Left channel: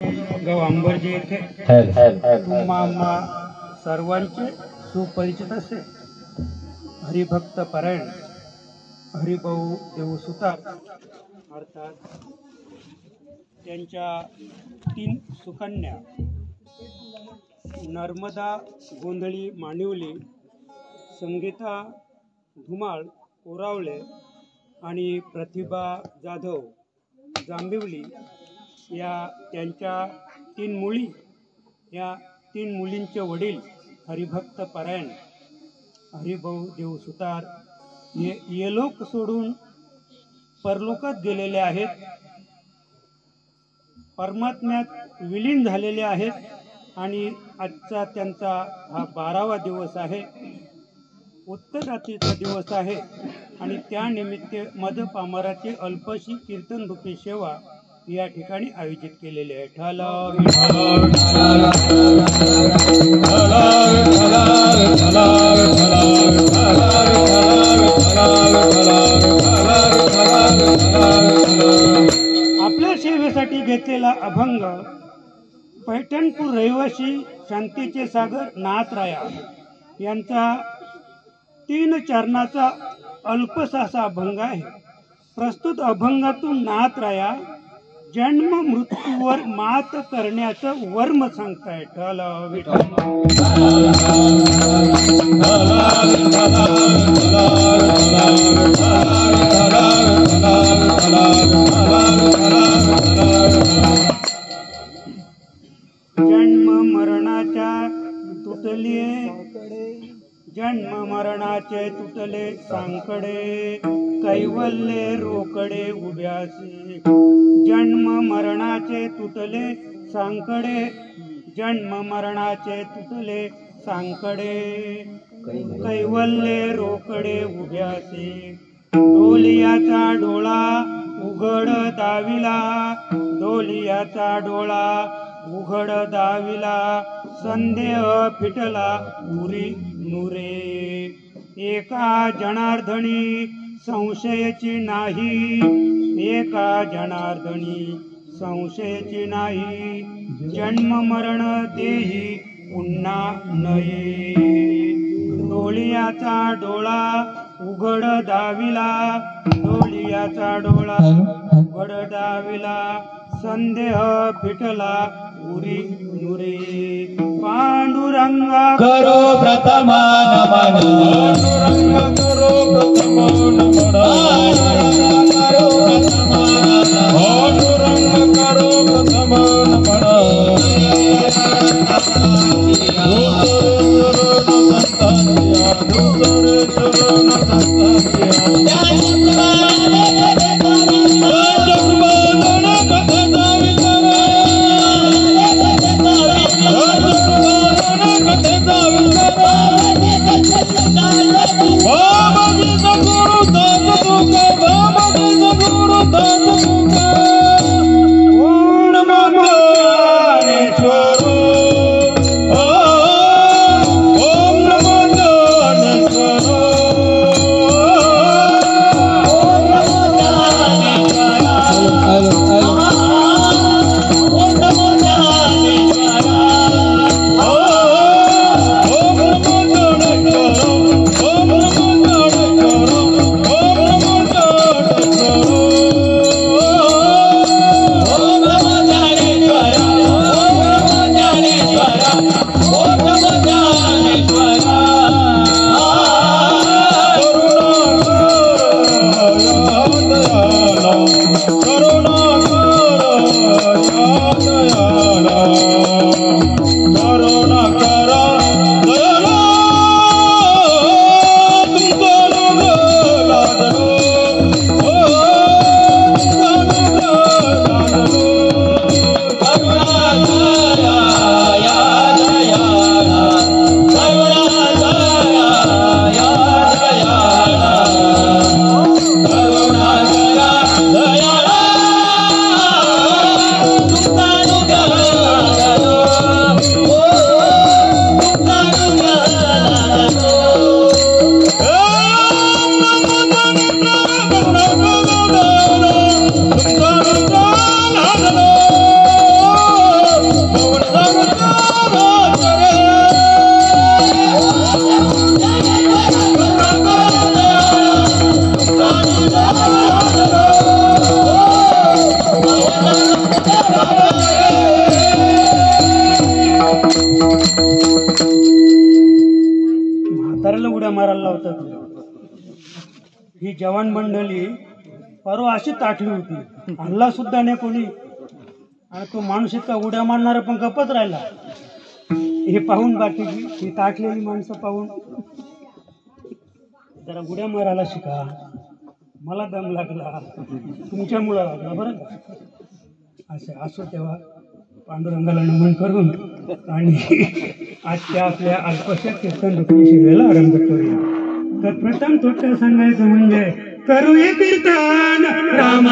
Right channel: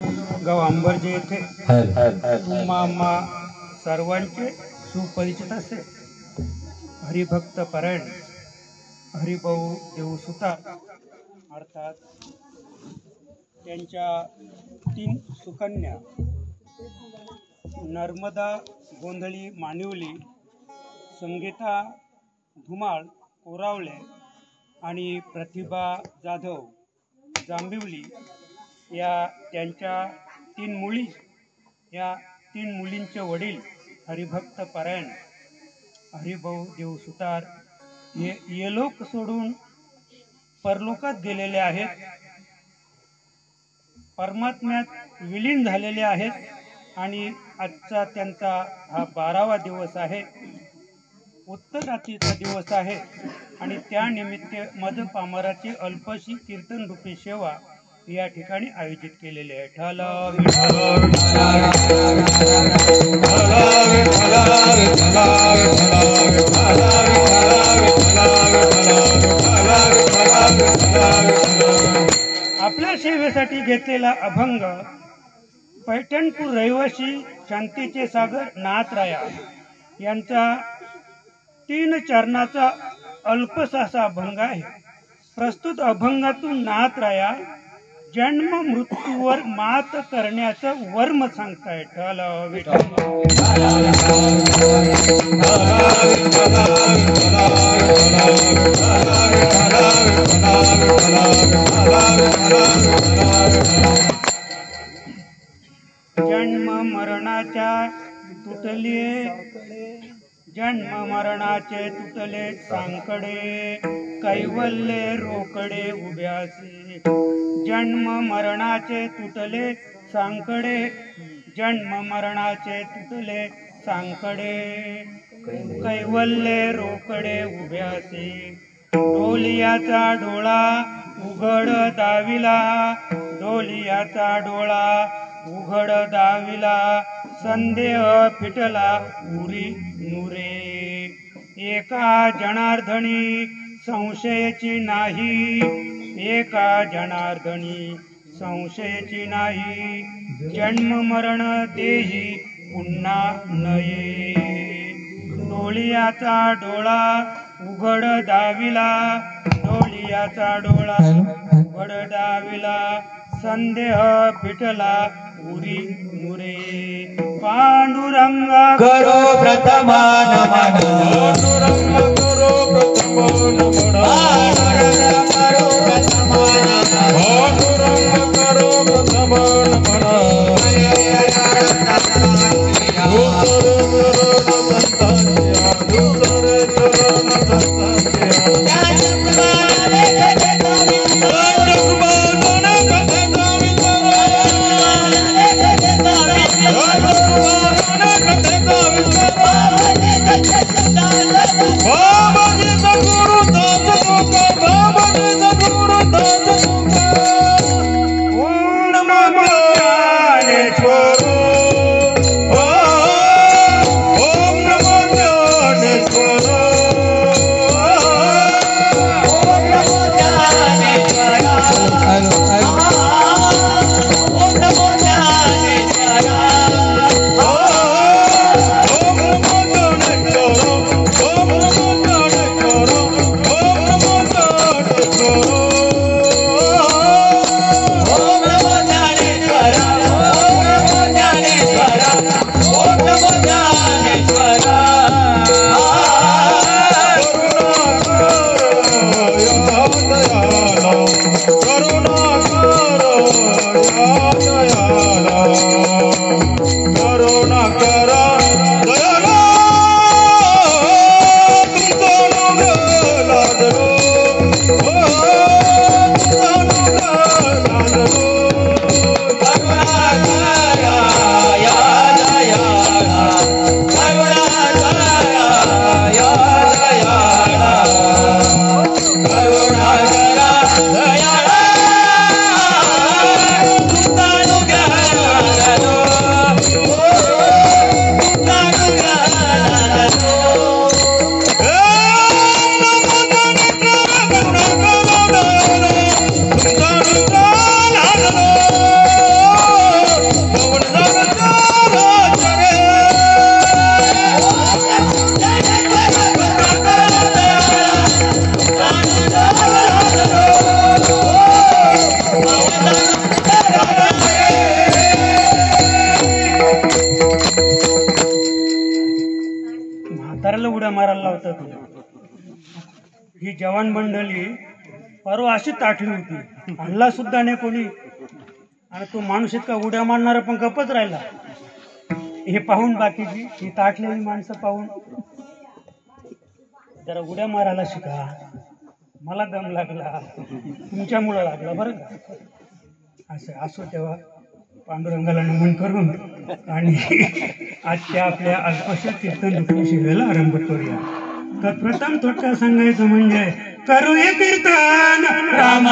गाव अंबरजे येथे तुम्हा आम्हा सर्वांचे सुपरिचित असे हरिभक्त परायण हरिभाऊ देव सुतार अर्थात त्यांच्या 3 सुकन्या नर्मदा गोंधळी मानिवली, संगीता धुमाळ कोरावळे आणि प्रतिभा जाधव जांभिवली या त्यांच्या 3 मुली, या 3 मुलींचे वडील हरिभक्त परायण हरिभाऊ देव सुतार हे येलोक सोडून परलोकात गेलेले आहेत, परमात्म्यात विलीन झालेले आहेत आणि आजचा त्यांचा हा 12वा दिवस आहे, उत्तरातीचा दिवस आहे आणि त्यानिमित्त मदपामराची अल्पशी कीर्तन रूपी सेवा या ठिकाणी आयोजित केलेली आहे। आपल्या सेवेसाठी घेतलेला अभंग पैठणपूर रहिवासी शांतीचे सागर नाथराया यांचा 3 चरणाचा अल्पसा असा अभंग आहे। प्रस्तुत अभंगातून नाथराया जन्म मृत्यूवर मात करण्याचं वर्म सांगतायत। जन्म मरणाच्या तुटले, जन्म मरणाचे तुटले सांकडे, कैवल्य रोकडे उभ्यासी। जन्म मरणाचे तुटले सांकडे, जन्म मरणाचे तुटले सांकडे, कैवल्य रोकडे उभ्यासी। डोलियाचा डोळा उघड दाविला, डोलियाचा डोळा उघड दाविला, संदेह फिटला उरी नुरे। एका जनार्दनी संशयाची नाही, एका जनार्दनी संशयाची नाही, जन्म मरण देही पुन्हा नये। डोलियाचा डोळा उघड दाविला, डोलियाचा डोळा उघड दाविला, संदेह फिटला उरी नुरे। पांडुरंगा करो प्रथमान मन, पांडुरंग करो प्रथमान मन, करो प्रथमान मन, पांडुरंग करो प्रथमान मन। ही जवान मंडळी परवा अशी ताटली होती, हल्ला सुद्धा नाही कोणी, आणि तो माणूस इतका उड्या मारणारा पण गप्पच राहिला. हे पाहून बाकीची ही ताटलेली माणसं पाहून जरा उड्या मारायला शिका, मला दम लागला, तुमच्यामुळं लागला बरं का. असं असो तेव्हा पांडुरंगाला नमन करून आणि आजच्या आपल्या अल्पशा कीर्तन दुःख शिवेला आरंभ करूया. तर प्रथम थोडक्यात सांगायचं म्हणजे करूया कीर्तन राम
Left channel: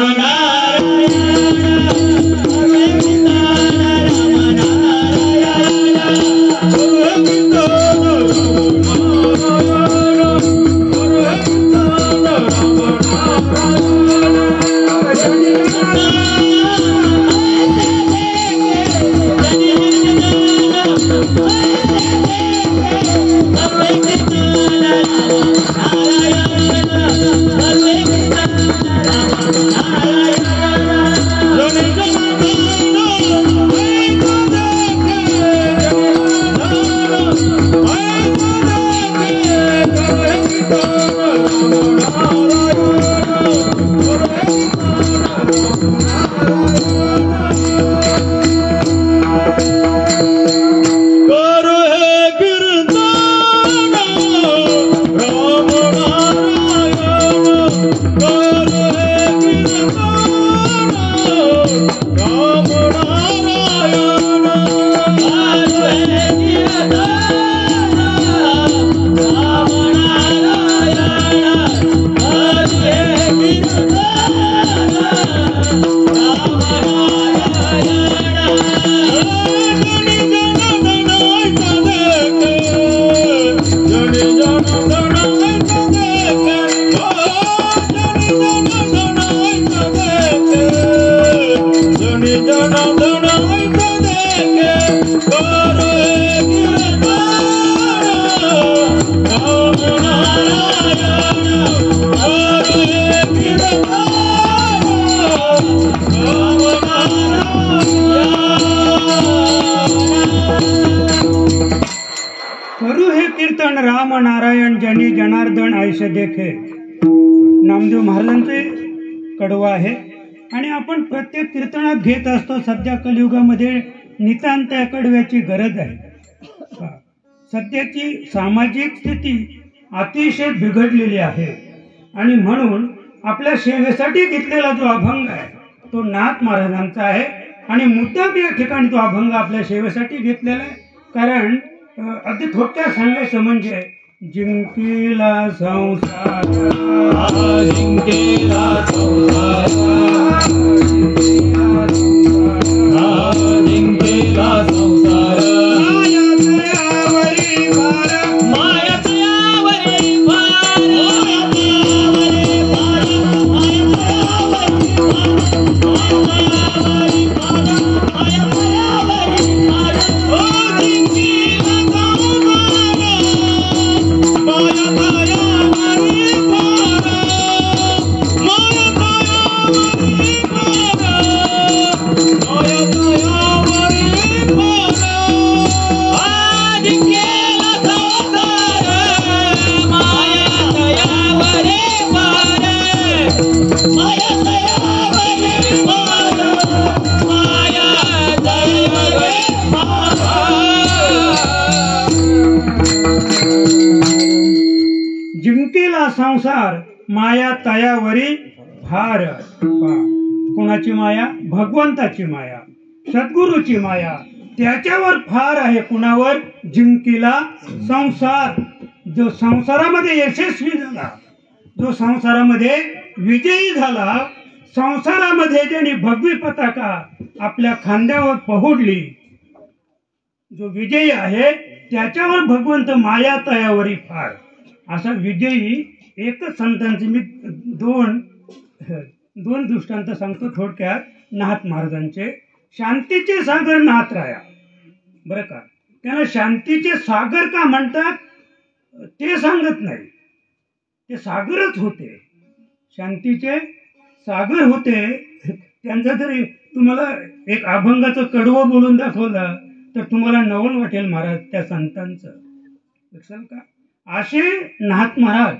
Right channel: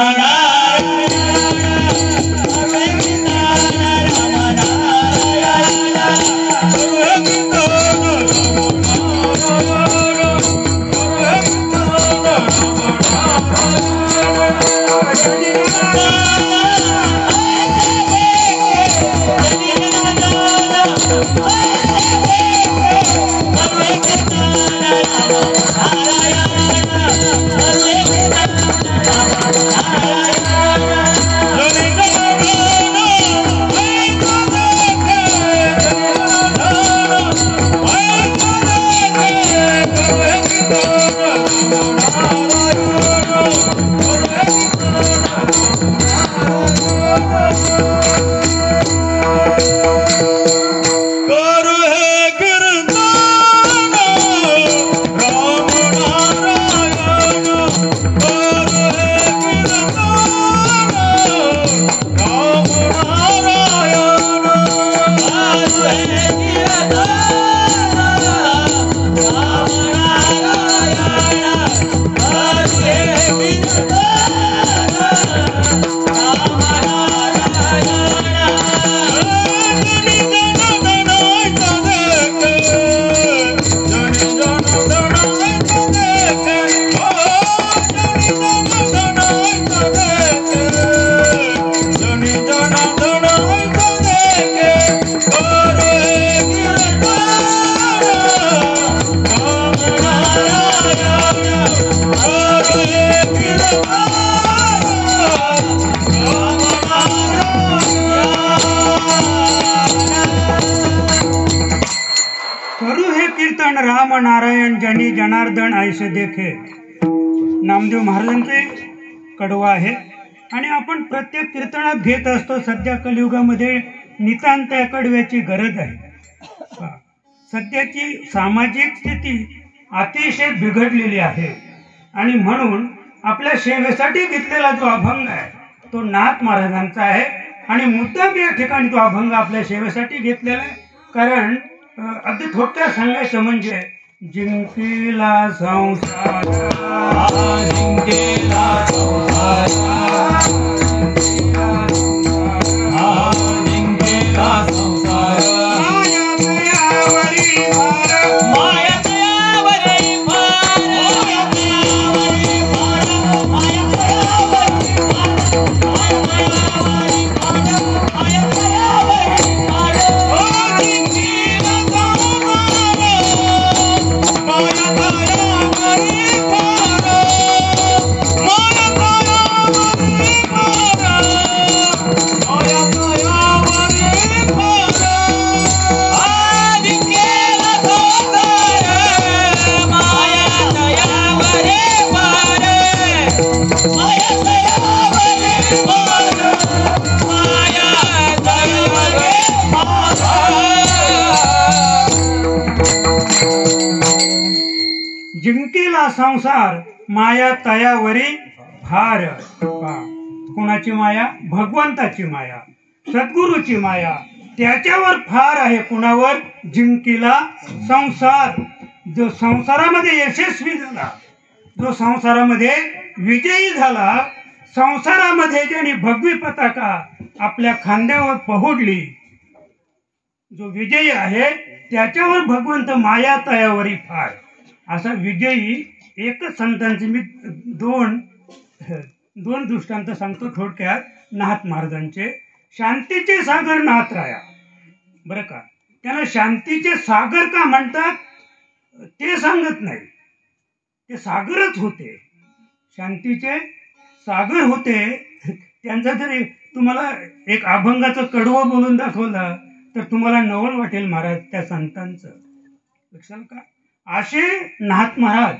नारायण जनी जनार्दन ऐसे देखे, नामदेव महाराजांचे कडवं आहे आणि आपण प्रत्येक कीर्तनात घेत असतो. सध्या कलियुगामध्ये नितांत या कडव्याची गरज आहे. सध्याची सामाजिक स्थिती अतिशय बिघडलेली आहे आणि म्हणून आपल्या सेवेसाठी घेतलेला जो अभंग आहे तो नाथ महाराजांचा आहे आणि मुद्दाम या ठिकाणी तो अभंग आपल्या सेवेसाठी घेतलेला आहे. कारण अगदी थोडक्यात सांगायचं म्हणजे जिंकीला संसार, जिंकीला संसार, जिंकीला संसार, माया दयावरी भार, माया दयावरी भार, माया दयावरी भार, माया दयावरी भार, माया दयावरी भार, ओ जिंकीला जिंकेला संसार माया तयावरी भार. कोणाची माया? भगवंताची माया, सद्गुरूची माया, त्याच्यावर फार आहे. कुणावर? जिंकेला संसार. जो संसारामध्ये यशस्वी झाला, जो संसारामध्ये विजयी झाला, संसारामध्ये ज्याने भगवी पताका आपल्या खांद्यावर पहुडली, जो विजयी आहे त्याच्यावर भगवंत माया तयावरी फार. असा विजयी एकच संतांचे मी दोन दृष्टांत सांगतो थोडक्यात. नाथ महाराजांचे शांतीचे सागर नाथ राया, बरं का. त्याला शांतीचे सागर का म्हणतात ते सांगत नाही, ते सागरच होते, शांतीचे सागर होते. त्यांचा जरी तुम्हाला एक अभंगाचं कडवं बोलून दाखवलं तर तुम्हाला नवल वाटेल महाराज त्या संतांचं. लक्षात का? असे नाथ महाराज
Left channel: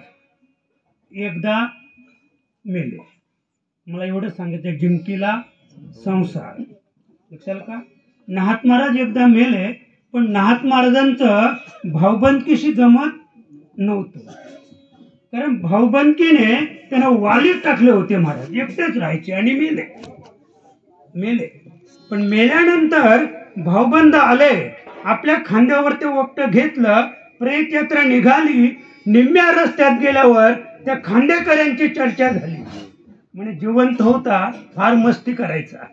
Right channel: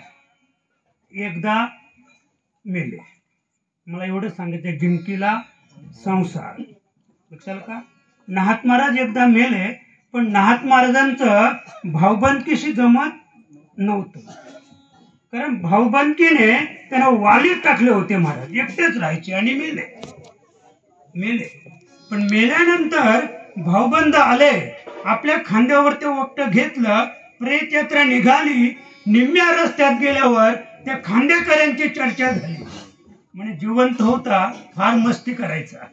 एकदा मेले. मला एवढं सांगितलं, जिंकीला संसार. लक्षात का? नाहत महाराज एकदा मेले, पण नाहत महाराजांचं भाऊबंदकीशी जमत नव्हतं. कारण भाऊबंदकीने त्यांना वालीत टाकले होते. महाराज एकटेच राहायचे आणि मेले. पण मेल्यानंतर भाऊबंद आले, आपल्या खांद्यावर ते वक्त घेतलं, प्रेत यात्रा निघाली. निम्म्या रस्त्यात गेल्यावर त्या खांदेकऱ्यांची चर्चा झाली. म्हणजे जिवंत होता फार मस्ती करायचा,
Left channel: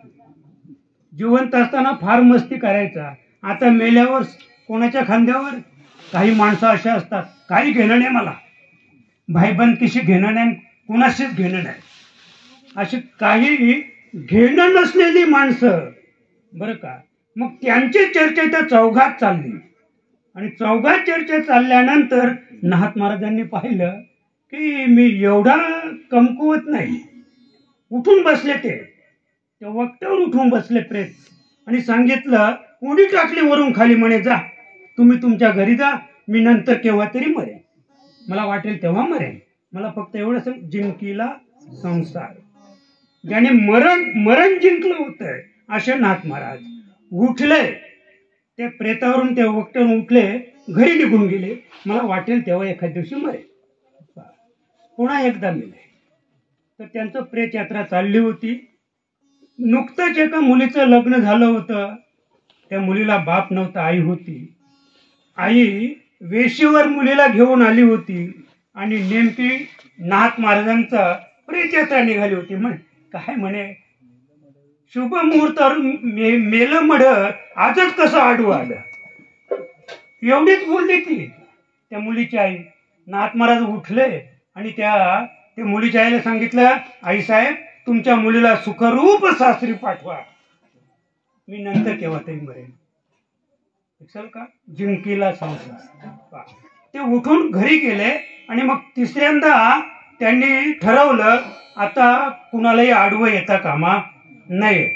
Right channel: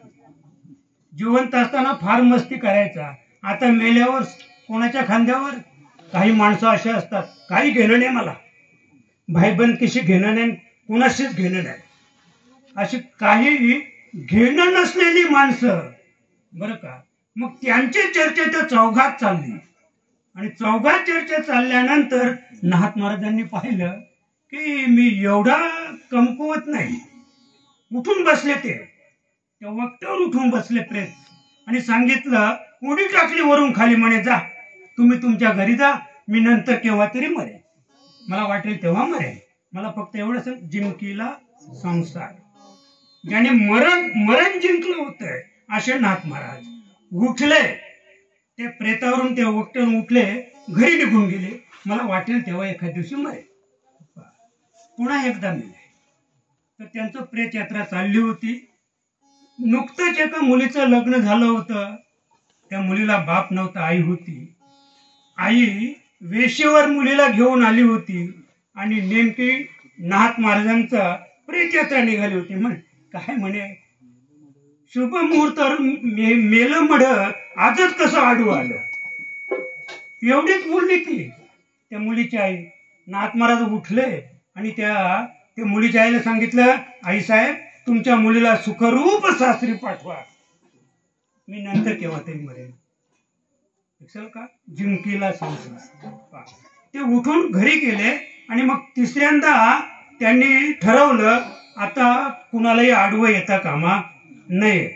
जिवंत असताना फार मस्ती करायचा. आता मेल्यावर कोणाच्या खांद्यावर? काही माणसं अशा असतात, काही घेणं नाही, मला भाईबंदकीशी घेणं नाही, कोणाशीच घेणं नाही, अशी काही घेणं नसलेली माणसं बरं का. मग त्यांची चर्चा त्या चौघात चालली. आणि चौघात चर्चा चालल्यानंतर नाहत महाराजांनी पाहिलं की मी एवढा कमकुवत नाही. उठून बसले, ते वक्तावर उठून बसले प्रेत, आणि सांगितलं, उडी टाकली वरून खाली, म्हणे जा तुम्ही तुमच्या घरी जा, मी नंतर केव्हा तरी मरेन, मला वाटेल तेव्हा मरेन. मला फक्त एवढं सांग, जिंकीला संसार. ज्याने मरण जिंकलं होतं असे नाथ महाराज उठले, ते प्रेतावरून ते वक्तावरून उठले, घरी निघून गेले. मला वाटेल तेव्हा एखाद दिवशी मरेल. पुन्हा एकदा मेले. तर त्यांचं प्रेत यात्रा चालली होती. नुकतंच एका मुलीचं लग्न झालं होतं. त्या मुलीला बाप नव्हता, आई होती. आई वेशीवर मुलीला घेऊन आली होती आणि नेमकी नाथ महाराजांचा प्रेत यात्रा निघाली होती. म्हण काय म्हणे, शुभ मुहूर्तावर मेलं मढ, आजच कसं आडवं आलं, एवढीच बोलली ती त्या मुलीची आई. नाथ महाराज उठले आणि त्या मुलीच्या आईला सांगितलं, आई साहेब तुमच्या मुलीला सुखरूप सासरी पाठवा, मी नंतर केव्हा तरी मरेन. लक्षात का? जिंकीला संसार. ते उठून घरी गेले आणि मग तिसऱ्यांदा त्यांनी ठरवलं, आता कुणालाही आडवं येता कामा नाही.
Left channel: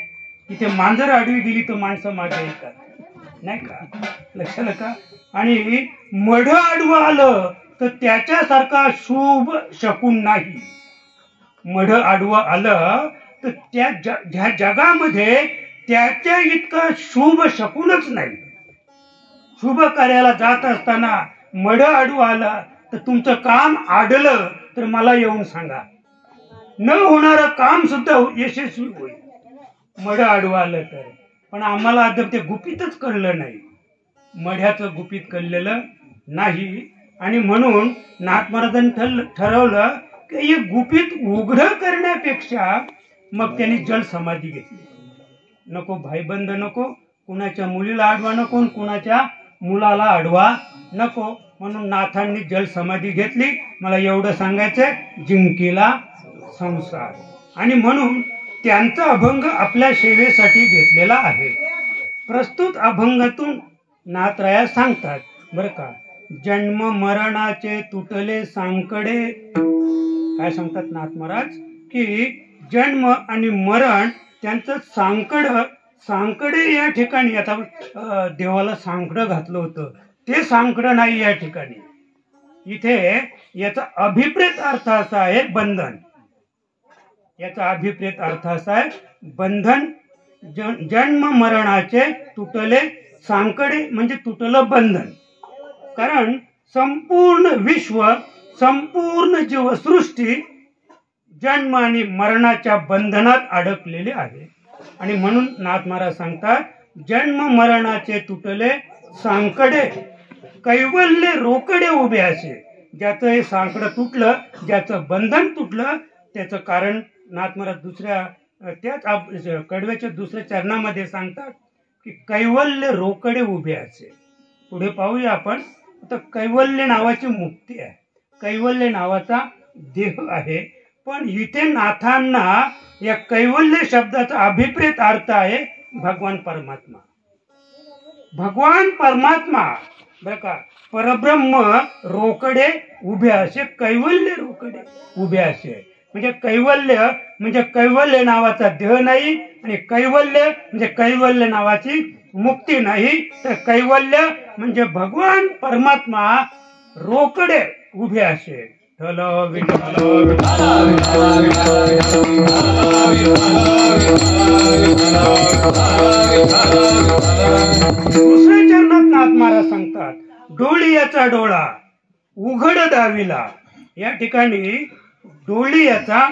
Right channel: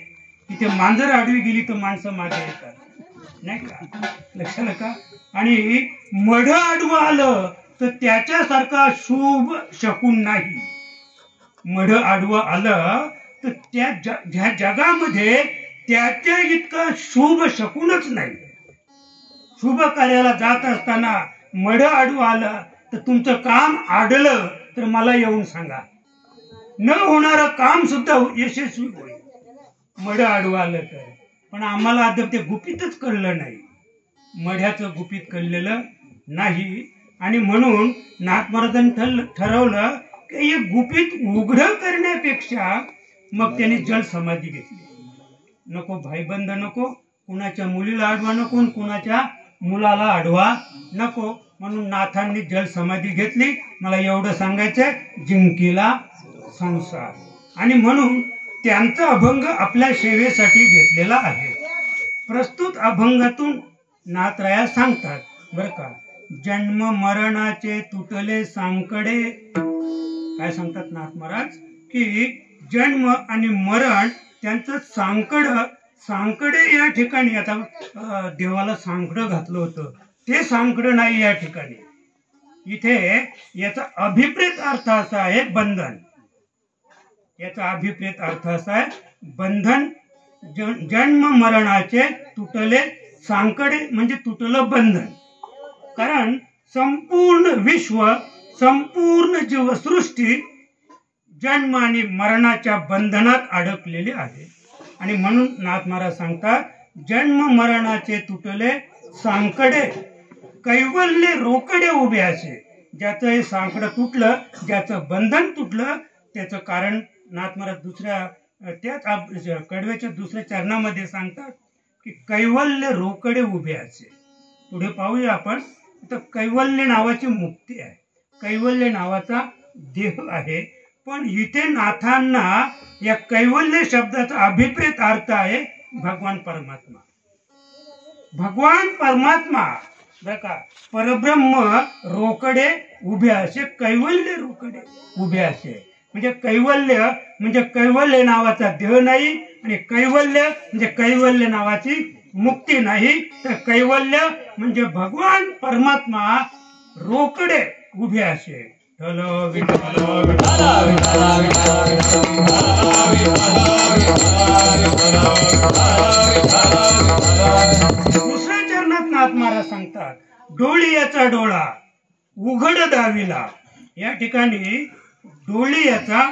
तिथे मांजर आडवी गेली तर माणसं मागे येतात, नाही का? लक्षात का? आणि मढ आडवं आलं तर त्याच्यासारखा शुभ शकून नाही. मढ आडवं आलं तर त्या जगामध्ये त्याच्या इतका शुभ शकूनच नाही. शुभ कार्याला जात असताना मढ आडवं आलं तर तुमचं काम आडलं तर मला येऊन सांगा, न होणारं काम सुद्धा यशस्वी होईल मढ आडवं आलं तर. पण आम्हाला अद्याप ते गुपितच कळलं नाही, मढ्याचं गुपित कळलेलं नाही. आणि म्हणून नाथ महाराजांनी ठरवलं की हे गुपित उघड करण्यापेक्षा मग त्यांनी जल समाधी घेतली. नको भाईबंद नको, कुणाच्या मुलीला आडवा नको, कुणाच्या मुलाला आडवा नको, म्हणून नाथांनी जल समाधी घेतली. मला एवढं सांगायचंय, जिंकीला संसार. आणि म्हणून त्यांचा अभंग आपल्या सेवेसाठी घेतलेला आहे. प्रस्तुत अभंगातून नाथराया सांगतात बरं का, जन्म मरणाचे तुटले सांकडे. काय सांगतात नाथ महाराज की जन्म आणि मरण त्यांचं सांकडे या ठिकाणी, आता देवाला सांकडं घातलं होतं ते सांकडं नाही या ठिकाणी. इथे याचा अभिप्रेत अर्थ असा आहे बंधन. याचा अभिप्रेत अर्थ असा आहे बंधन. जन्म मरणाचे तुटले सांकडे म्हणजे तुटलं बंधन. कारण संपूर्ण विश्व, संपूर्ण जीवसृष्टी जन्म आणि मरणाच्या बंधनात अडकलेली आहे. आणि म्हणून नाथ महाराज सांगतात, जन्म मरणाचे तुटले सांकडे, कैवल्य रोकडे उभे असे. ज्याचं हे सांकडं तुटलं, ज्याचं बंधन तुटलं, त्याचं कारण नाथ महाराज दुसऱ्या त्याच कडव्याच्या दुसऱ्या चरणामध्ये सांगतात की कैवल्य रोकडे उभे असे. पुढे पाहूया आपण. आता कैवल्य नावाची मुक्ती आहे, कैवल्य नावाचा देह आहे. पण इथे नाथांना या कैवल्य शब्दाचा अभिप्रेत अर्थ आहे भगवान परमात्मा. भगवान परमात्मा बरं का, परब्रह्म रोकडे उभे असे, कैवल्य रोकडे उभे असे. म्हणजे कैवल्य नावाचा देह नाही, आणि कैवल्य म्हणजे कैवल्य नावाची मुक्ती नाही. तर कैवल्य म्हणजे भगवान परमात्मा रोकडे उभे असे. विठ्ठल विठ्ठल दुसऱ्या चरणात नाथ महाराज सांगतात, डोळीयाचा डोळा उघड दाविला. या ठिकाणी डोळीयाचा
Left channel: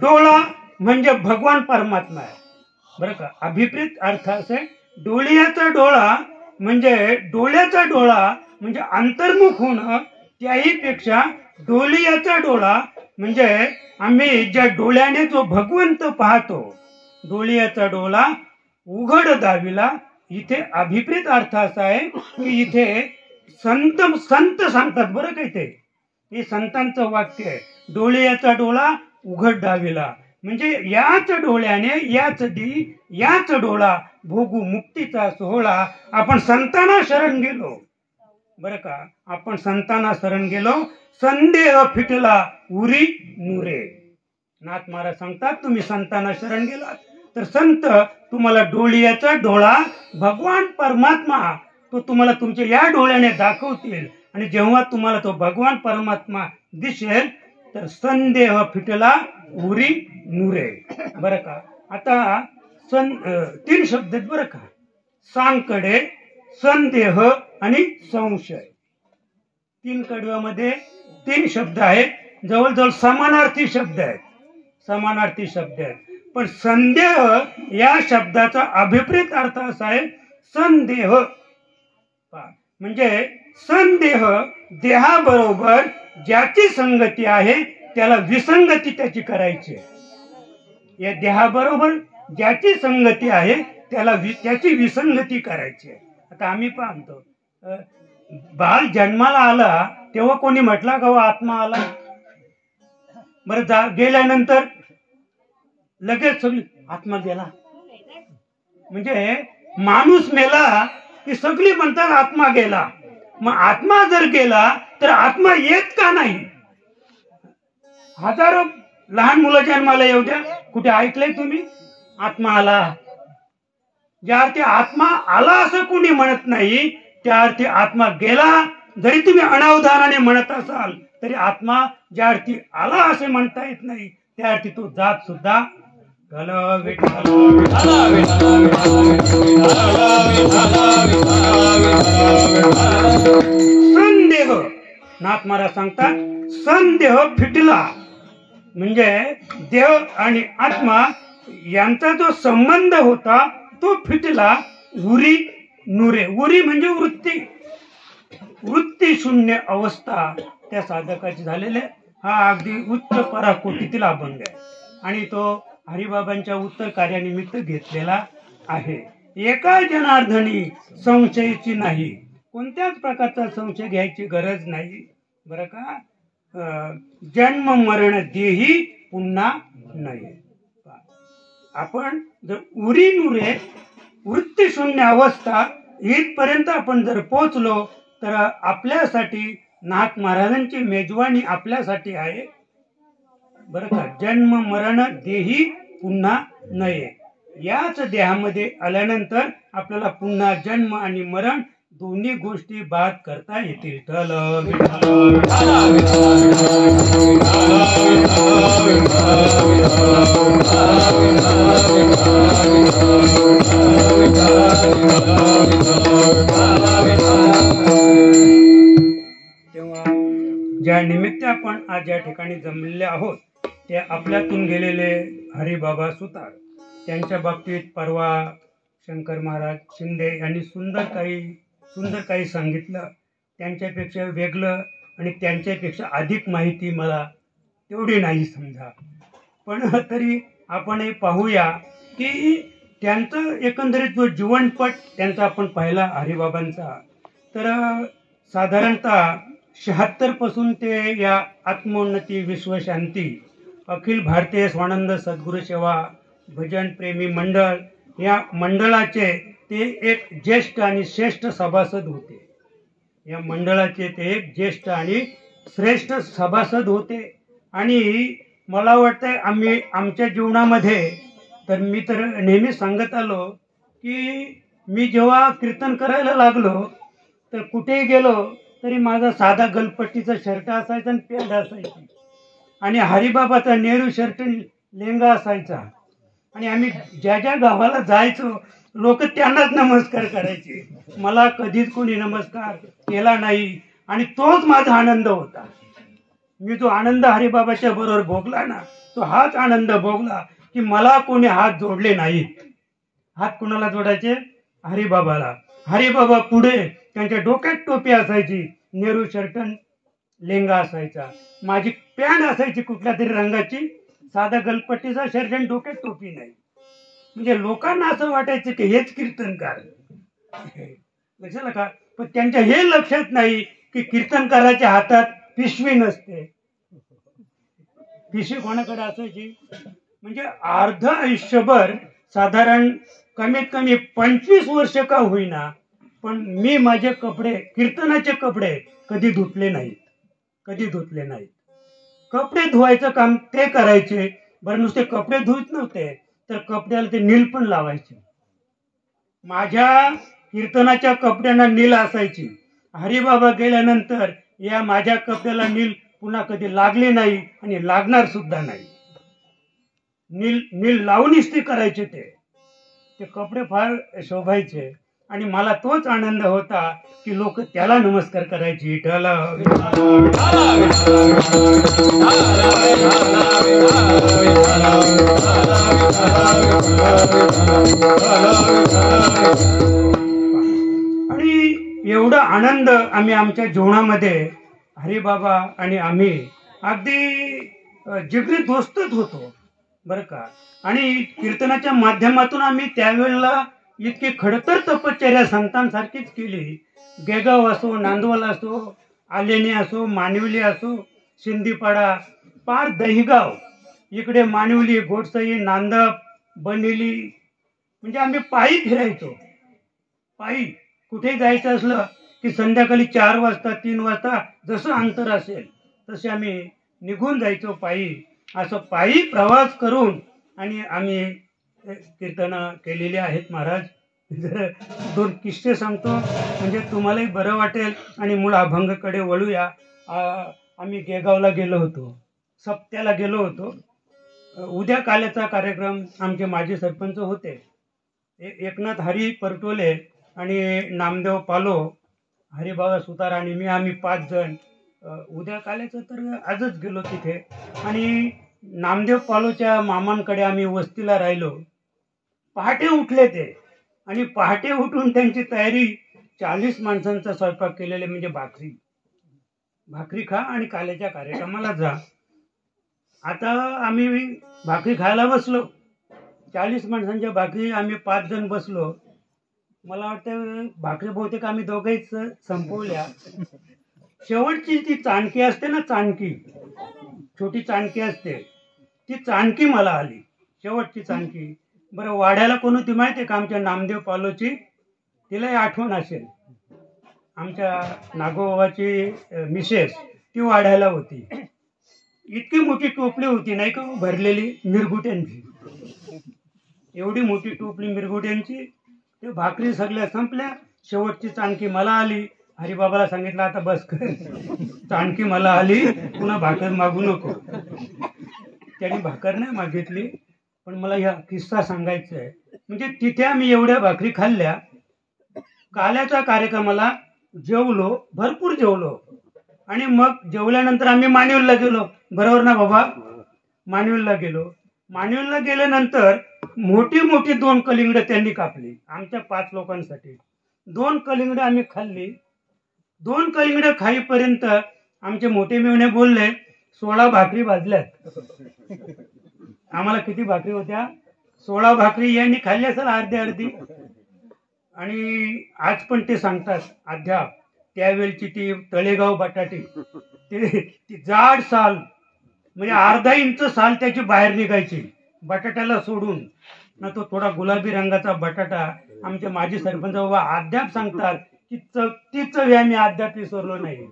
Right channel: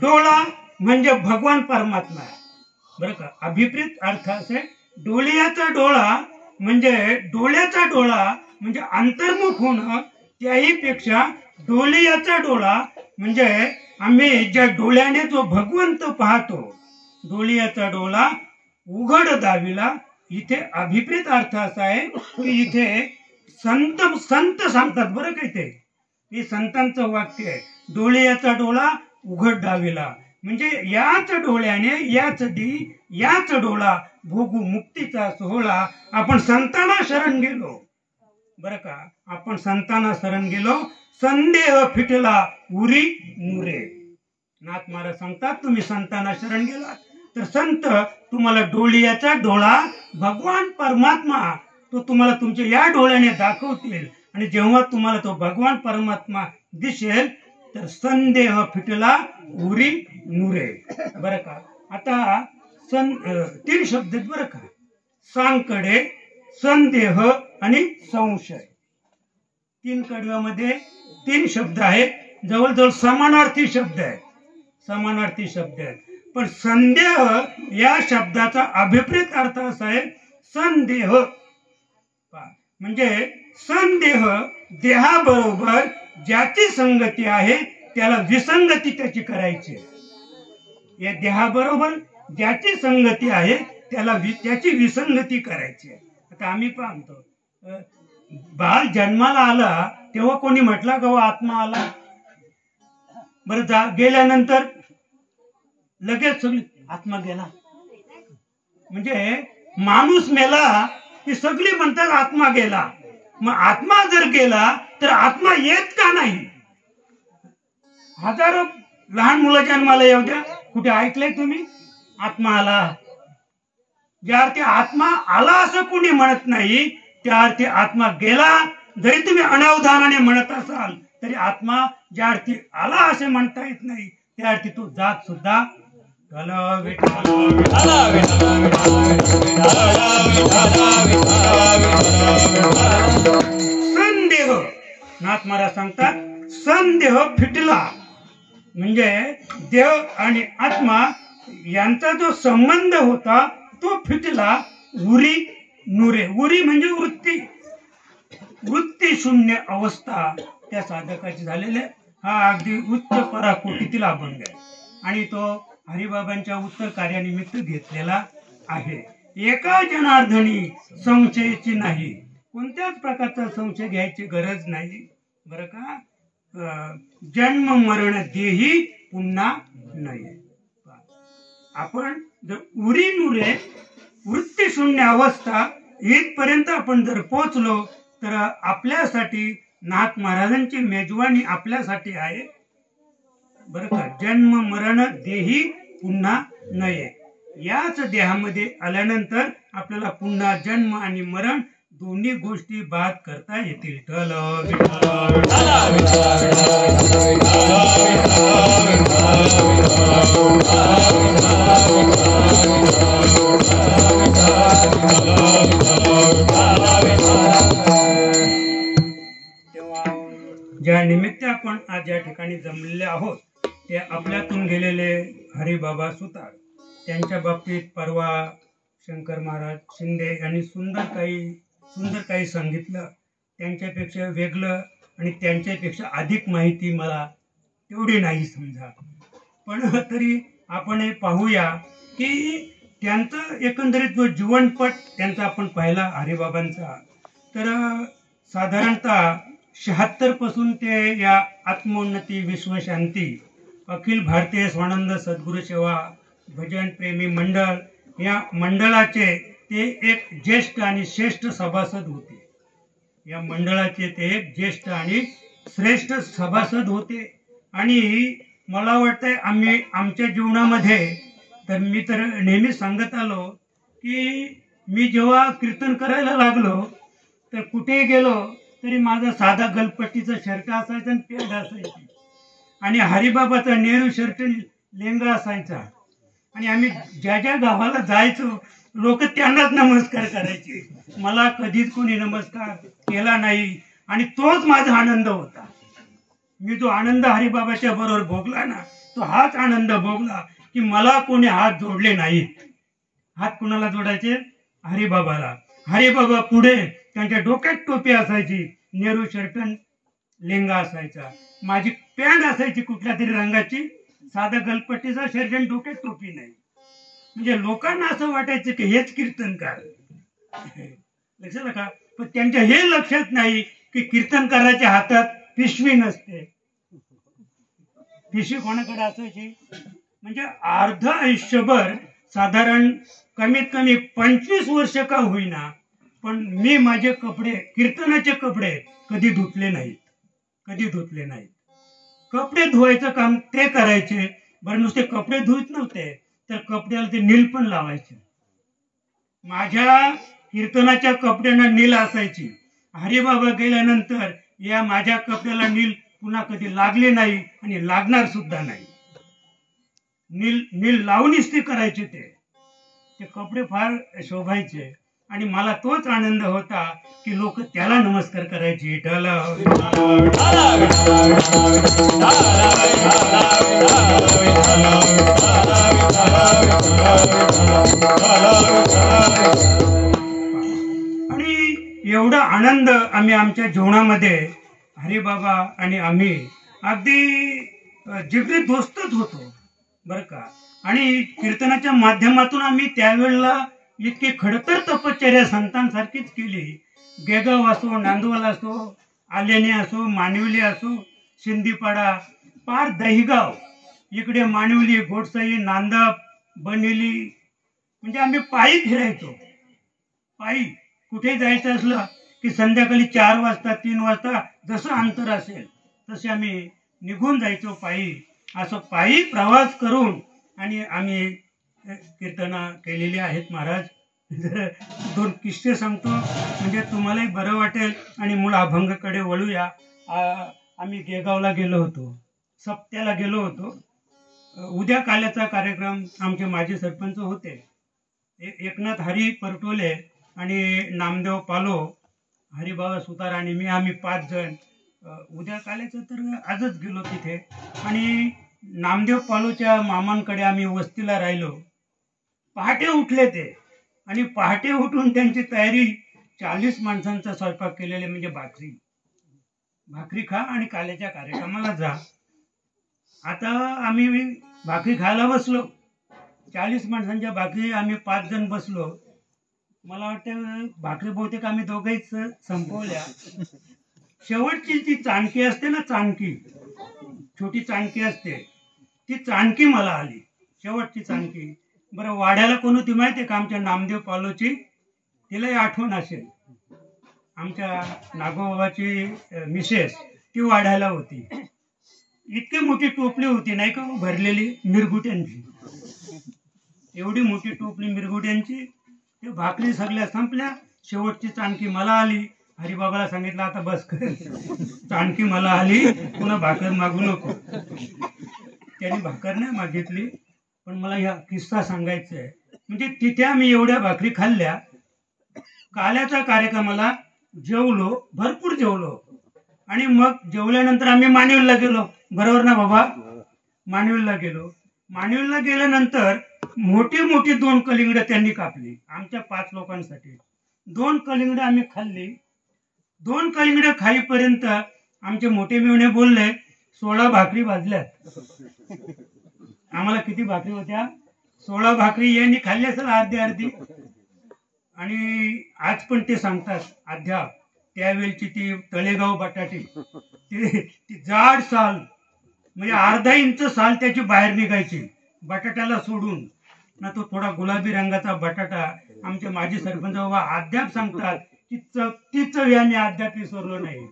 डोळा म्हणजे भगवान परमात्मा आहे बरं का. अभिप्रेत अर्थ असे, डोळीयाचा डोळा म्हणजे डोळ्याचा डोळा म्हणजे अंतर्मुख होणं, त्याही पेक्षा डोळीयाचा डोळा म्हणजे आम्ही ज्या डोळ्याने जो भगवंत पाहतो, डोळीयाचा डोळा उघड दाविला. इथे अभिप्रेत अर्थ असा आहे की इथे संत सांगतात बरं का, इथे हे संतांचं वाक्य आहे, डोळ्याचा डोळा उघड दाविला म्हणजे याच डोळ्याने याच डोळा भोगू मुक्तीचा सोहळा. आपण संतांना शरण गेलो बरं का, आपण संतांना शरण गेलो, संदेह फिटला उरी नुरे. नाथ महाराज सांगतात, तुम्ही संतांना शरण गेलात तर संत तुम्हाला डोळ्याचा डोळा भगवान परमात्मा तो तुम्हाला तुमच्या या डोळ्याने दाखवतील. आणि जेव्हा तुम्हाला तो भगवान परमात्मा दिसेल तर संदेह फिटला उरी नुरे बरं का. आता तीन शब्द आहेत बरं का, सांकडे, संदेह आणि संशय. तीन कडव्यामध्ये तीन शब्द आहेत, जवळजवळ समानार्थी शब्द आहेत. पण संदेह या शब्दाचा अभिप्रेत अर्थ असा आहे, संदेह म्हणजे संदेह देहाबरोबर ज्याची संगती आहे त्याला विसंगती त्याची करायची. या देहाबरोबर ज्याची संगती आहे त्याची विसंगती करायची. आता आम्ही पाहतो, बाळ जन्माला आला तेव्हा कोणी म्हटला का आत्मा आला? बरं, गेल्यानंतर लगेच सगळी आत्मा गेला. म्हणजे माणूस मेला की सगळी म्हणतात आत्मा गेला. मग आत्मा जर गेला तर आत्मा येत का नाही? हजारो लहान मुलं जन्माला येऊ द्या, कुठे ऐकलंय तुम्ही आत्मा आला? ज्या अर्थी आत्मा आला असं कोणी म्हणत नाही, त्या अर्थी आत्मा गेला जरी तुम्ही अनावधानाने म्हणत असाल तरी आत्मा ज्या अर्थी आला असे म्हणता येत नाही, त्या अर्थी तो जात सुद्धा संदेह. नाथ महाराज सांगतात, संदेह फिटला म्हणजे देह आणि आत्मा यांचा जो संबंध होता तो फिटला. उरी नुरे, उरी म्हणजे वृत्ती शून्य अवस्था त्या साधकाची झालेले. हा अगदी उच्च पराकोटीतील अभंग आहे आणि तो हरिबाबांच्या उत्तर कार्यानिमित्त घेतलेला आहे. एका जनार्दनी संशयाची नाही, कोणत्याच प्रकारचा संशय घ्यायची गरज नाही बरं का. जन्म मरण देही पुन्हा नाही. आपण जर उरी नुरे वृत्ती शून्य अवस्था इथपर्यंत आपण जर पोचलो तर आपल्यासाठी नाथ महाराजांची मेजवानी आपल्यासाठी आहे बरं का. जन्म मरण देही पुन्हा नये. याच देहामध्ये आल्यानंतर आपल्याला पुन्हा जन्म आणि मरण दोन्ही गोष्टी बाद करता येतील. तेव्हा ज्या निमित्त आपण आज या ठिकाणी जमलेले आहोत ते आपल्यातून गेलेले हरिबाबा सुतार, त्यांच्या बाबतीत परवा शंकर महाराज शिंदे यांनी सुंदर काही सांगितलं. त्यांच्यापेक्षा वेगळं आणि त्यांच्यापेक्षा अधिक माहिती मला तेवढी नाही समजा, पण तरी आपण पाहूया की त्यांचं एकंदरीत जो जीवनपट त्यांचा आपण पाहिला हरिबाबांचा, तर साधारणतः 76 पासून ते या आत्मोन्नती विश्वशांती अखिल भारतीय स्वानंद सद्गुरू सेवा भजन प्रेमी मंडळ या मंडळाचे ते एक ज्येष्ठ आणि श्रेष्ठ सभासद होते. या मंडळाचे ते एक ज्येष्ठ आणि श्रेष्ठ सभासद होते. आणि मला वाटतं आम्ही आमच्या जीवनामध्ये तर मी तर नेहमी सांगत आलो की मी जेव्हा कीर्तन करायला लागलो तर कुठेही गेलो तरी माझा साधा गलपट्टीचा शर्ट असायचा आणि पॅन्ट असायची. आणि हरिबाबाचा नेहरू शर्ट लेंगा असायचा आणि आम्ही ज्या ज्या गावाला जायचो लोक त्यांनाच नमस्कार करायचे. मला कधीच कोणी नमस्कार केला नाही आणि तोच माझा आनंद होता. मी जो आनंद हरिबाबाच्या बरोबर भोगला ना, तो हाच आनंद भोगला की मला कोणी हात जोडले नाहीत. हात कुणाला जोडायचे? हरिबाबाला. हरिबाबा पुढे, त्यांच्या डोक्यात टोपी असायची, नेहरू शर्ट लेंगा असायचा, माझी पॅन्ट असायची कुठल्या तरी रंगाची, साधा गलपट्टीचा शर्ट आणि डोक्यात टोपी नाही. म्हणजे लोकांना असं वाटायचं की हेच कीर्तनकार. लक्षात का? पण त्यांच्या हे लक्षात नाही की कीर्तनकाराच्या हातात पिशवी नसते. पिशवी कोणाकडे असायची? म्हणजे अर्ध आयुष्यभर साधारण कमीत कमी 25 वर्ष का होईना, पण मी माझे कपडे, कीर्तनाचे कपडे कधी धुतले नाहीत. कधी धुतले नाहीत. कपडे धुवायचं काम ते करायचे. बरं, नुसते कपडे धुत नव्हते तर कपड्याला ते नील पण लावायचे. माझ्या कीर्तनाच्या कपड्यांना नील असायची. हरिबाबा गेल्यानंतर या माझ्या कपड्याला नील पुन्हा कधी लागले नाही आणि लागणार सुद्धा नाही. नील लावून इस्त्री करायचे. ते कपडे फार शोभायचे आणि मला तोच आनंद होता की लोक त्याला नमस्कार करायचे. आणि एवढा आनंद आम्ही आमच्या जीवनामध्ये, हरिबाबा आणि आम्ही अगदी जिगरी दोस्तच होतो बरं का. आणि कीर्तनाच्या माध्यमातून आम्ही त्यावेळेला इतकी खडतर तपश्चर्या संतांसारखीच केली. गेगाव असो, नांदवल असो, आलेणी असो, मानिवली असो, शिंदीपाडा, पार दहिगाव, इकडे मानिवली, गोडसई, नांदप, बनेली, म्हणजे आम्ही पायी फिरायचो. पायी कुठे जायचं असलं की संध्याकाळी 4 वाजता 3 वाजता जसं अंतर असेल तसे आम्ही निघून जायचो पायी. असं पायी प्रवास करून आणि आम्ही कीर्तनं केलेली आहेत. महाराज, जर 2 किस्से सांगतो म्हणजे तुम्हालाही बरं वाटेल आणि मूळ अभंगाकडे वळूया. आम्ही गेगावला गेलो होतो, सप्त्याला गेलो होतो. उद्या काल्याचा कार्यक्रम आमचे माजी सरपंच होते एकनाथ हरी परटोले आणि नामदेव पालो, हरिबाबा सुतार आणि मी, आम्ही 5 जण उद्या काल्याचं तर आजच गेलो तिथे. आणि नामदेव पालोच्या मामांकडे आम्ही वस्तीला राहिलो. पहाटे उठले ते आणि पहाटे उठून त्यांची तयारी, 40 माणसांचा स्वयंपाक केलेले, म्हणजे भाकरी खा आणि काल्याच्या कार्यक्रमाला जा. आता आम्ही भाकरी खायला बसलो, 40 माणसांच्या भाकरी, आम्ही 5 जण बसलो. मला वाटतं भाकरी बहुतेक आम्ही दोघंच संपवल्या. शेवटची ती चाणकी असते ना, चाणकी, छोटी चाणकी असते, ती चाणकी मला आली, शेवटची चाणकी. बरं, वाड्याला कोण होती माहिती आहे का? आमच्या नामदेव पालोची, तिलाही आठवण असेल, आमच्या नागोबाबाची मिसेस, ती वाड्याला होती. इतकी मोठी टोपली होती नाही का भरलेली मिरगुट्यांची, एवढी मोठी टोपली मिरगुट्यांची. ते भाकरी सगळ्या संपल्या, शेवटची चाणकी मला आली. हरिबाबाला सांगितलं आता बस कर, चाणकी मला आली, पुन्हा भाकर मागू नको. त्यांनी भाकर नाही मागितली. पण मला हा किस्सा सांगायचा आहे. म्हणजे तिथे आम्ही एवढ्या भाकरी खाल्ल्या, काल्याच्या कार्यक्रमाला जेवलो, भरपूर जेवलो. आणि मग जेवल्यानंतर आम्ही मानिवलीला गेलो, बरोबर ना बाबा? मानिवलीला गेलो. मानिवलीला गेल्यानंतर मोठी मोठी 2 कलिंगडं त्यांनी कापली आमच्या 5 लोकांसाठी. 2 कलिंगडं आम्ही खाल्ली. 2 कलिंगडं खाईपर्यंत आमचे मोठे मेवणे बोलले 16 भाकरी भाजल्यात. आम्हाला किती भाकरी होत्या? 16 भाकरी यांनी खाल्ली असेल अर्धी. आणि आज पण ते सांगतात अद्याप, त्यावेळची ती तळेगाव बटाटी, ती जाड साल, म्हणजे अर्धा इंच साल त्याची बाहेर निघायची बटाट्याला सोडून ना. तो थोडा गुलाबी रंगाचा बटाटा. आमचे माजी सरपंच बाबा अद्याप सांगतात की ती चव आम्ही अद्याप विसरलो नाही.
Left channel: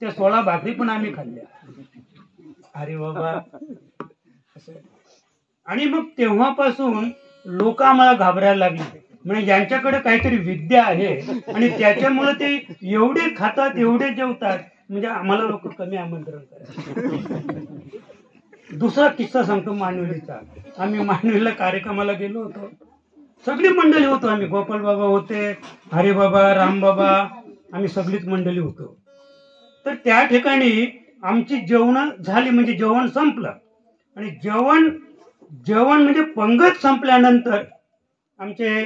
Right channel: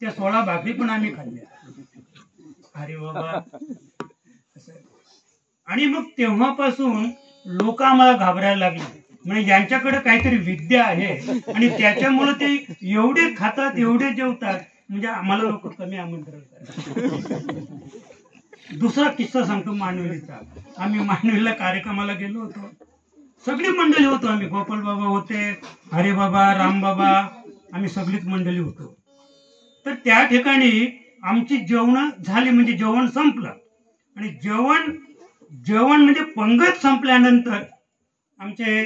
त्या 16 भाकरी पण आम्ही खाल्ल्या. अरे बाबा, आणि मग तेव्हापासून लोक आम्हाला घाबरायला लागले. म्हणजे यांच्याकडे काहीतरी विद्या आहे आणि त्याच्यामुळे ते एवढे खातात, एवढे जेवतात, म्हणजे आम्हाला लोक कमी आमंत्रण करतात. दुसरा किस्सा सांगतो मानवलीचा. आम्ही मानवलीला कार्यक्रमाला गेलो होतो, सगळी मंडळी होतो आम्ही. गोपाल बाबा होते, हरिबाबा, रामबाबा, आम्ही सगळीच मंडळी होतो. तर त्या ठिकाणी आमची जेवण झाली, म्हणजे जेवण संपलं. आणि जेवण म्हणजे पंगत संपल्यानंतर आमचे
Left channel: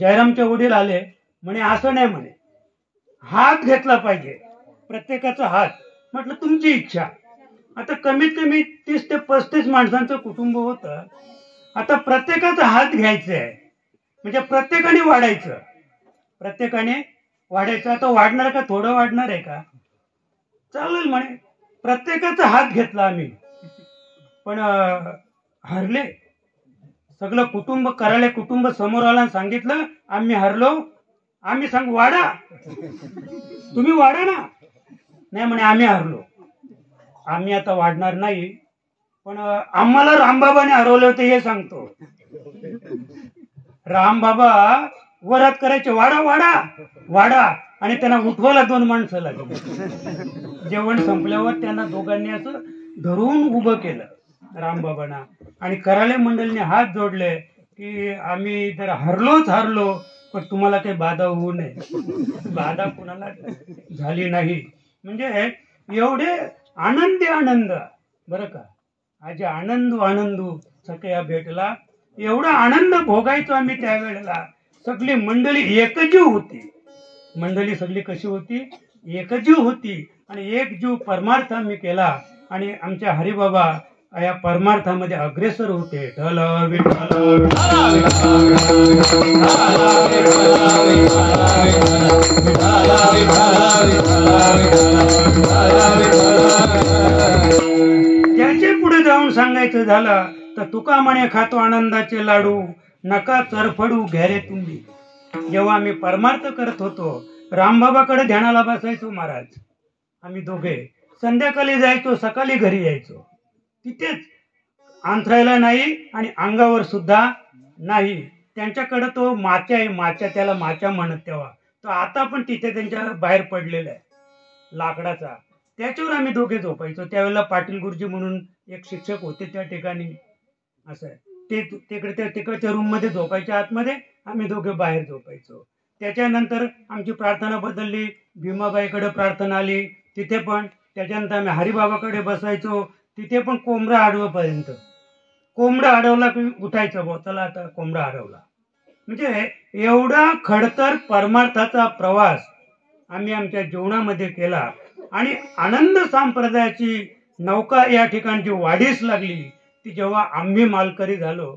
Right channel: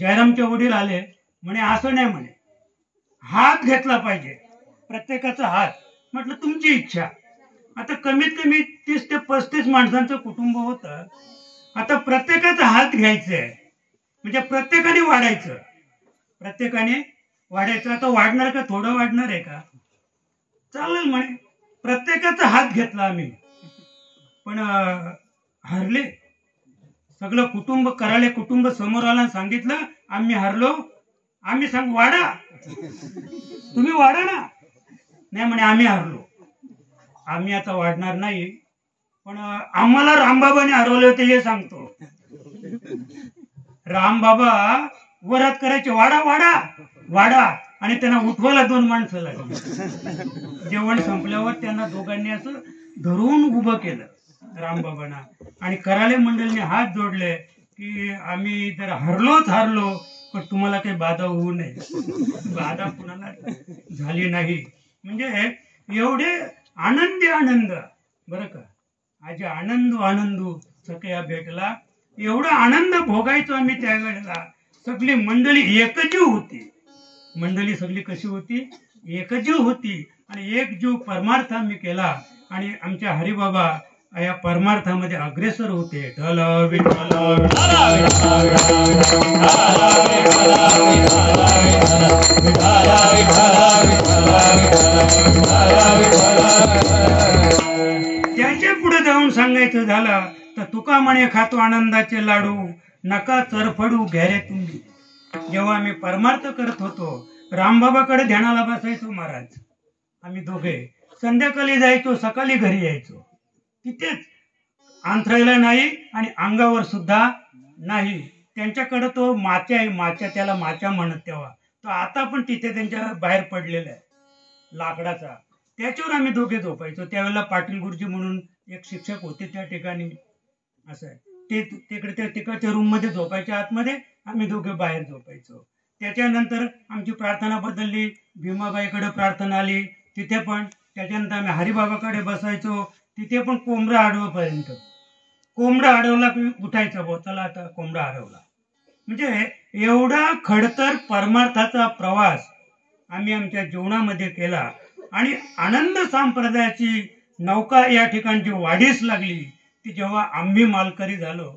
जयरामचे वडील आले. म्हणे असं नाही, म्हणे हात घेतला पाहिजे, प्रत्येकाचा हात. म्हटलं तुमची इच्छा. आता कमीत कमी 30 ते 35 माणसांचं कुटुंब होतं. आता प्रत्येकाचा हात घ्यायचा आहे, म्हणजे प्रत्येकाने वाढायचं, प्रत्येकाने वाढायचं. आता वाढणार का, थोडं वाढणार आहे का? चालेल म्हणे. प्रत्येकाचा हात घेतला आम्ही, पण हरले. सगळं कुटुंब, कराळे कुटुंब समोर आला आणि सांगितलं आम्ही हरलो. आम्ही सांगू वाढा, तुम्ही वाढा ना. नाही म्हणे आम्ही हरलो, आम्ही आता वाढणार नाही. पण आम्हाला रामबाबाने हरवले होते हे सांगतो. रामबाबा वरात करायचे, वाडा वाडा वाडा, आणि त्यांना उठवायला 2 माणसं लागली. जेवण संपल्यावर त्यांना दोघांनी असं धरून उभं केलं रामबाबांना, आणि कराळे मंडळीने हात जोडले की आम्ही जर हरलो, पण तुम्हाला काही बाधा होऊ नये. बाधा कुणाला झाली नाही. म्हणजे एवढे आनंद बरं का. आज आनंदू सगळ्या भेटला, एवढा आनंद भोगायचो आम्ही त्यावेळेला. सगळी मंडळी एकजीव होती. मंडळी सगळी कशी होती, एकजीव होती. आणि एक जीव परमार्थ आम्ही केला, आणि आमच्या हरिबाबा या परमार्थामध्ये अग्रेसर होते. विठ्ठल विठ्ठल त्याचे पुढे जाऊन सांगायचं झालं तर तुका म्हणे खातो आनंदाचे लाडू, नका चरफडू घ्यारे तुम्ही. जेव्हा आम्ही परमार्थ करत होतो, रामबाबाकडे ध्यानाला बसायचो महाराज. आम्ही दोघे संध्याकाळी जायचो, सकाळी घरी यायचो. तिथेच अंथरायला नाही आणि अंगावर सुद्धा नाही. त्यांच्याकडे तो माच्या आहे, माच्या, त्याला माच्या म्हणत तेव्हा. तो आता पण तिथे त्यांच्या बाहेर पडलेला आहे लाकडाचा. त्याच्यावर आम्ही दोघे झोपायचो. त्यावेळेला पाटील गुरुजी म्हणून एक शिक्षक होते त्या ठिकाणी. असं आहे, ते तिकडच्या रूम मध्ये झोपायचे आतमध्ये, आम्ही दोघे बाहेर झोपायचो. त्याच्यानंतर आमची प्रार्थना बदलली, भीमाबाईकडे प्रार्थना आली, तिथे पण. त्याच्यानंतर आम्ही हरिबाबाकडे बसायचो, तिथे पण कोंबडा अडवपर्यंत. कोंबडा अडवला की उठायचं, बोताला आता कोंबडा अडवला. म्हणजे एवढा खडतर परमार्थाचा प्रवास आम्ही आमच्या जीवनामध्ये केला. आणि आनंद संप्रदायाची नौका या ठिकाणची वाढीस लागली. ती जेव्हा आम्ही मालकरी झालो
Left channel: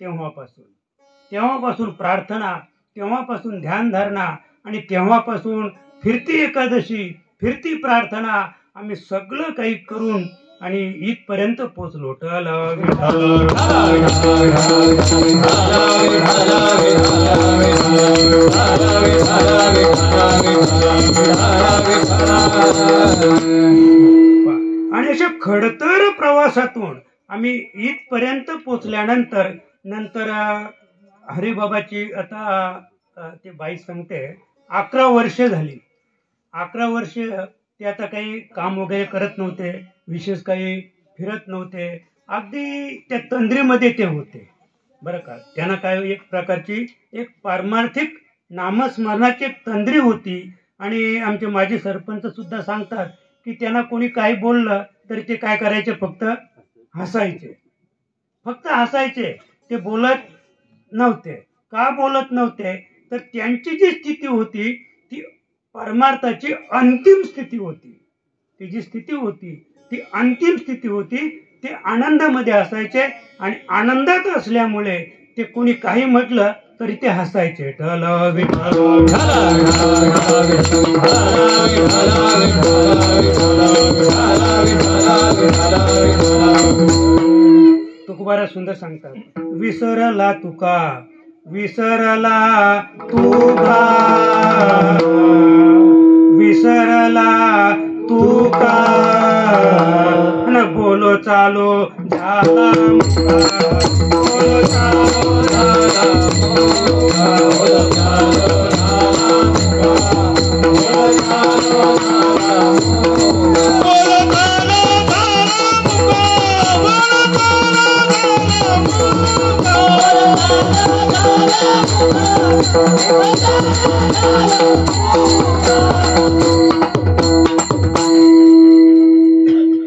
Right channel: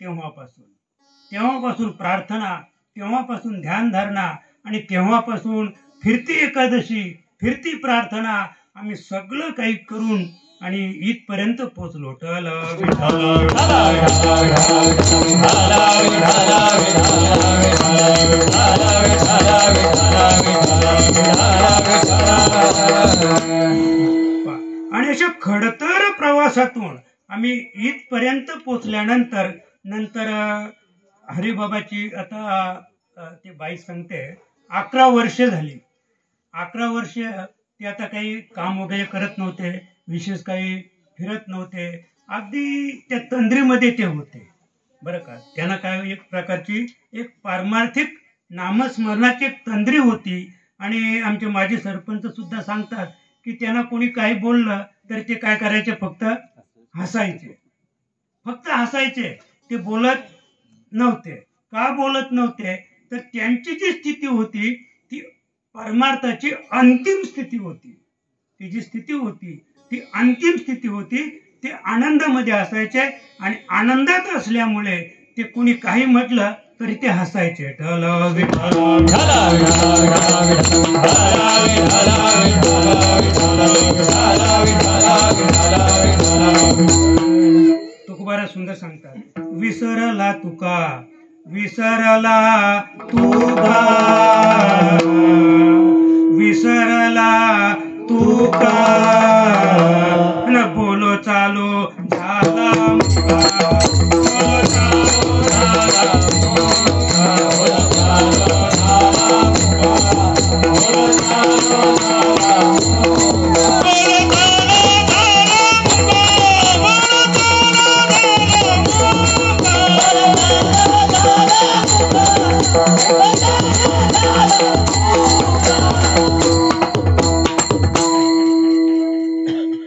तेव्हापासून प्रार्थना, तेव्हापासून ध्यानधारणा, आणि तेव्हापासून फिरती एकादशी, फिरती प्रार्थना, आम्ही सगळं काही करून आणि इथपर्यंत पोचलो. आणि अशा खडतर प्रवासातून आम्ही इथपर्यंत पोचल्यानंतर हरिबाबाची आता ते बाई सांगते 11 वर्ष झाली. 11 वर्ष ते आता काही काम वगैरे करत नव्हते, विशेष काही फिरत नव्हते, अगदी त्या तंद्रीमध्ये ते होते बरं का. त्यांना काय एक प्रकारची एक पारमार्थिक नामस्मरणाची एक तंद्री होती. आणि आमचे माजी सरपंच सुद्धा सांगतात की त्यांना कोणी काही बोललं तरी ते काय करायचे, फक्त हसायचे, फक्त हसायचे. ते बोलत नव्हते. का बोलत नव्हते तर त्यांची जी स्थिती होती ती परमार्थाची अंतिम स्थिती होती. ती जी स्थिती होती ती अंतिम स्थिती होती. ते आनंदामध्ये असायचे, आणि आनंदात असल्यामुळे ते कोणी काही म्हटलं तरी ते हसायचे. तुकोबारा सुंदर सांगतात, विसरला तुका, विसरला तुका, विसरला तुका, न बोलो चालो झाला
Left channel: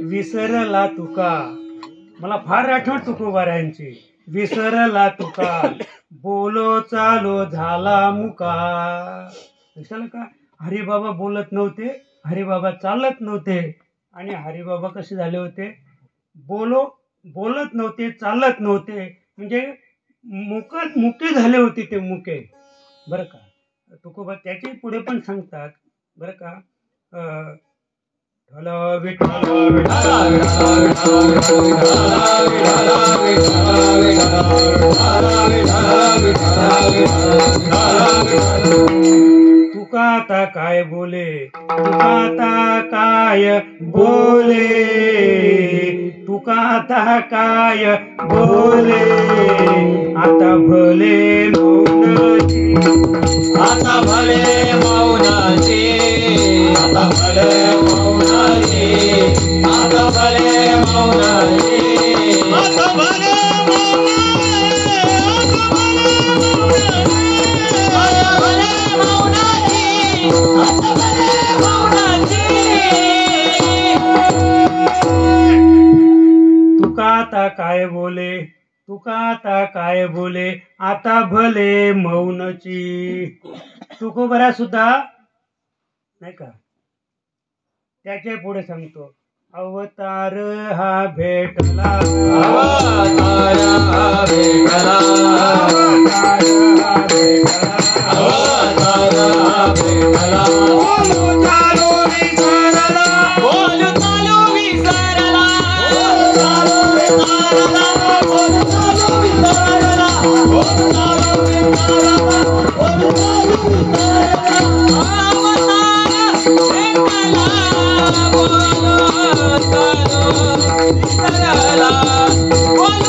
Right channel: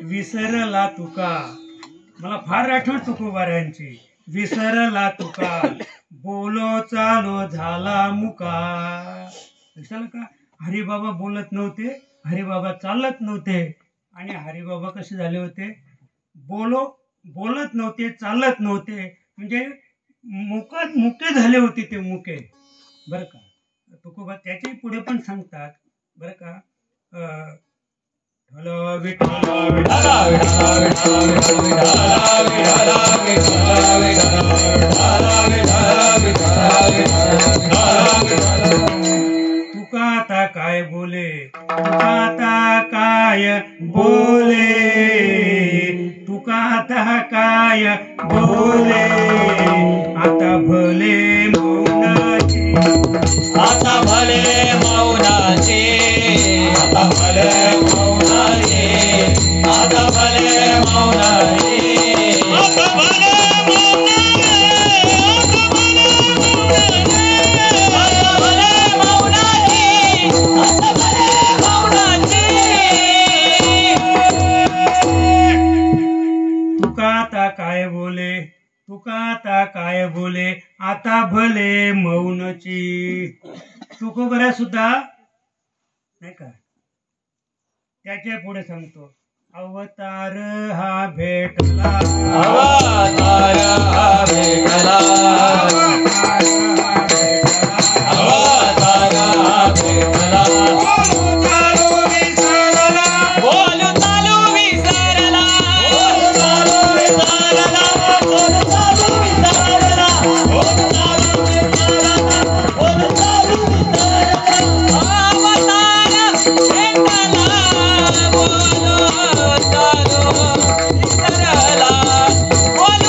विसरला तुका, मला फार आठवण तुकोबारायांची. विसरला तुका, बोलो चालो झाला मुका. कशाला का हरिबाबा बोलत नव्हते, हरिबाबा चालत नव्हते. आणि हरिबाबा कसे झाले होते? बोलत नव्हते, चालत नव्हते, म्हणजे मुके झाले होते ते, मुके. बरं का, तुकोबा त्याचे पुढे पण सांगतात बरं का. तुका आता काय बोले, तुका आता काय बोले, तुका आता काय बोले, आता भले मौनाचे, आता भले मौनाचे, आता भले मौनाचे, आता भले मौनाचे, आता भले तुका आता काय बोले, तुका आता काय बोले, आता भले मौनची. तुकोबरा सुद्धा नाही का त्याच्या पुढे सांगतो, अवतार हा भेटला, अवतार हा भेटला, अवतार हा भेटला, अवतार हा भेटला, बोलू चालू विसरला, बोलू चालू विसरला, बोलू चालू विसरला, बोलू चालू विसरला, बोलू चालू विसरला, बोलू चालू विसरला, अवतार भेटला, बोलू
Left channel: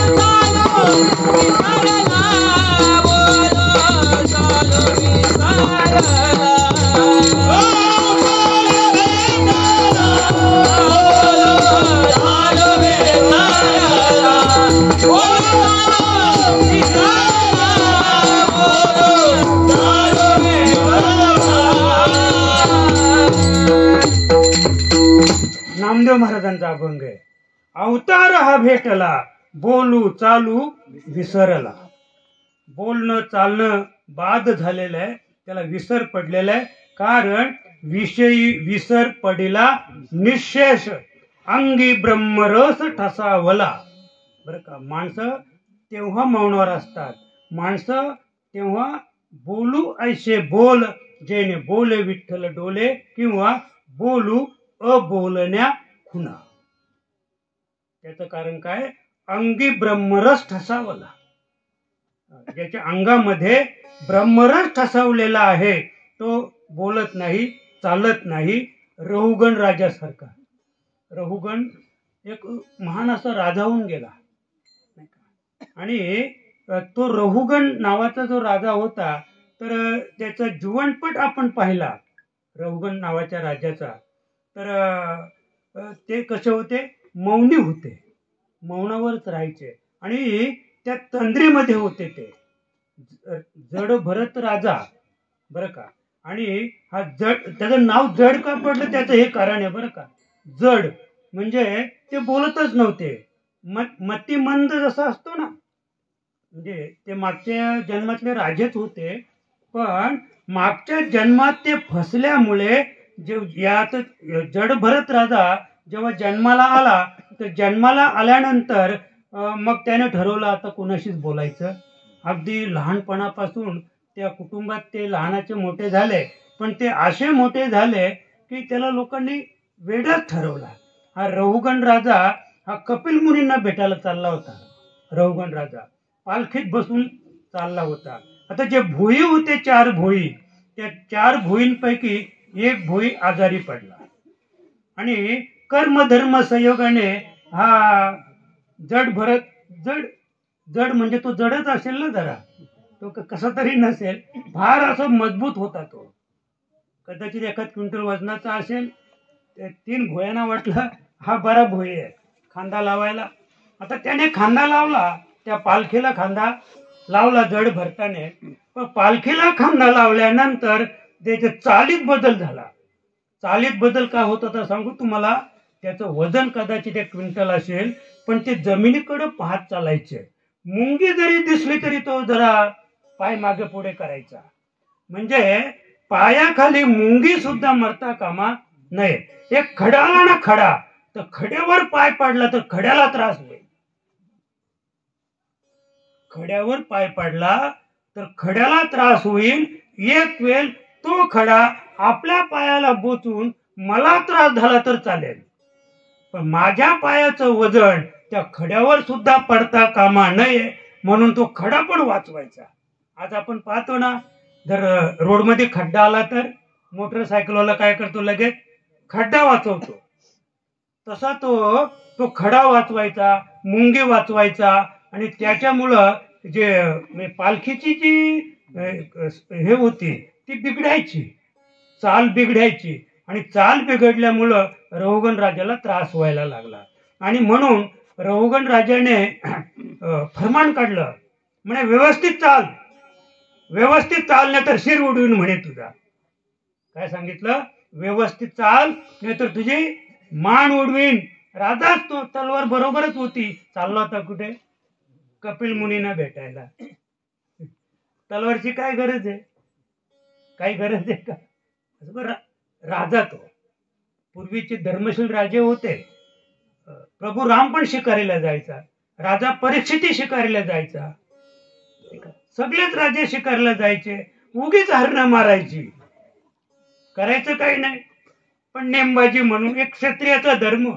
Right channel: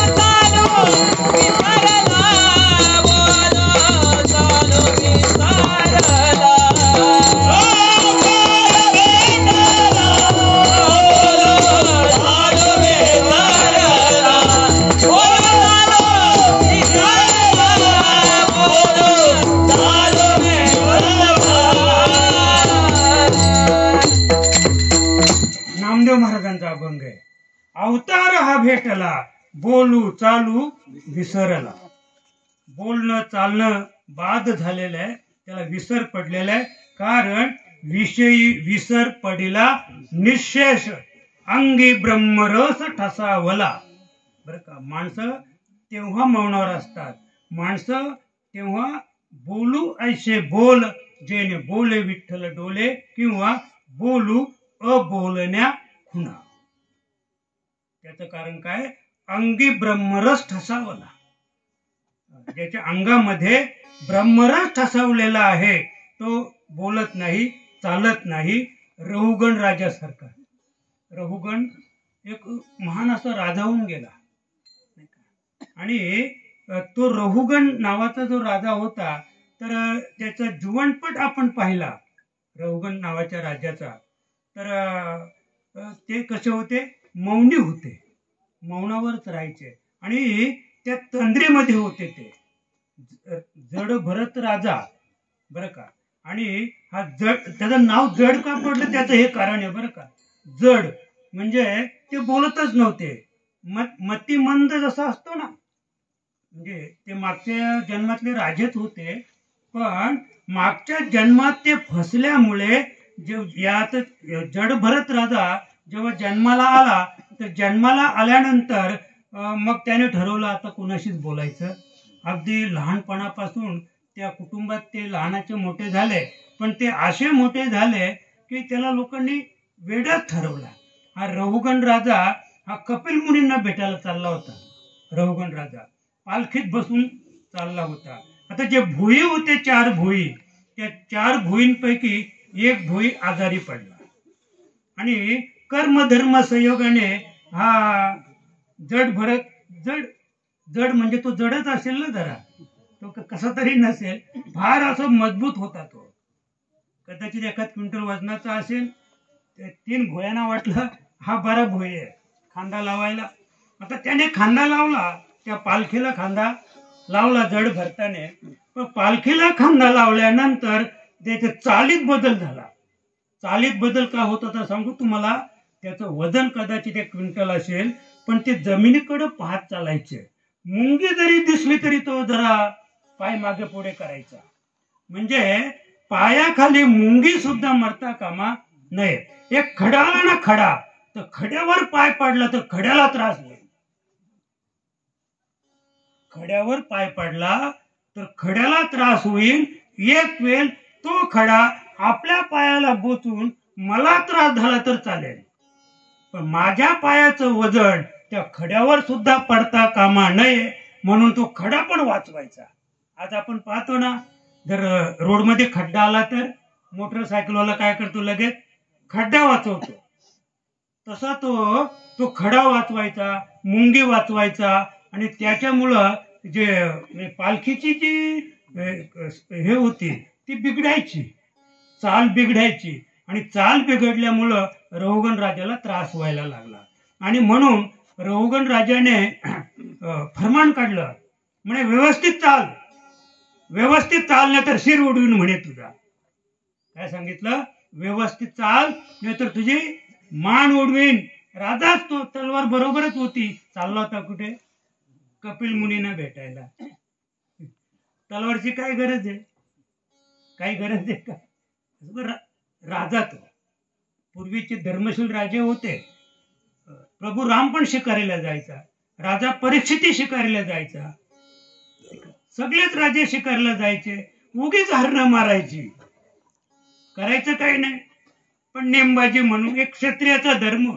चालू विसरला, बोलू चालू विसरला, बोलू चालू विसरला. नामदेव महाराजांचा अभंग आहे. अवतार हा भेटला, बोलू चालू विसरला. बोलणं चालणं बाद झालेलं आहे, त्याला विसर पडलेला आहे. कारण विषयी विसर पडिला निशेष, अंगी ब्रह्मरस ठसावला. बरं का, माणसं तेव्हा मौनावर असतात, माणसं तेव्हा बोलू ऐसे बोल, जेणे बोले विठ्ठल डोले, किंवा बोलू अबोलण्या खुणा. त्याचं कारण काय? अंगी ब्रह्मरस ठसावला. ज्याच्या अंगामध्ये ब्रह्मरस ठसावलेला आहे तो बोलत नाही, चालत नाही. रहुगण राजासारखा. रहुगण एक महान असा राजा होऊन गेला, आणि तो रहुगण नावाचा जो राजा होता, तर त्याचा जीवनपट आपण पाहिला रहुगण नावाच्या राजाचा. तर ते कसे होते? मौनी होते, मौनावरच राहायचे, आणि त्या तंद्रीमध्ये होते ते. जड भरत राजा, बरं का. आणि हा जड, त्याचं नाव जड का पडलं त्याचं हे कारण आहे बरं का. जड म्हणजे ते बोलतच नव्हते. मतिमंद जसा असतो ना, म्हणजे ते मागच्या जन्मातले राजेच होते, पण मागच्या जन्मात ते फसल्यामुळे जे यात जड भरत राजा जेव्हा जन्माला आला, तर जन्माला आल्यानंतर मग त्याने ठरवलं आता कुणाशीच बोलायचं. अगदी लहानपणापासून त्या कुटुंबात ते लहानाचे मोठे झाले, पण ते असे मोठे झाले की त्याला लोकांनी वेडाच ठरवला. हा रहुगण राजा हा कपिल मुनींना भेटायला चालला होता. रहुगण राजा पालखीत बसून चालला होता. आता जे भोई होते, 4 भोई, त्या 4 भोईंपैकी एक भोई आजारी पडला, आणि कर्मधर्म संयोगाने हा जड भरत, जड म्हणजे तो जडच असेल ना जरा, तो कसा तरी नसेल, फार असं मजबूत होता तो. कदाचित 1 क्विंटल वजनाचा असेल. 3 भोयांना वाटलं हा बरा भोई आहे खांदा लावायला. आता त्याने खांदा लावला, त्या पालखीला खांदा लावला जड भरताने. पण पालखीला खांदा लावल्यानंतर त्याच्या चालीत बदल झाला. चालीत बदल का होत होता सांगू तुम्हाला. त्याचं वजन कदाचित 1 क्विंटल असेल, पण ते जमिनीकडे पाहत चालायचे. मुंगी जरी दिसली तरी तो जरा पाय मागे पुढे करायचा. म्हणजे पायाखाली मुंगी सुद्धा मरता कामा नये. एक खडा आला ना खडा, तर खड्यावर पाय पडला तर खड्याला त्रास होईल. खड्यावर पाय पडला तर खड्याला त्रास होईल. एक वेळ तो खडा आपल्या पायाला बोचून मला त्रास झाला तर चालेल, पण माझ्या पायाचं वजन त्या खड्यावर सुद्धा पडता कामा नये, म्हणून तो खडा पण वाचवायचा. आज आपण पाहतो ना, जर रोडमध्ये खड्डा आला तर मोटरसायकलवाला काय करतो, लगेच खड्डा वाचवतो. तसा तो खडा वाचवायचा, मुंगी वाचवायचा. आणि त्याच्यामुळं जे पालखीची जी हे होती ती बिघडायची, चाल बिघडायची. आणि चाल बिघडल्यामुळं रहुगण राजाला त्रास व्हायला लागला. आणि म्हणून रहुगण राजाने फरमान काढलं, म्हणे व्यवस्थित चाल, व्यवस्थित चाल, नाही तर शिर उडवीन म्हणे तुझा. काय सांगितलं, व्यवस्थित चाल नाही तर तुझी मान उडवीन. राजाच तो तलवार बरोबरच होती, चालला होता कुठे, कपिल मुनींना भेटायला. तलवारची काय गरज आहे, काही गरज आहे का. राजा तो पूर्वीचे धर्मशील राजे होते. प्रभू राम पण शिकारीला जायचा, राजा परीक्षितही शिकारीला जायचा, सगळेच राजे शिकारीला जायचे. उगीच हरणं मारायची, करायचं काही नाही, पण नेमबाजी म्हणून एक क्षत्रियाचा धर्म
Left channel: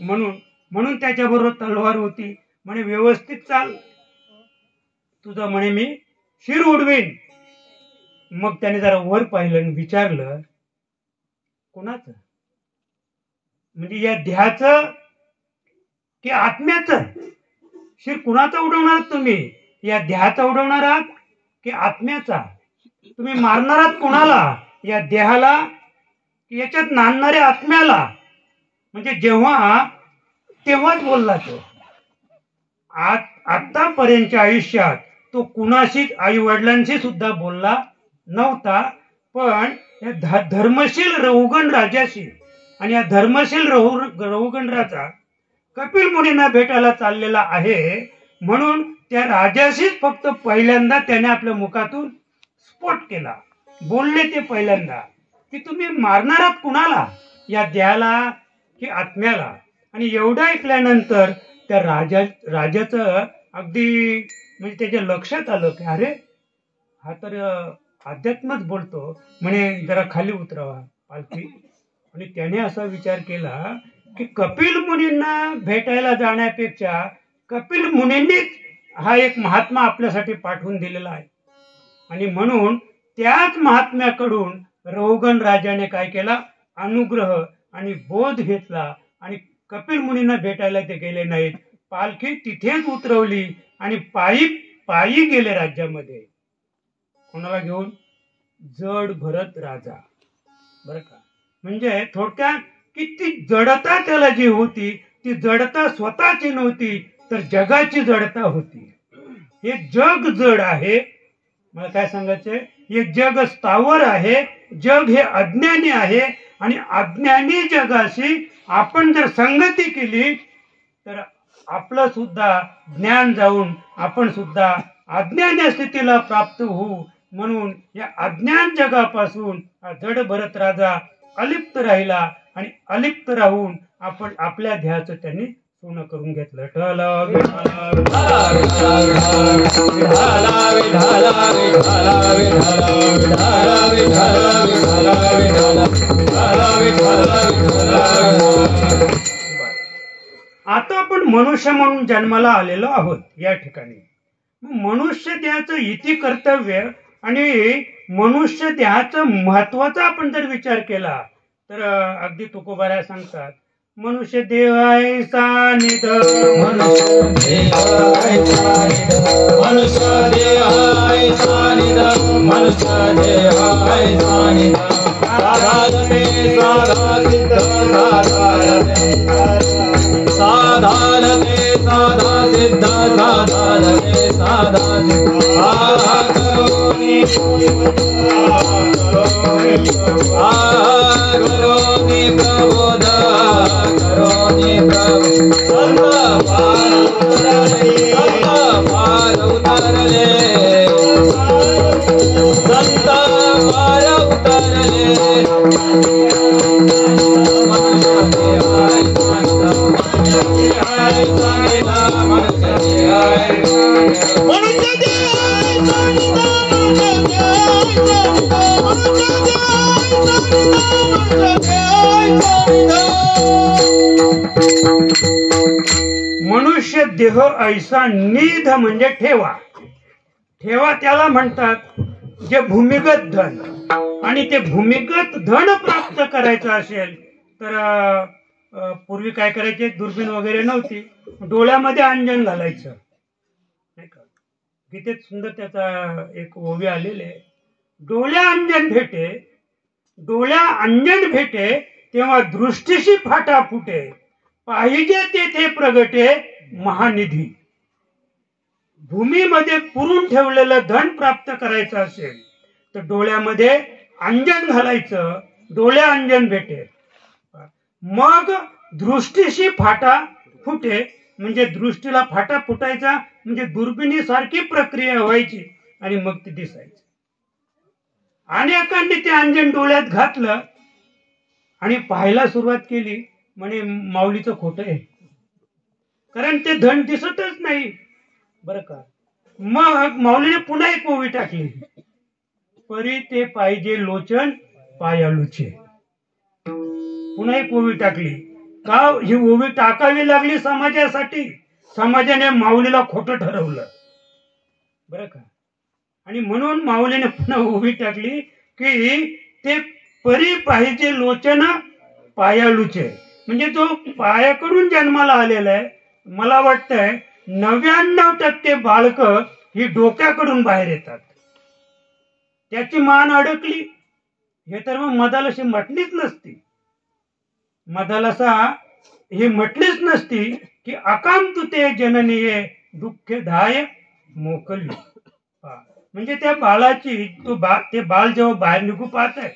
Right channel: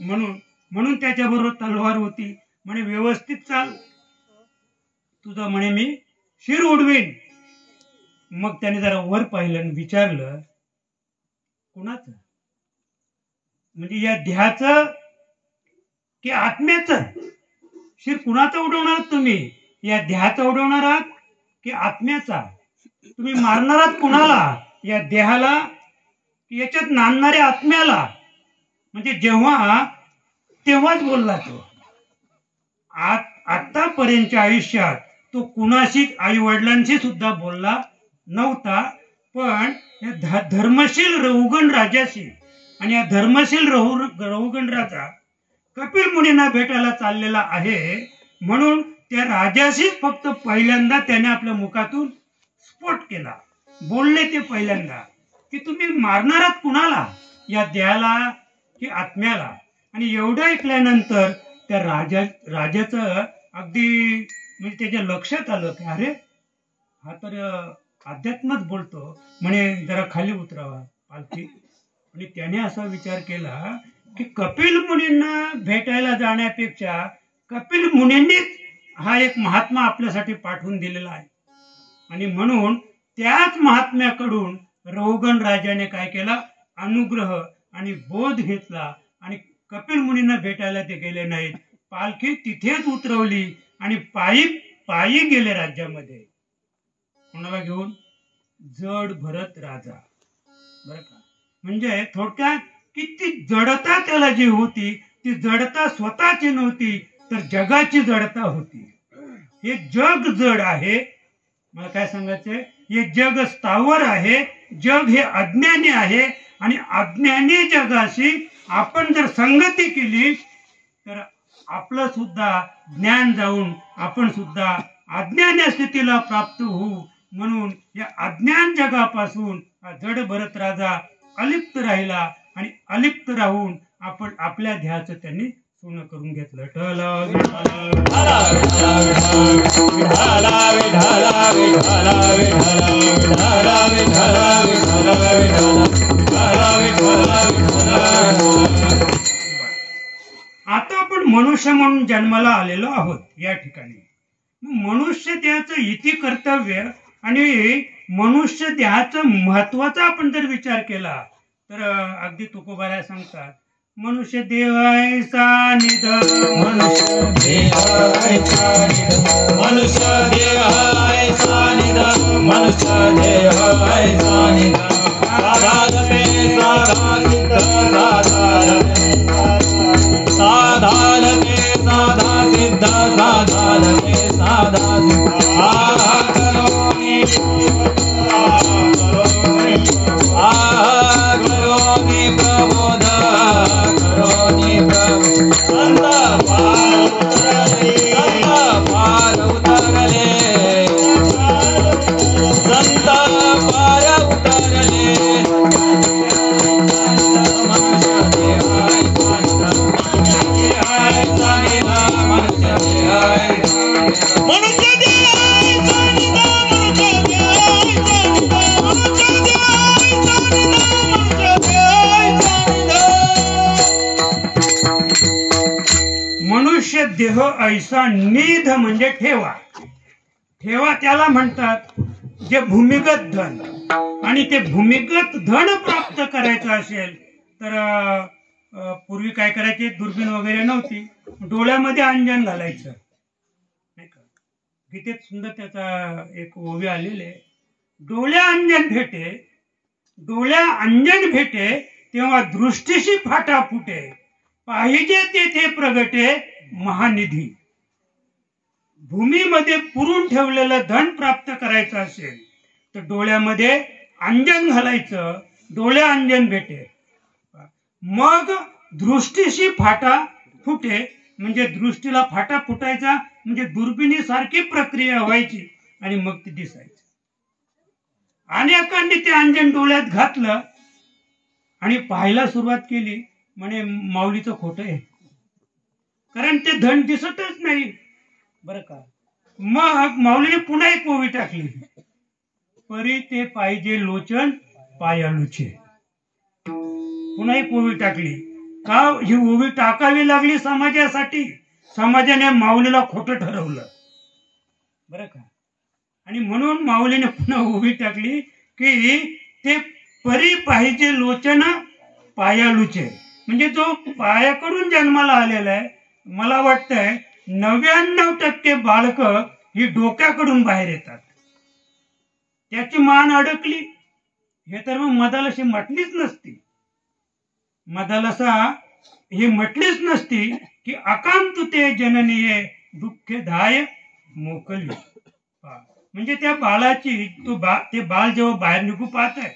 म्हणून त्याच्याबरोबर तलवार होती. म्हणे व्यवस्थित चाल, तुझं म्हणे मी शिर उडवीन. मग त्याने जरा वर पाहिलं आणि विचारलं, कोणाचं, म्हणजे या देहाचं की आत्म्याचं शिर कुणाचं उडवणार तुम्ही, या देहाचा उडवणार आहात की आत्म्याचा. तुम्ही मारणार आहात कुणाला, या देहाला की याच्यात नांदणाऱ्या आत्म्याला. म्हणजे तेव्हाच बोलला तो. आतापर्यंतच्या आयुष्यात तो कुणाशी, आई वडिलांशी सुद्धा बोलला नव्हता, पण या धर्मशील रहुगण राजाशी. आणि या धर्मशील रहुगण राजा कपिल मुनींना भेटायला चाललेला आहे, म्हणून त्या राजाशीच फक्त पहिल्यांदा त्याने आपल्या मुखातून स्फोट केला. बोलले ते पहिल्यांदा की तुम्ही मारणार आहात कुणाला, या देहाला की आत्म्याला. आणि एवढं ऐकल्यानंतर त्या राजाचं अगदी म्हणजे त्याच्या लक्षात आलं की अरे हा तर अध्यात्मच बोलतो, म्हणे जरा खाली उतरावा पालखी. आणि त्याने असा विचार केला की कपिल मुनींना भेटायला जाण्यापेक्षा कपिल मुनींनीच हा एक महात्मा आपल्यासाठी पाठवून दिलेला आहे. आणि म्हणून त्याच महात्म्याकडून रहुगण राजाने काय केला, अनुग्रह आणि बोध घेतला. आणि कपिल मुनींना भेटायला ते गेले नाहीत, पालखी तिथेच उतरवली आणि पायी गेले राज्यामध्ये. कोणाला घेऊन, जड भरत राजा. बरं का, म्हणजे थोडक्यात की ती जडता त्याला जी होती, ती जडता स्वतःची नव्हती, तर जगाची जडता होती. हे जग जड आहे. मला काय सांगायचंय, हे जग स्थावर आहे, जग हे अज्ञानी आहे. आणि अज्ञानी जगाशी आपण जर संगती केली तर आपलं सुद्धा ज्ञान जाऊन आपण सुद्धा अज्ञानी स्थितीला प्राप्त होऊ. म्हणून या अज्ञान जगापासून हा जड भरत राजा अलिप्त राहिला. आणि अलिप्त राहून आपण आपल्या ध्येयाचं त्यांनी पूर्ण करून घेतलं. आता आपण मनुष्य म्हणून जन्माला आलेलो आहोत या ठिकाणी. मनुष्य देहाचं इति कर्तव्य आणि मनुष्य देहाचं महत्वाचा आपण जर विचार केला तर अगदी तुकोबाराय सांगतात, मनुष्य देहायचा निध, मनुष्य देहायचा निध, मनुष्य देहायचा निध, मनुष्य देहायचा निध, साधारते साधा सिद्ध साधारते, साधारते साधा सिद्ध साधारते साधा सिद्ध, साधा करोमि करो देह ऐसा निध म्हणजे ठेवा. ठेवा त्याला म्हणतात जे भूमिगत धन. आणि ते भूमिगत धन प्राप्त करायचं असेल तर पूर्वी काय करायचे, दुर्बीण वगैरे नव्हती, डोळ्यामध्ये अंजन घालायचं नाही का. गीतेत सुंदर त्याचा एक ओवी आलेले आहे, डोळ्या अंजन भेटे, डोळ्या अंजन भेटे तेव्हा दृष्टीशी फाटा फुटे, पाहिजे तेथे प्रगटे महानिधी. भूमीमध्ये पुरून ठेवलेलं धन प्राप्त करायचं असेल तर डोळ्यामध्ये अंजन घालायचं, डोळे अंजन भेटे, मग दृष्टीशी फाटा फुटे म्हणजे दृष्टीला फाटा फुटायचा म्हणजे दुर्बिणीसारखी प्रक्रिया व्हायची आणि मग ती दिसायची. अनेकांनी ते अंजन डोळ्यात घातलं आणि पाहायला सुरुवात केली, म्हणे माऊलीचं खोटं आहे, कारण ते धन दिसतच नाही बरं का. मग माऊलीने पुन्हा एक ओवी टाकली, परी ते पाहिजे लोचन पायालूचे. पुन्हा एक ओवी टाकली. का ही ओवी टाकावी लागली समाजासाठी, समाजाने माऊलीला खोटं ठरवलं बरं का. आणि म्हणून माऊलीने पुन्हा ओवी टाकली की ते परी पाहिजे लोचन पायालूचे, म्हणजे जो पायाकडून जन्माला आलेला आहे. मला वाटतंय 99% बालक ही डोक्याकडून बाहेर येतात, त्याची मान अडकली. हे तर मग मदालशी म्हटलीच नसती, मदालसा ही म्हटलीच नसती की अकांतुते जननीये दुःखदाय मोकली. म्हणजे त्या बाळाची ते बाळ जेव्हा बाहेर निघू पाहत आहे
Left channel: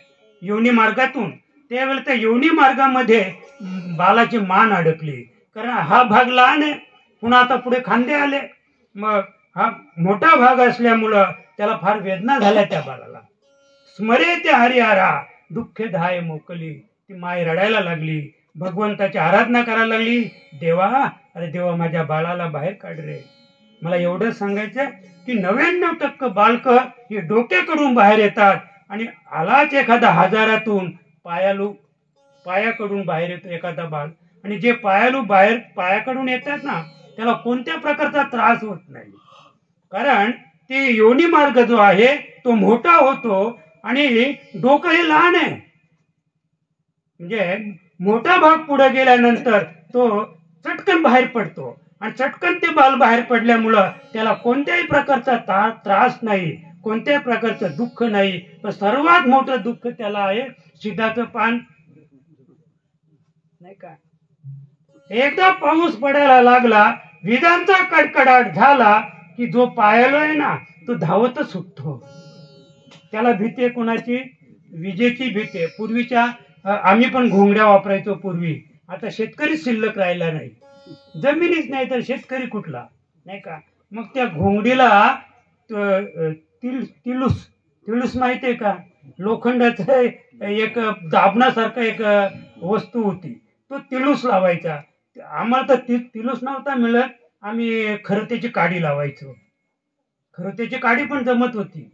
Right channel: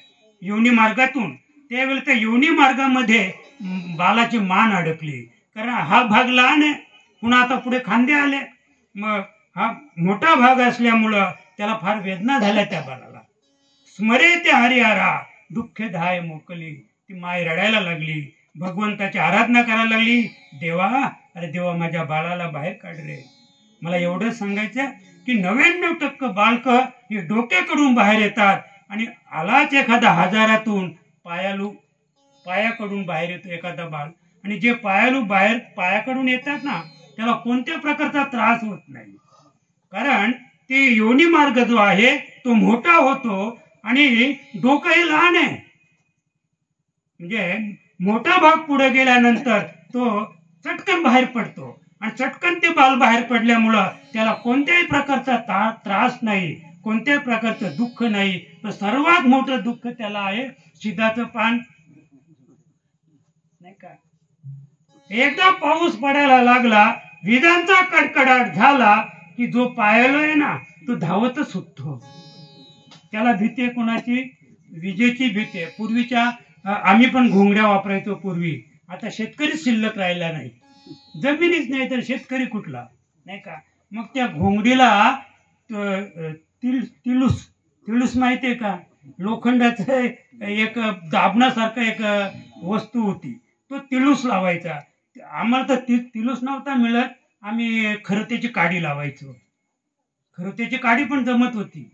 योनी मार्गातून, त्यावेळेला त्या योनी मार्गामध्ये बाळाची मान अडकली, कारण हा भाग लहान आहे, पुन्हा आता पुढे खांदे आले, मग हा मोठा भाग असल्यामुळं त्याला फार वेदना झाल्या त्या बाळाला. स्मरे ते हरिहरा दुःखदाय मोकली. ती माय रडायला लागली, भगवंताची आराधना करायला लागली, देवा अरे देवा माझ्या बाळाला बाहेर काढ रे. मला एवढंच सांगायचं की 99% बालक ही डोक्याकडून बाहेर येतात आणि आलाच एखादा हजारातून पायाकडून बाहेर येतो एखादा बाळ. आणि जे बाहेर पायाकडून येतात ना त्याला कोणत्या प्रकारचा त्रास होत नाही, कारण ते योनी मार्ग जो आहे तो मोठा होतो आणि डोकं हे लहान आहे. म्हणजे मोठा भाग पुढे गेल्यानंतर तो चटकन बाहेर पडतो आणि चटकन ते बाल बाहेर पडल्यामुळं त्याला कोणत्याही प्रकारचा त्रास नाही, कोणत्याही प्रकारचं दुःख नाही. तर सर्वात मोठं दुःख त्याला आहे शिदाचं पान नाही का. एकदा पाऊस पडायला लागला, विजांचा कडकडाट झाला की जो पायाला आहे ना तो धावतच सुटतो. त्याला भीती आहे कोणाची, विजेची भीती आहे. पूर्वीच्या आम्ही पण घोंगड्या वापरायचो पूर्वी, आता शेतकरी शिल्लक राहिला नाही, जमिनीच नाही तर शेतकरी कुठला नाही का. मग त्या घोंगडीला तिळूस माहितीये का, लोखंडाचं एक दाबण्यासारखं एक वस्तू होती, तो तिळूस लावायचा. आम्हाला तर तिळूस नव्हता मिळत, आम्ही खरतेची काडी लावायचो. खरतेची काडी पण जमत होती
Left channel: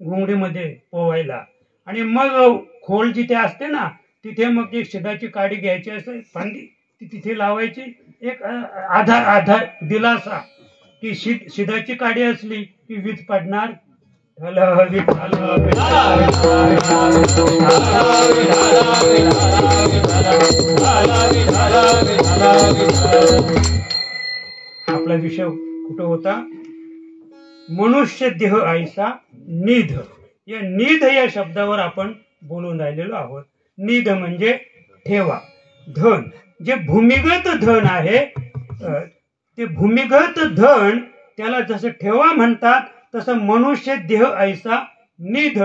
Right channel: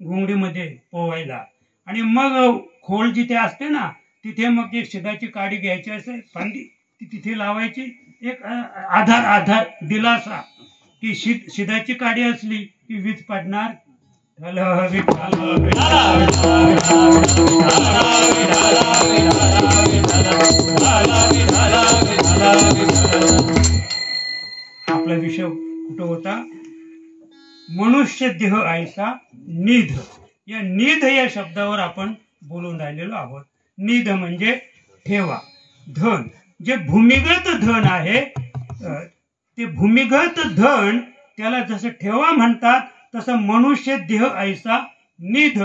घोंगडीमध्ये पोवायला. आणि मग खोल जिथे असते ना तिथे मग एक शिदाची काडी घ्यायची असे फांदी ती तिथे लावायची, एक आधार दिलासा की शिदाची काडी असली की वीज पडणार. आपला विषय कुठं होता, मनुष्य देह ऐसा निध. या निध या शब्दावर आपण बोलून राहिलेलो आहोत. निध म्हणजे ठेवा, धन. जे भूमिगत धन आहे ते भूमिगत धन त्याला जसं ठेवा म्हणतात तसं मनुष्य देह ऐसा निध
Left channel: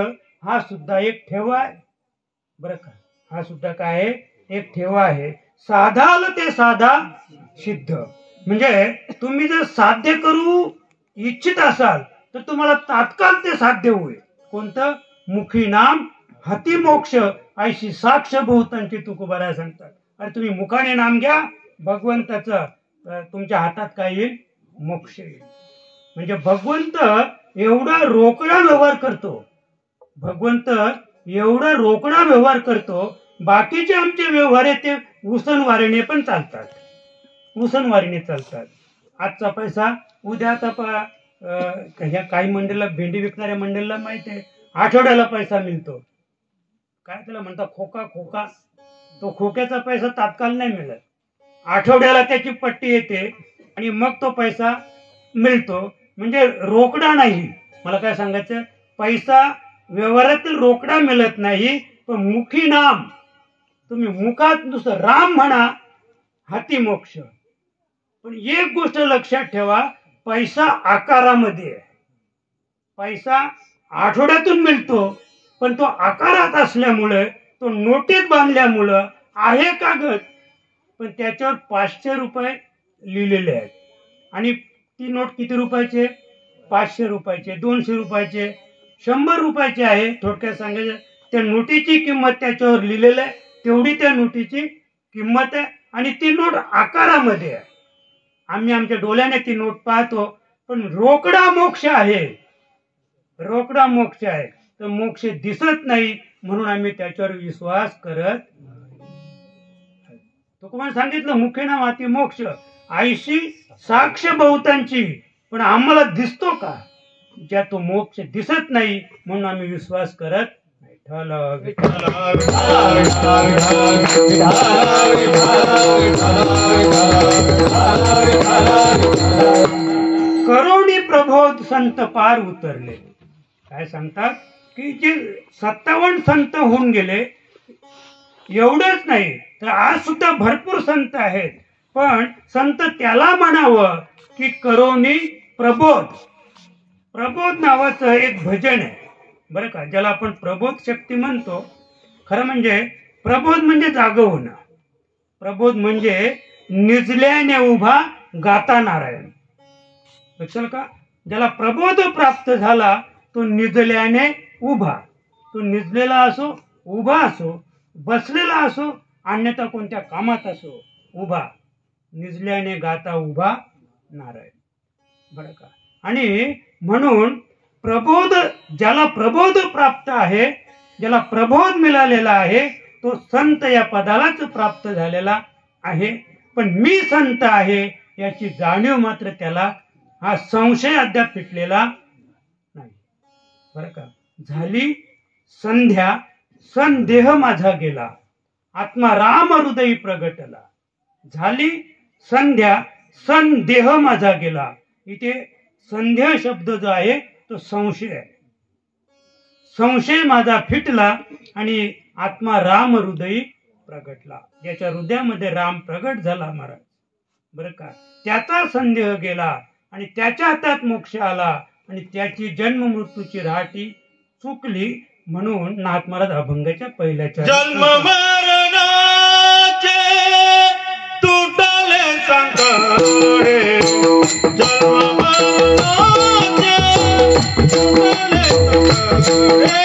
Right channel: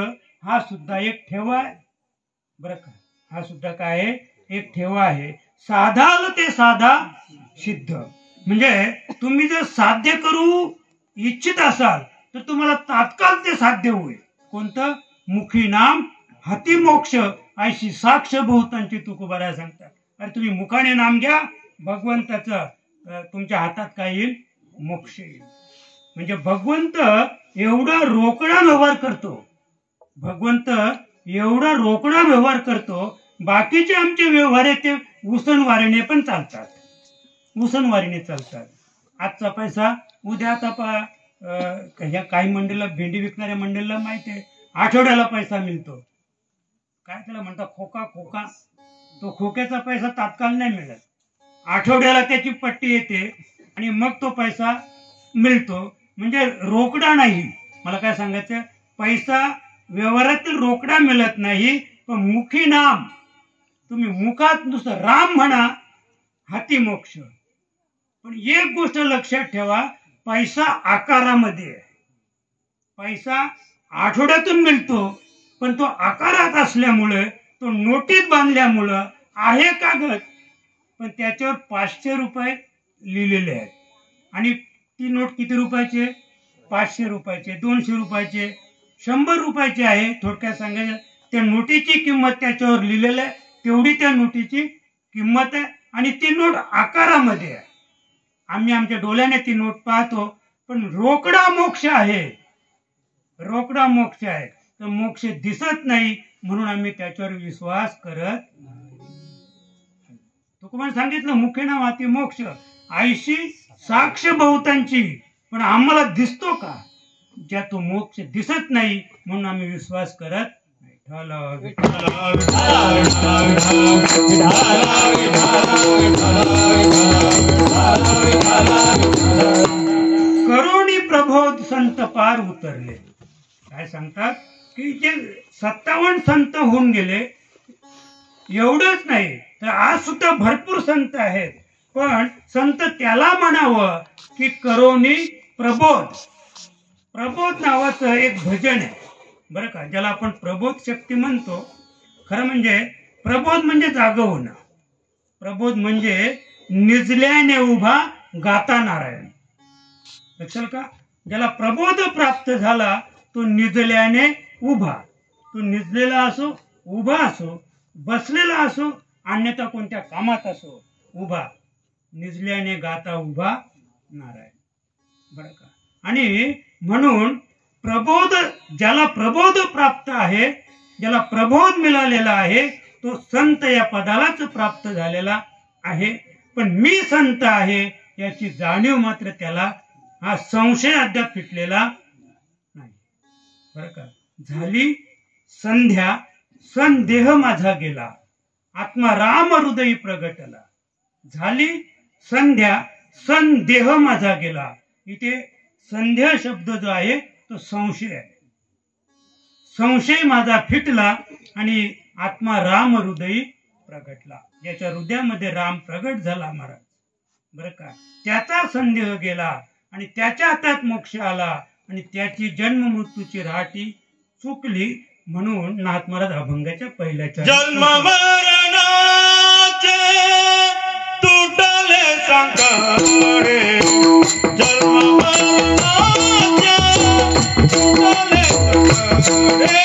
हा सुद्धा एक ठेवा आहे बरं का. हा सुद्धा काय आहे, एक ठेवा आहे. साधाल ते साधा सिद्ध. म्हणजे तुम्ही जर साध्य करू इच्छित असाल तर तुम्हाला तात्काळ ते साध्य होईल. कोणतं, मुखी नाम हाती मोक्ष ऐशी साक्ष बहुतांची तुकोबारा सांगतात. अरे तुम्ही मुखाने नाम घ्या भगवंताचं, तुमच्या हातात काय येईल, मोक्ष येईल. म्हणजे भगवंत एवढा रोकडा व्यवहार करतो, भगवंत एवढा रोकडा व्यवहार करतो. बाकीचे आमचे व्यवहार ते उसनवारीने पण चालतात, उसनवारीने चालतात. आजचा पैसा उद्या आता ह्या काही मंडळाला भेंडी विकणाऱ्या मंडळाला माहिती आहे आठवड्याला पैसा मिळतो. काय त्याला म्हणतात खोका खोका. तो खोक्याचा पैसा तात्काळ नाही मिळत, आठवड्याला त्याची पट्टी येते आणि मग तो पैसा मिळतो. म्हणजे रोकडा नाही. मला काय सांगायचं, पैसा व्यवहारातील रोकडा मिळत नाही, पण मुखी नाम. तुम्ही मुखात नुसतं राम म्हणा, हाती मोक्ष. पण एक गोष्ट लक्षात ठेवा, पैसा आकारामध्ये आहे. पैसा आठवड्यातून मिळतो, पण तो आकारात असल्यामुळे, तो नोटीत बांधल्यामुळं आहे कागद, पण त्याच्यावर 500 रुपये लिहिलेले आहेत. आणि ती नोट किती रुपयाचे? 500 रुपयाचे, 200 रुपयाचे, 100 रुपयाचे आहे. थोडक्यात सांगायचं, त्या नोटीची किंमत त्याच्यावर लिहिलेलं आहे, तेवढी त्या नोटीची किंमत आहे. आणि ती नोट आकारामध्ये आहे. आम्ही आमच्या डोळ्याने ती नोट पाहतो, पण रोकडा मोक्ष आहे. रोकडा मोक्ष आहे, तर मोक्ष दिसत नाही, म्हणून आम्ही त्याच्यावर विश्वास करत. तुकोबाने सांगितलं मुखे नाम हाती मोक्ष. आईशी साक्ष बहुतांची, पण आम्हाला दिसतो का? ज्या तो मोक्ष दिसत नाही, म्हणून आम्ही विश्वास करत. करोनी प्रबोध संत पार उतरले. काय सांगतात की जे 57 संत होऊन गेले, एवढंच नाही तर आज सुद्धा भरपूर संत आहेत. पण संत त्याला म्हणावं की करोनी प्रबोध. प्रबोध नावाचं एक भजन आहे बरं का, ज्याला आपण प्रबोध शक्ती म्हणतो. खरं म्हणजे प्रबोध म्हणजे जाग होणं. प्रबोध म्हणजे निजल्याने उभा गाता नारायण. लक्षात का? ज्याला प्रबोध प्राप्त झाला तो निजल्याने उभा. तो निजलेला असो, उभा असो, बसलेला असो, अन्यथा कोणत्या कामात असो, उभा. निजल्याने गाता उभा नारायण. बरं का? आणि म्हणून प्रबोध, ज्याला प्रबोध प्राप्त आहे, ज्याला प्रबोध मिळालेला आहे, तो संत या पदालाच प्राप्त झालेला आहे. पण मी संत आहे याची जाणीव मात्र त्याला, हा संशय अद्याप फिटलेला नाही. बरं का? झाली संध्या, संदेह माझा गेला, आत्मा राम हृदयी प्रगटला. झाली संध्या, संदेह माझा गेला. इथे संदेह शब्द जो आहे तो संशय आहे. संशय माझा फिटला आणि आत्मा राम हृदयी प्रगटला. ज्याच्या हृदयामध्ये राम प्रगट झाला महाराज, बरं का, त्याचा संदेह गेला आणि त्याच्या हातात मोक्ष आला आणि त्याची जन्म मृत्यूची राहटी चुकली. म्हणून नाथ महाराज अभंगाच्या पहिल्याच्या जन्म मरणाचे तुटले संकटे, जन्म मरणाचे तुटले संकटे,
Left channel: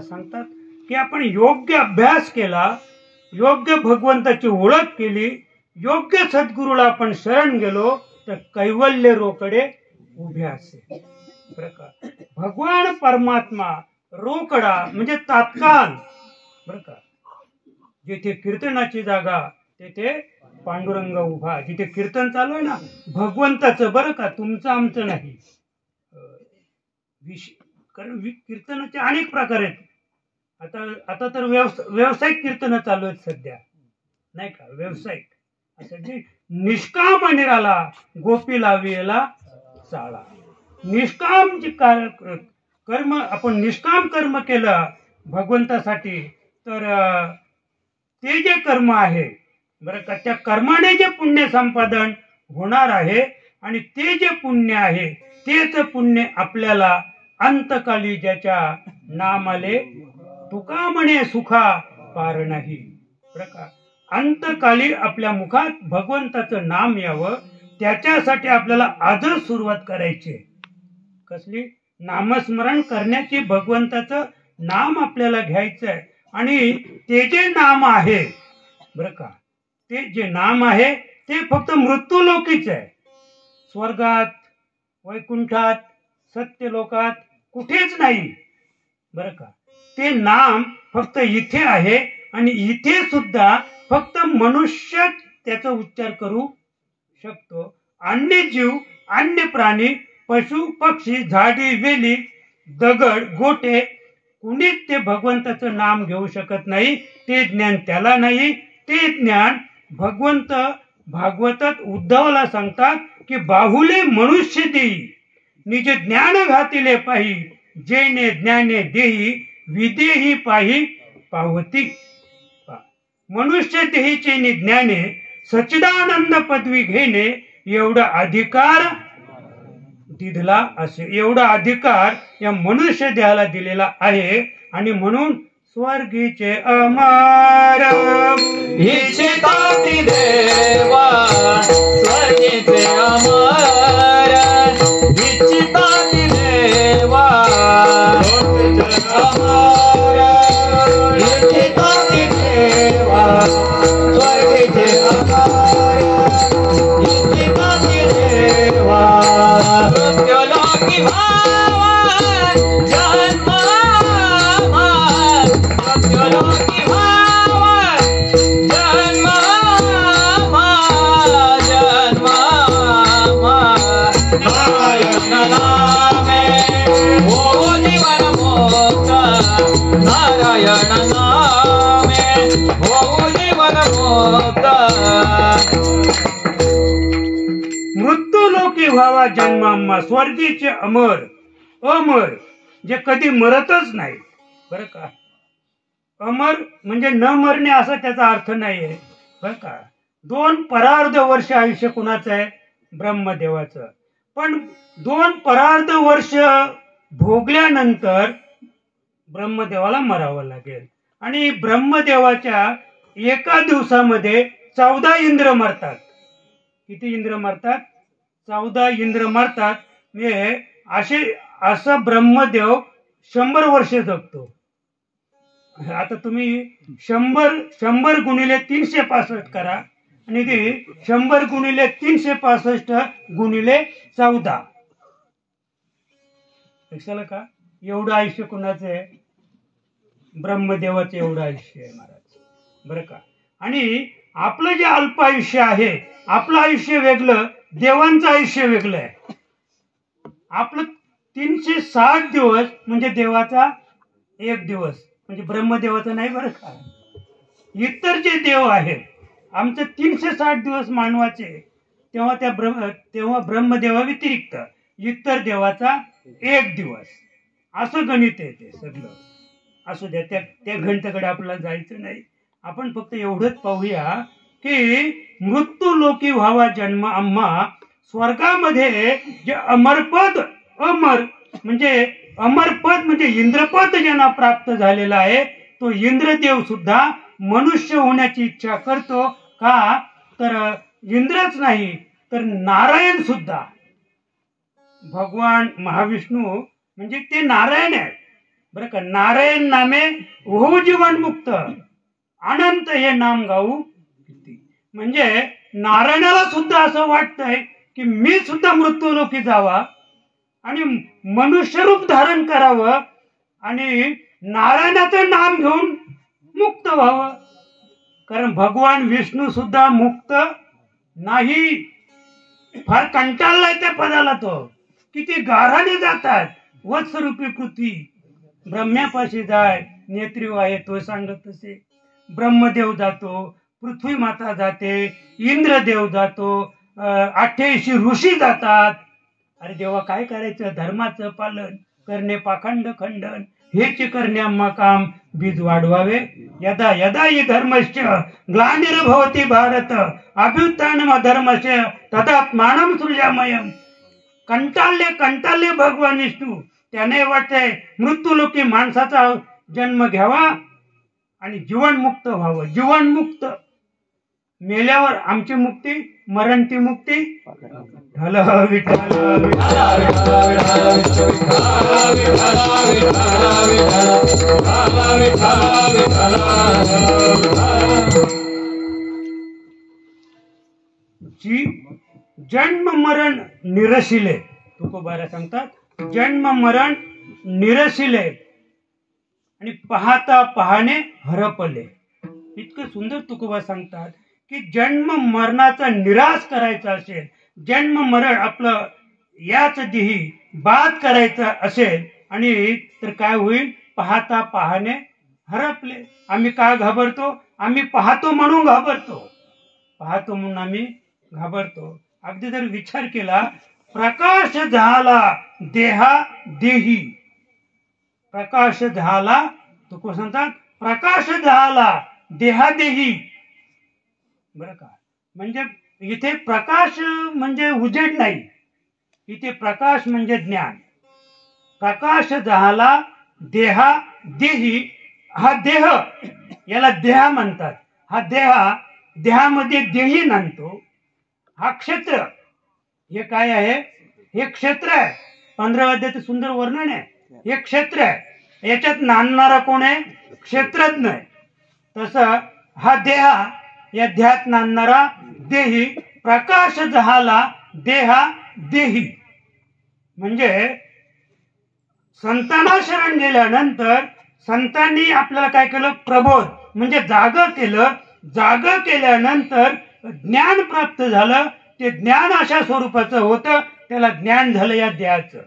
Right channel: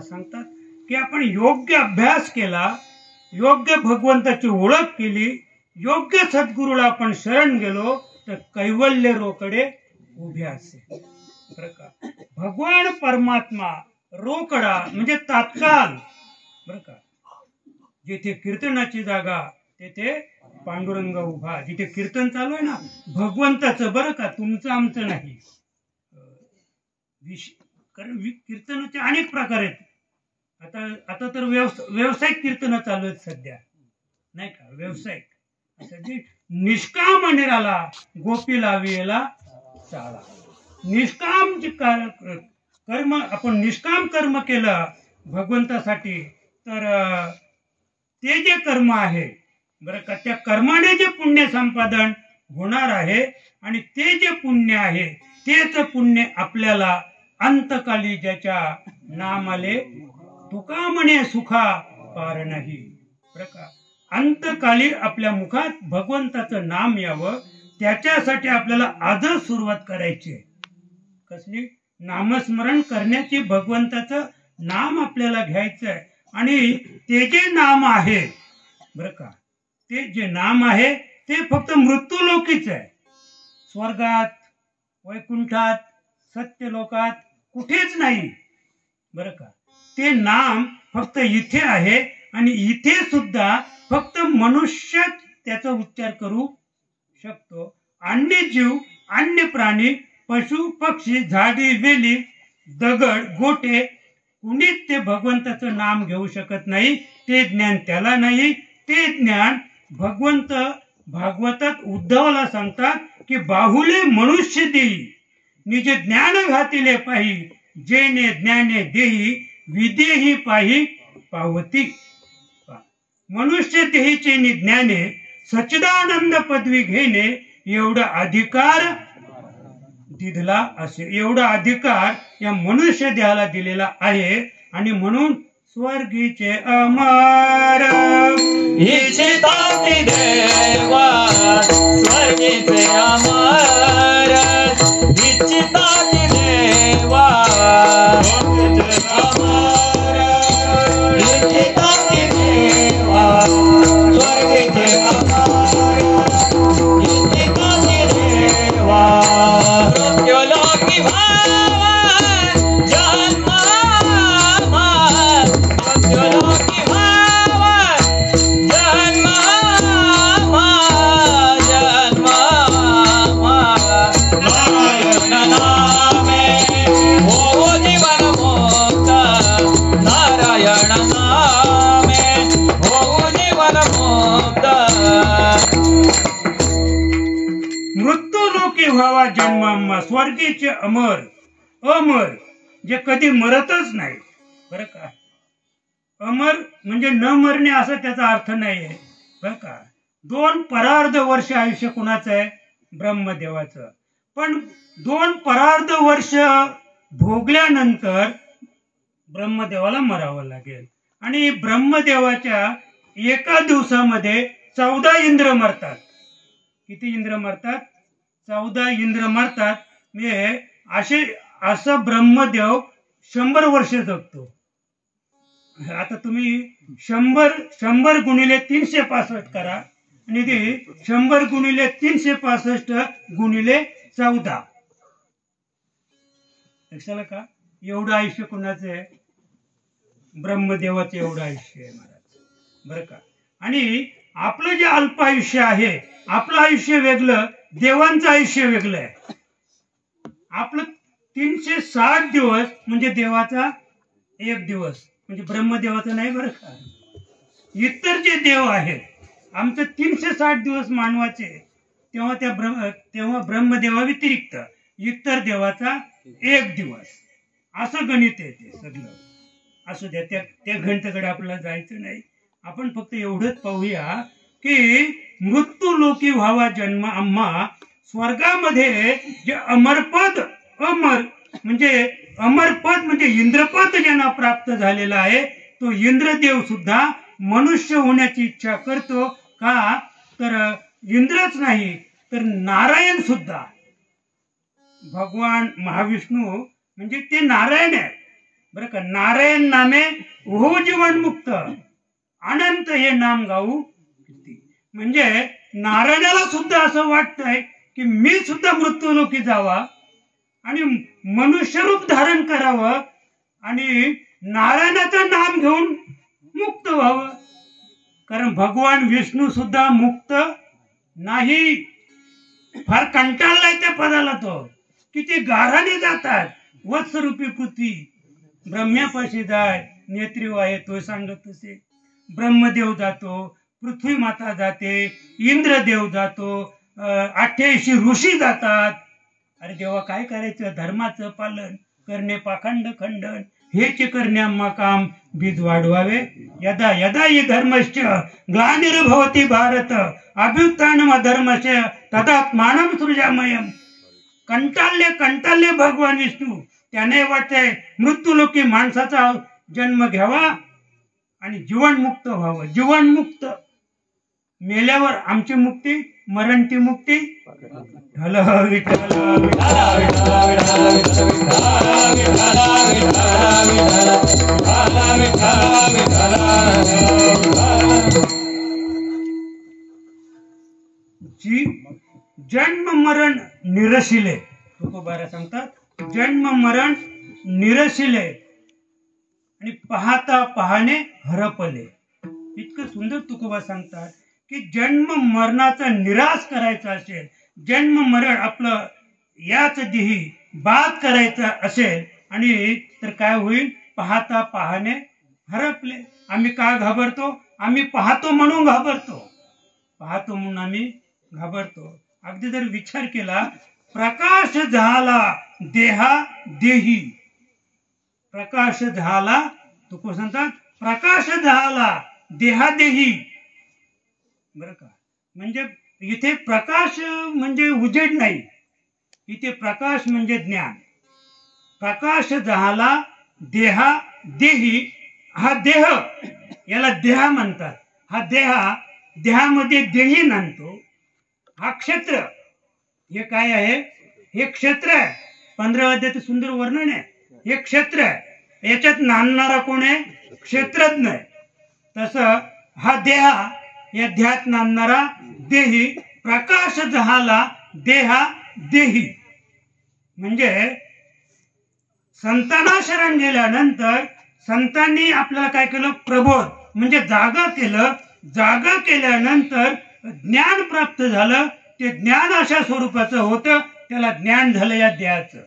सांगतात की आपण योग्य अभ्यास केला, योग्य भगवंताची ओळख केली, योग्य सद्गुरूला आपण शरण गेलो तर कैवल्य रोकडे उभे असेल. भगवान परमात्मा रोकडा म्हणजे तात्काळ. बरं का? जिथे कीर्तनाची जागा, तेथे पांडुरंग उभा. जिथे कीर्तन चालू आहे ना भगवंताचं, बरं का, तुमचं आमचं नाही. कारण कीर्तनाचे अनेक प्रकार आहेत. आता तर व्यावसायिक कीर्तन चालू आहेत सध्या, नाही का, व्यावसायिक. असं जे निष्काम निराला गोपी लाविला चाळा. निष्काम कर्म, आपण निष्काम कर्म केलं भगवंतासाठी, तर ते जे कर्म आहे, बरं का, त्या कर्माने जे पुण्य संपादन होणार आहे आणि ते जे पुण्य आहे तेच पुण्य आपल्याला अंतकाली ज्याच्या नामाले तुका म्हणे सुखा पार नाही. बरं का, अंतकाली आपल्या मुखात भगवंताचं नाम यावं त्याच्यासाठी आपल्याला आजच सुरुवात करायची. कसली? नामस्मरण करण्याची. भगवंताचं नाम आपल्याला घ्यायचं आहे आणि ते जे नाम आहे, बरं का, ते जे नाम आहे ते फक्त मृत्यूलोकीच आहे. स्वर्गात, वैकुंठात, सत्यलोकात कुठेच नाही. बरं का, ते नाम फक्त इथे आहे आणि इथे सुद्धा फक्त मनुष्य त्याचा उच्चार करू शकतो. अन्य जीव, अन्य प्राणी, पशु पक्षी, झाडी वेली, दगड गोटे कुणीच ते भगवंताचं नाम घेऊ शकत नाही. ते ज्ञान त्याला नाही. ते ज्ञान भगवंत भागवतात उद्धवाला सांगतात की बाहुले मनुष्य देई निज ज्ञान घातिले पाही, जेने ज्ञाने देही विदेही पाही पावती. मनुष्य देहीचे ज्ञाने सच्चिदानंद पदवी घेणे एवढा अधिकार दिला असे, एवढा अधिकार या मनुष्य देहाला दिलेला आहे. आणि म्हणून स्वर्गीचे अमर इच्छिताती देवा, स्वर्गीचे अमर इच्छिताती देवा, स्वर्गीचे अमर इच्छिताती देवा, स्वर्गीचे अमर इच्छिताती देवा, मृत्युलोकी भावा जन्म, मृत्युलोकी भावा जन्म, जन्म नारायण नामे हो जीवन मोक्ष, नारायण नामे हो जीवन मोक्ष. मृत्यूलोकी व्हावा जन्माम्मा. स्वर्गीचे अमर, अमर जे कधी मरतच नाही. बरं का, अमर म्हणजे न मरणे असा त्याचा अर्थ नाही आहे. बरं का, 2 परार्ध वर्ष आयुष्य कुणाचं आहे? ब्रह्मदेवाचं. पण 2 परार्ध वर्ष भोगल्यानंतर ब्रह्मदेवाला मरावं लागेल. आणि ब्रह्मदेवाच्या एका दिवसामध्ये 14 इंद्र मरतात. किती इंद्र मरतात? 14 इंद्र मरतात. म्हणजे असं ब्रह्मदेव 100 वर्ष जगतो. आता तुम्ही 100 गुणिले 365 करा आणि ते 100 गुणिले 365 गुणिले 14. लक्षाला का? एवढं आयुष्य कोणाचं आहे? ब्रह्मदेवाचं एवढं आयुष्य आहे महाराज. बरं का, आणि आपलं जे अल्प आयुष्य आहे, आपलं आयुष्य वेगळं, देवांचं आयुष्य वेगळं आहे. आपलं 360 दिवस म्हणजे देवाचा 1 दिवस, म्हणजे ब्रह्मदेवाचं नाही. बरं का, इतर जे देव आहेत, आमचं 360 दिवस मानवाचे, तेव्हा ब्रह्मदेवा व्यतिरिक्त इतर देवाचा 1 दिवस, असं गणित आहे. ते सगळं असू द्या, त्या गणिताकडे आपल्याला जायचं नाही. आपण फक्त एवढंच पाहूया की मृत्यूलोकी व्हावा जन्म आम्हा. स्वर्गामध्ये जे अमरपद, अमर म्हणजे इंद्रपद ज्यांना प्राप्त झालेला आहे, तो इंद्रदेव सुद्धा मनुष्य होण्याची इच्छा करतो का? तर इंद्रच नाही तर नारायण सुद्धा, भगवान महाविष्णू म्हणजे ते नारायण आहे. बरं का, नारायण नामे हो जीवन मुक्त, अनंत हे नाम गाऊ. म्हणजे नारायणाला सुद्धा असं वाटतंय की मी सुद्धा मृत्यूलोकी जावा आणि मनुष्य रूप धारण करावं आणि नारायणाचं नाम घेऊन मुक्त व्हावं. कारण भगवान विष्णू सुद्धा मुक्त नाही. फार कंटाळलाय त्या पदाला तो. किती गाराने जातात. वत्सरूपी पृथ्वी ब्रह्म्यापाशी जाय नेत्री आहे तो सांगत असे. ब्रह्मदेव जातो, पृथ्वी माता जाते, इंद्रदेव जातो, 88 ऋषी जातात. अरे देवा काय करायचं? धर्माचं पालन करणे पाखंड खंडन हेच करण्या काम बीज वाढवावे. यदा यदा हि धर्मश्च ग्लानिर्भवति भारत अभ्युत्थानम धर्मस्य तदात्मानं सृजामयम्. कंटाळले भगवान विष्णू. त्याने वाटते मृत्यूलोकी माणसाचा जन्म घ्यावा आणि जीवनमुक्त व्हावं. जीवनमुक्त मेल्यावर आमची मुक्ती, मरणची मुक्ती. ढल विठ्ठल जी जन्म मरण निरशिले. तुकोबारा सांगतात जन्म मरण निरशिले आणि पाहता पाहणे हरपले. इतकं सुंदर तुकोबा सांगतात की जन्म मरणाचा निराश करायचा असेल, जन्म मरण आपलं याच देही बाद करायचं असेल आणि तर काय होईल? पाहता पाहणे हरपले. आम्ही काय घाबरतो? आम्ही पाहतो म्हणून घाबरतो. पाहतो म्हणून आम्ही घाबरतो. अगदी जर विचार केला, प्रकाश झाला देहा देही. प्रकाश झाला तुको सांगतात प्रकाश झाला देहादेही. बरं का? म्हणजे इथे प्रकाश म्हणजे उजेड नाही, इथे प्रकाश म्हणजे ज्ञान. प्रकाश झाला देहा देही. हा देह याला देहा म्हणतात. हा देहामध्ये देही नांदतो. हा क्षेत्र हे काय आहे? हे क्षेत्र आहे. 15 अध्यायात सुंदर वर्णन आहे. हे क्षेत्र आहे. याच्यात नांदणारा कोण आहे? क्षेत्रज्ञ आहे. तसं हा देहा या ध्यात नांदणारा देही. प्रकाश झाला देहा देही. म्हणजे संतांना शरण गेल्यानंतर संतांनी आपल्याला काय केलं? प्रबोध म्हणजे जागा केलं. जागा केल्यानंतर ज्ञान प्राप्त झालं. ते ज्ञान अशा स्वरूपाचं होतं, त्याला ज्ञान झालं या देहाचं.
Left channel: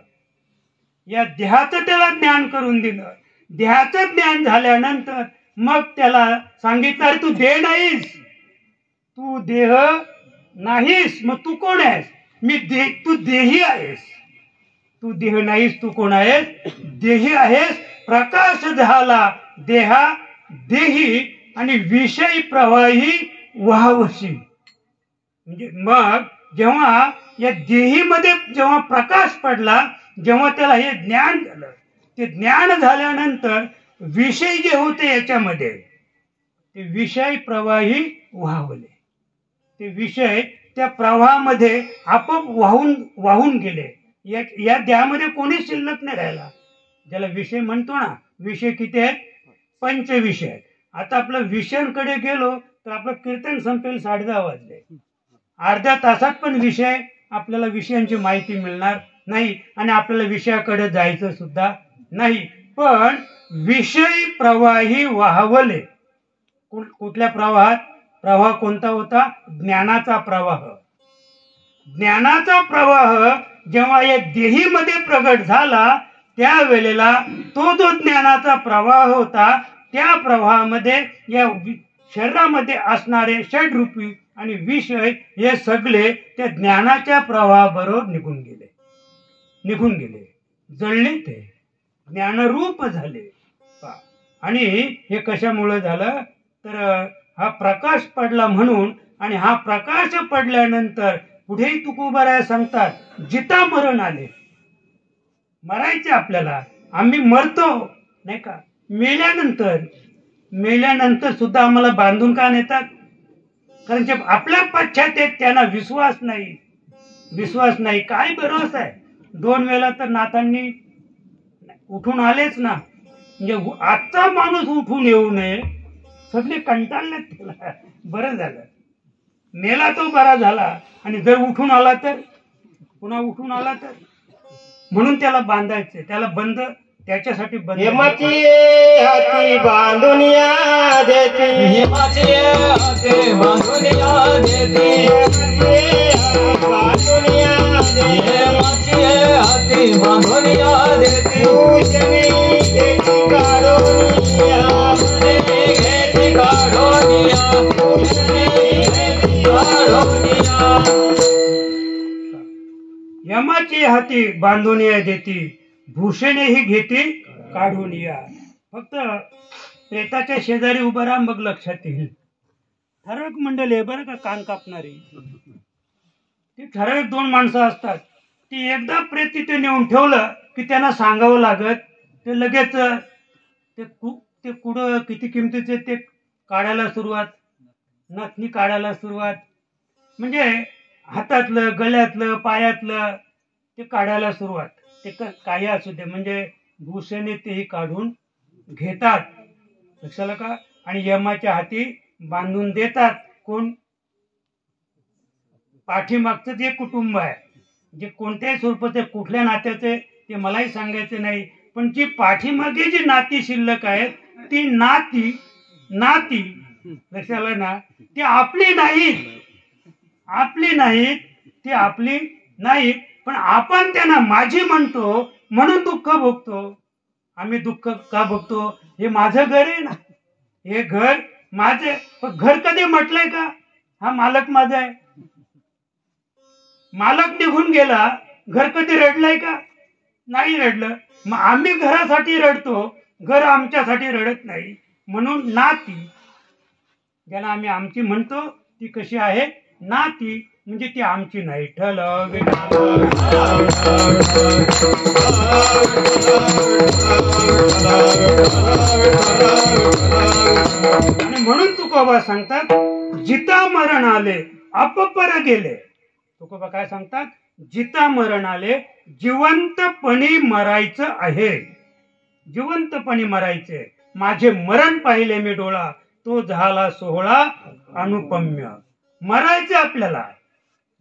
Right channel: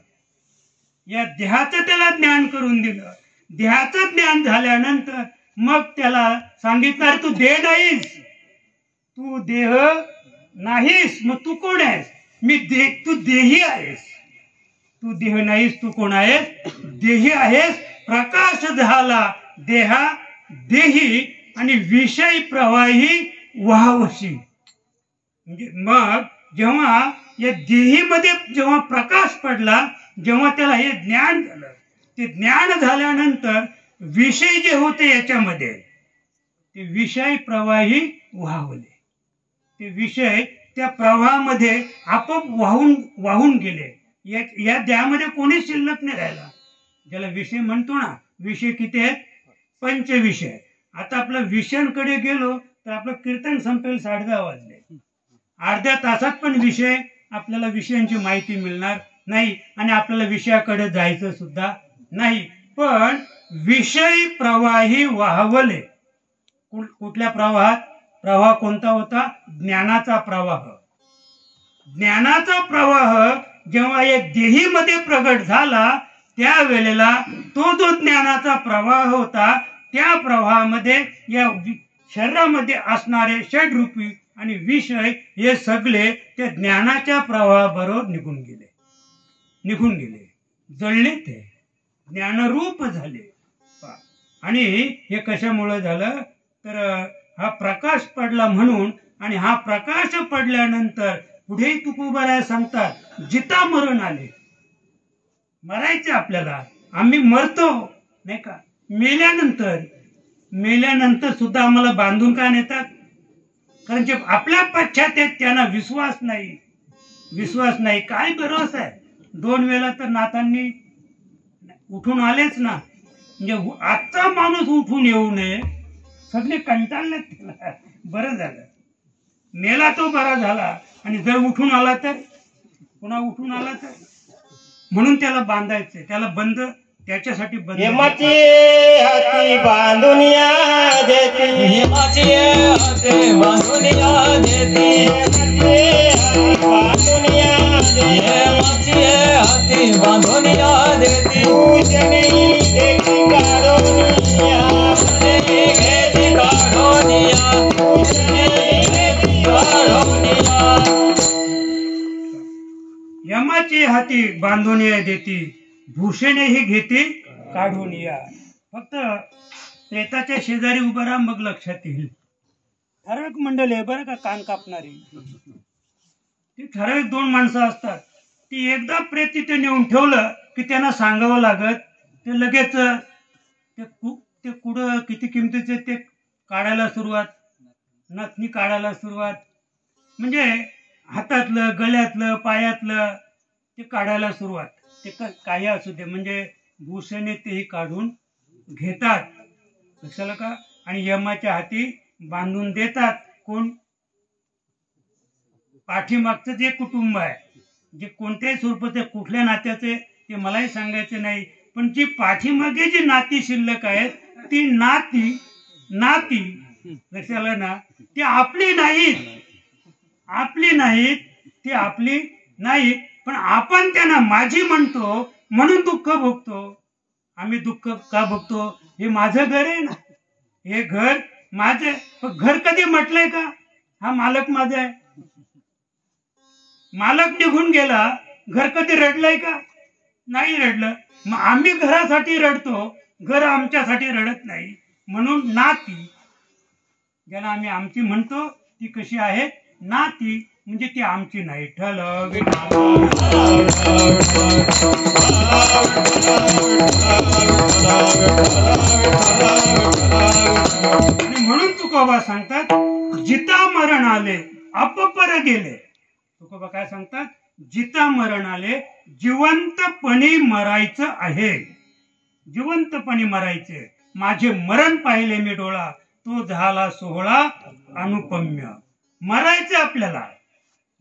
या देहाचं त्याला ज्ञान करून दिलं. देहाचं ज्ञान झाल्यानंतर मग त्याला सांगितलं तू देह नाहीस, तू देह नाहीस, मग तू कोण आहेस? तू देही आहेस. तू देह नाहीस, तू कोण आहेस? देही आहेस. प्रकाश झाला देहा देही आणि विषय प्रवाही वाहवशी. म्हणजे मग जेव्हा या देहीमध्ये जेव्हा प्रकाश पडला, जेव्हा त्याला हे ज्ञान झालं, ते ज्ञान झाल्यानंतर विषय जे होते याच्यामध्ये ते विषय प्रवाही वाहवले. ते विषय त्या प्रवाहामध्ये आपोआप वाहून गेले. या देहामध्ये कोणी शिल्लक नाही राहिला. ज्याला विषय म्हणतो ना, विषय किती आहेत? 5 विषय आहेत. आता आपल्या विषयांकडे गेलो तर आपलं कीर्तन संपेल 10:30 वाजले. अर्ध्या तासात पण विषय आपल्याला विषयांची माहिती मिळणार नाही आणि आपल्याला विषयाकडे जायचं सुद्धा नाही. पण विषय प्रवाही वाहवले. कुठल्या प्रवाहात? प्रवाह कोणता होता? ज्ञानाचा प्रवाह. ज्ञानाचा प्रवाह जेव्हा या देहीमध्ये प्रगट झाला त्यावेळेला तो जो ज्ञानाचा प्रवाह होता त्या प्रवाहामध्ये या शरीरामध्ये असणारे षडरूपी आणि विषय हे सगळे त्या ज्ञानाच्या प्रवाहाबरोबर निघून गेले, जळले, ते ज्ञानरूप झाले. आणि हे कशामुळे झालं? तर हा प्रकाश पडला म्हणून. आणि हा प्रकाश पडल्यानंतर पुढेही तुकोबाराया सांगतात जिता मरण आले. मरायचे आपल्याला, आम्ही मरतो नाही का? मेल्यानंतर सुद्धा आम्हाला बांधून का नेतात? कारण जे आपल्या पश्चात त्यांना विश्वास नाही. काय भरोसा आहे? 2 वेळा तर नाथांनी उठून आलेच ना. म्हणजे आजचा माणूस उठून येऊ नये. सगळे कंटाळलेत त्याला. बरं झालं मेला तो बरा झाला. आणि जर उठून आला तर पुन्हा उठून आला तर, म्हणून त्याला बांधायचं, त्याला बंद त्याच्यासाठी यमाची हाती बांधून या देती, यमाची हाते बांधून या देती, बांधून या देती, यमाची हाते बांधून या देती, पूजने घेती काढून या, घेती काढून या, घेती काढून या. यमाची हाती बांधून या देती, भूषणे ही घेती काढून या. फक्त प्रेताच्या शेजारी उभं राहा, मग लक्षात येईल. ठराविक मंडळी आहे बरं का, कान कापणारी. ती ठराविक 2 माणसं असतात. ती एकदा प्रेत तिथे नेऊन ठेवलं की त्यांना सांगावं लागत, ते लगेच ते कुठं किती किमतीचे ते काढायला सुरुवात, नथनी काढायला सुरुवात, म्हणजे हातातलं गळ्यातलं पायातलं ते काढायला सुरुवात. ते काही असू दे, म्हणजे भूषणे तेही काढून घेतात. लक्षाला का? आणि यमाच्या हाती बांधून देतात. कोण? पाठीमागचं जे कुटुंब आहे, जे कोणत्याही स्वरूपाचे कुठल्या नात्याचे ते मलाही सांगायचे नाही, पण जी पाठीमागे जी नाती शिल्लक आहेत ती नाती लक्षाला ना, ती आपली नाहीत, ती आपली नाहीत. पण आपण त्यांना माझी म्हणतो म्हणून दुःख भोगतो. आम्ही दुःख का भोगतो? हे माझं घर आहे ना, हे घर माझं. पण घर कधी म्हटलंय का हा मालक माझा आहे? मालक निघून गेला, घर कधी रडलंय का? नाही रडलं. मग आम्ही घरासाठी रडतो, घर आमच्यासाठी रडत नाही. म्हणून नाती ज्याला आम्ही आमची म्हणतो ती कशी आहे? नाती, म्हणजे ती आमची नाही. आणि म्हणून तुकोबा सांगतात, जिता मरण आले अपपर गेले. तुकोबा काय सांगतात? जिता मरण आले, जिवंतपणी मरायचं आहे, जिवंतपणी मरायचे. माझे मरण पाहिले मी डोळा, तो झाला सोहळा अनुपम्य. मरायचे आपल्याला,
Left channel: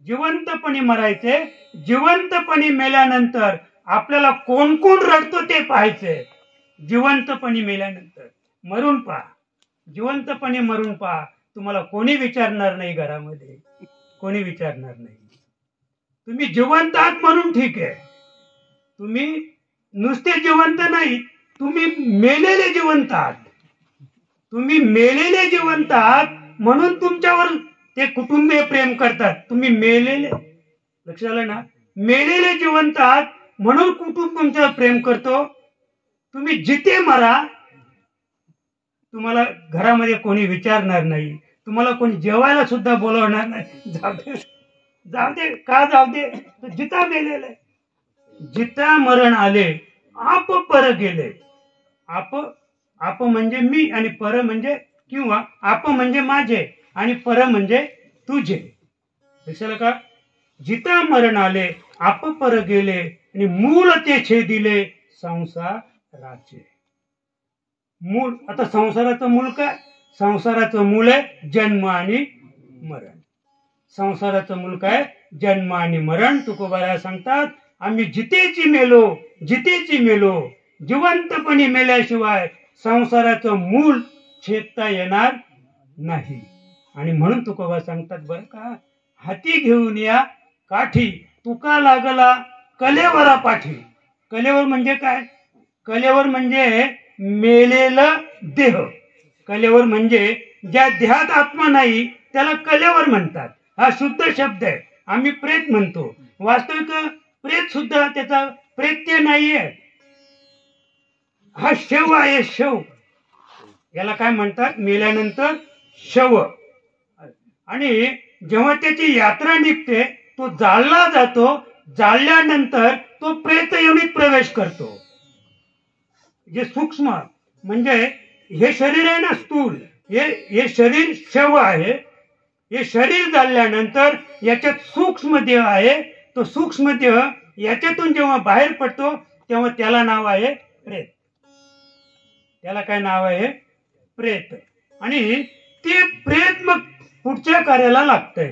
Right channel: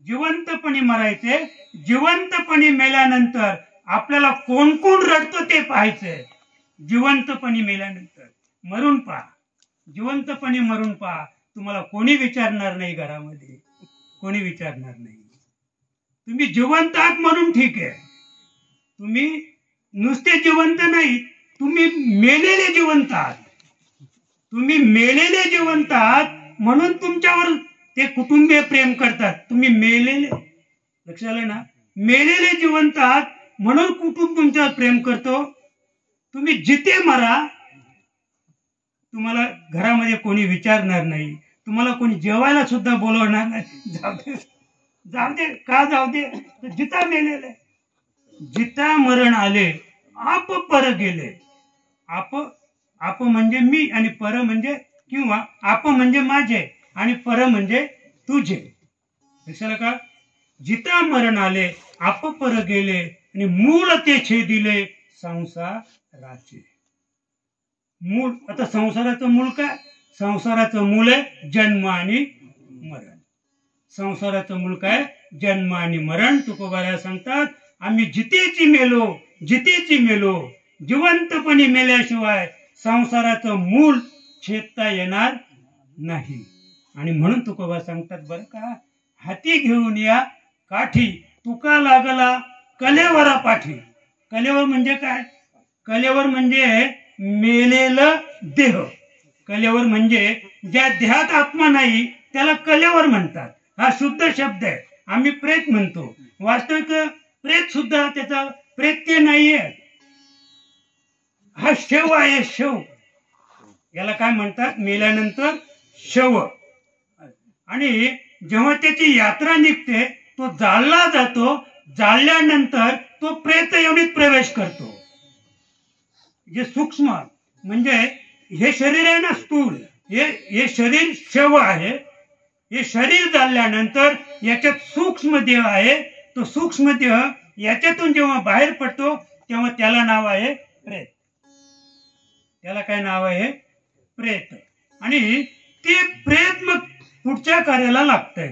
जिवंतपणी मरायचे. जिवंतपणी मेल्यानंतर आपल्याला कोण कोण रडतो ते पाहायचे. जिवंतपणी मेल्यानंतर मरून पहा, जिवंतपणी मरून पहा. तुम्हाला कोणी विचारणार नाही, घरामध्ये कोणी विचारणार नाही. तुम्ही जिवंत आहात म्हणून ठीक आहे, तुम्ही नुसते जिवंत नाही, तुम्ही मेलेले जिवंत आहात. तुम्ही मेलेले जिवंत आहात म्हणून तुमच्यावर ते कुटुंबीय प्रेम करतात. तुम्ही मेलेले, लक्षात आलं ना, मेलेले जिवंत आहात म्हणून कुटुंब तुमच्यावर प्रेम करतो. तुम्ही जिथे मरा, तुम्हाला घरामध्ये कोणी विचारणार नाही, तुम्हाला कोणी जेवायला सुद्धा बोलवणार नाही. जाऊ दे का जाऊ दे, जिता मेलेले. जिता मरण आले आप पर गेले. आप म्हणजे मी आणि पर म्हणजे किंवा आप म्हणजे माझे आणि पर म्हणजे तुझे. लक्षात का? जिता मरण आले आप पर गेले आणि मूळ ते छेदिले संसाराचे. मूळ, आता संसाराचं मूळ काय? संसाराचं मूळ आहे जन्म आणि मरण. संसाराचं मूळ काय? जन्म आणि मरण. तुकोबाराया सांगतात, आम्ही जितेची मेलो, जिवंतपणी मेल्याशिवाय संसाराचं मूळ छेदता येणार नाही. आणि म्हणून तुकोबा सांगतात बरं का, हाती घेऊन या काठी, तुका लागला कलेवरा पाठी. कलेवर म्हणजे काय? कलेवर म्हणजे मेलेलं देह. कलेवर म्हणजे ज्या देहात आत्मा नाही त्याला कलेवर म्हणतात. हा शुद्ध शब्द आहे. आम्ही प्रेत म्हणतो, वास्तविक प्रेत सुद्धा त्याचा प्रेत्य नाहीये, हा शव आहे. शव याला काय म्हणतात? मेल्यानंतर शव. आणि जेव्हा त्याची यात्रा निघते, तो जाळला जातो. जाळल्यानंतर तो प्रेत योनीत प्रवेश करतो. जे सूक्ष्म म्हणजे हे शरीर आहे ना, स्थूल, हे शरीर शव आहे. हे शरीर जाळल्यानंतर याच्यात सूक्ष्म देह आहे. तो सूक्ष्म देह याच्यातून जेव्हा बाहेर पडतो तेव्हा त्याला नाव आहे प्रेत. त्याला काय नाव आहे? प्रेत. आणि ते प्रेत मग पुढच्या कार्याला लागतंय.